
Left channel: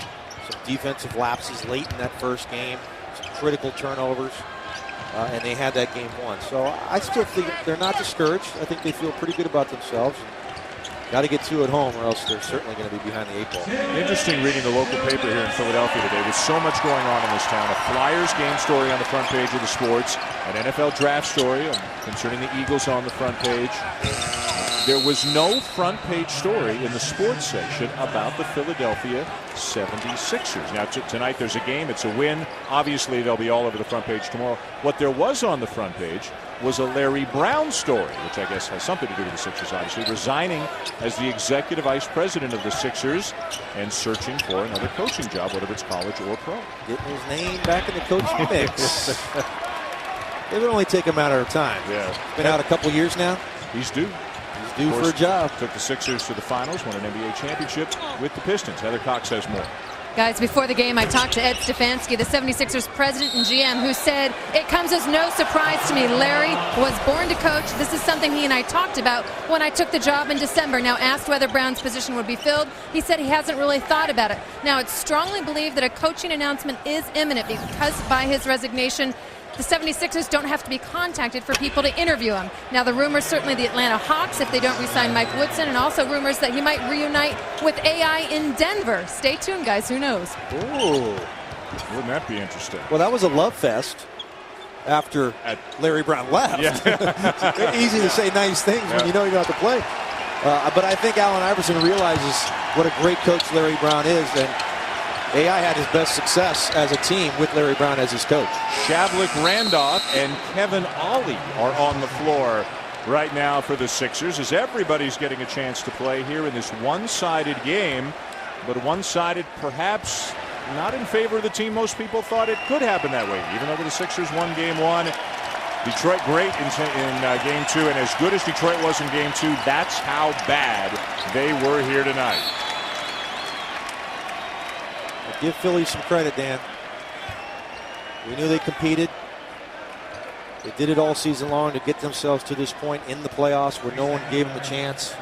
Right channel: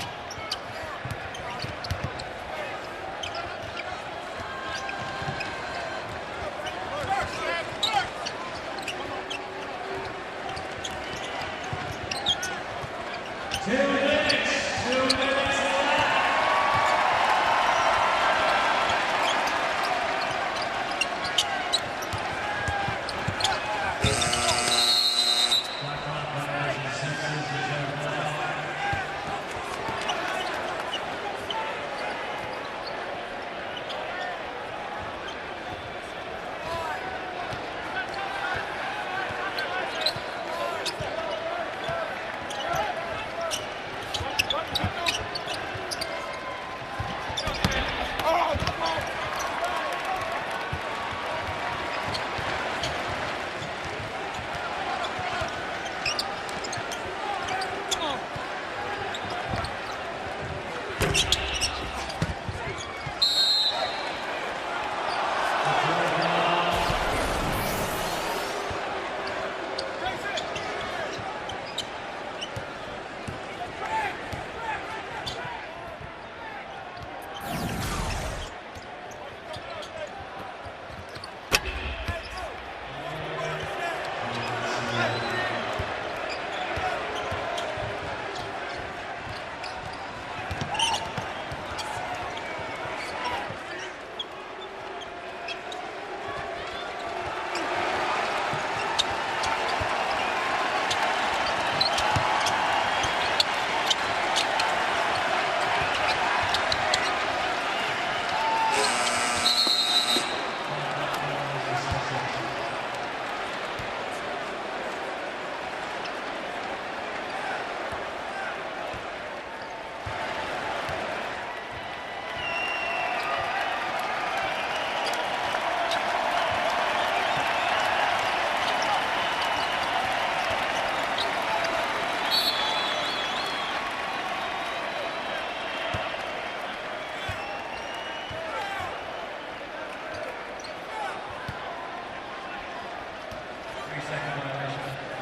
Some defensive lapses late in that first game. Some critical turnovers. And they had that game 1. So I still think they're not discouraged. I think they feel pretty good about themselves. Got to get 2 at home, or else they're certainly going to be behind the 8 ball. Interesting reading the local paper here in Philadelphia today. There's so much going on in this town. A Flyers game story on the front page of the Sports. An NFL draft story concerning the Eagles on the front page. There was no front page story in the sports section about the Philadelphia 76ers. Now tonight there's a game. It's a win. Obviously they'll be all over the front page tomorrow. What there was on the front page was a Larry Brown story, which I guess has something to do with the Sixers, obviously, resigning as the executive vice president of the Sixers and searching for another coaching job, whether it's college or pro. Getting his name back in the coaching mix. It'll only take a matter of time. Yeah. Been out a couple years now. He's due. Due for a job. Took the Sixers to the finals, won an NBA championship with the Pistons. Heather Cox has more. Guys, before the game, I talked to Ed Stefanski, the 76ers president and GM, who said, "It comes as no surprise to me. Larry was born to coach. This is something something he and I talked about when I took the job in December. Now, asked whether Brown's position would be filled, he said he hasn't really thought about it. Now, it's strongly believed that a coaching announcement is imminent because by his resignation, the 76ers don't have to be contacted for people to interview him. Now, the rumors, certainly the Atlanta Hawks, if they don't re-sign Mike Woodson, and also rumors that he might reunite with AI in Denver. Stay tuned, guys. Who knows? Ooh. Wouldn't that be interesting? Well, that was a love fest after Larry Brown left. Yeah. Easy to say nice things when you know you're going to have to play. But I think Allen Iverson realizes what a great coach Larry Brown is. And AI had his best success as a team with Larry Brown as his coach. Shavlik Randolph and Kevin Ollie are on the floor right now for the Sixers, as everybody's getting a chance to play here in this one-sided game, but one-sided perhaps not in favor of the team most people thought it could happen that way. Even though the Sixers won game one, Detroit great in game two, and as good as Detroit was in game two, that's how bad they were here tonight. Give Philly some credit, Dan. We knew they competed. They did it all season long to get themselves to this point in the playoffs where no one gave them a chance.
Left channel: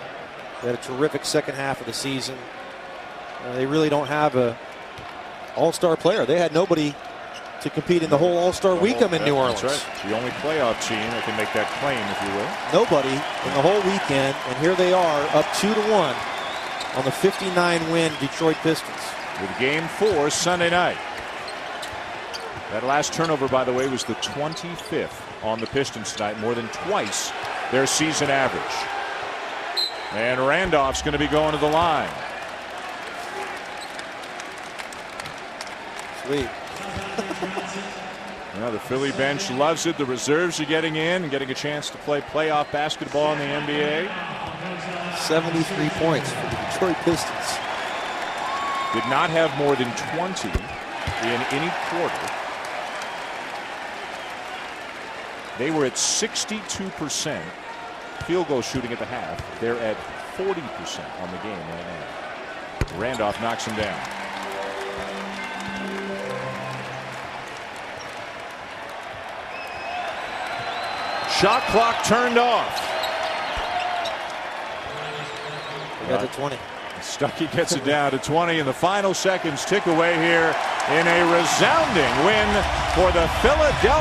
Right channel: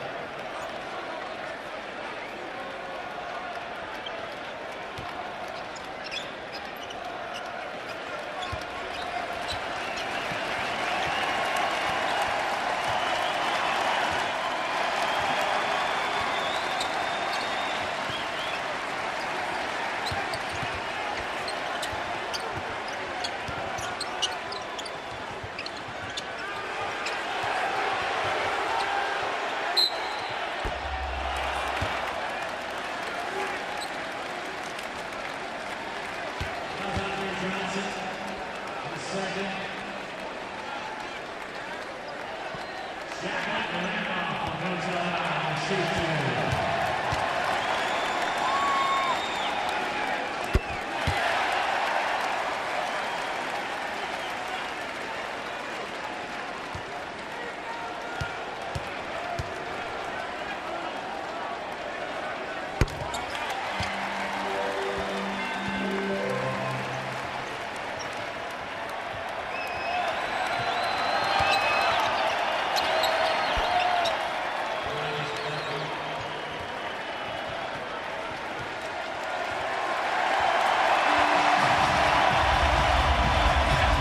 They had a terrific second half of the season. They really don't have a all-star player. They had nobody to compete in the whole all-star weekend in New Orleans. That's right. The only playoff team that can make that claim, if you will. Nobody in the whole weekend, and here they are up 2-1 on the 59-win Detroit Pistons. With game 4 Sunday night. That last turnover, by the way, was the 25th on the Pistons tonight, more than twice their season average. And Randolph's going to be going to the line. Well, the Philly bench loves it. The reserves are getting in and getting a chance to play playoff basketball in the NBA. 73 points for the Detroit Pistons. Did not have more than 20 in any quarter. They were at 62% field goal shooting at the half. They're at 40% on the game. Randolph knocks him down. Shot clock turned off. Got to 20. Stuckey gets it down to 20, and the final seconds tick away here in a resounding win for the Philadelphia.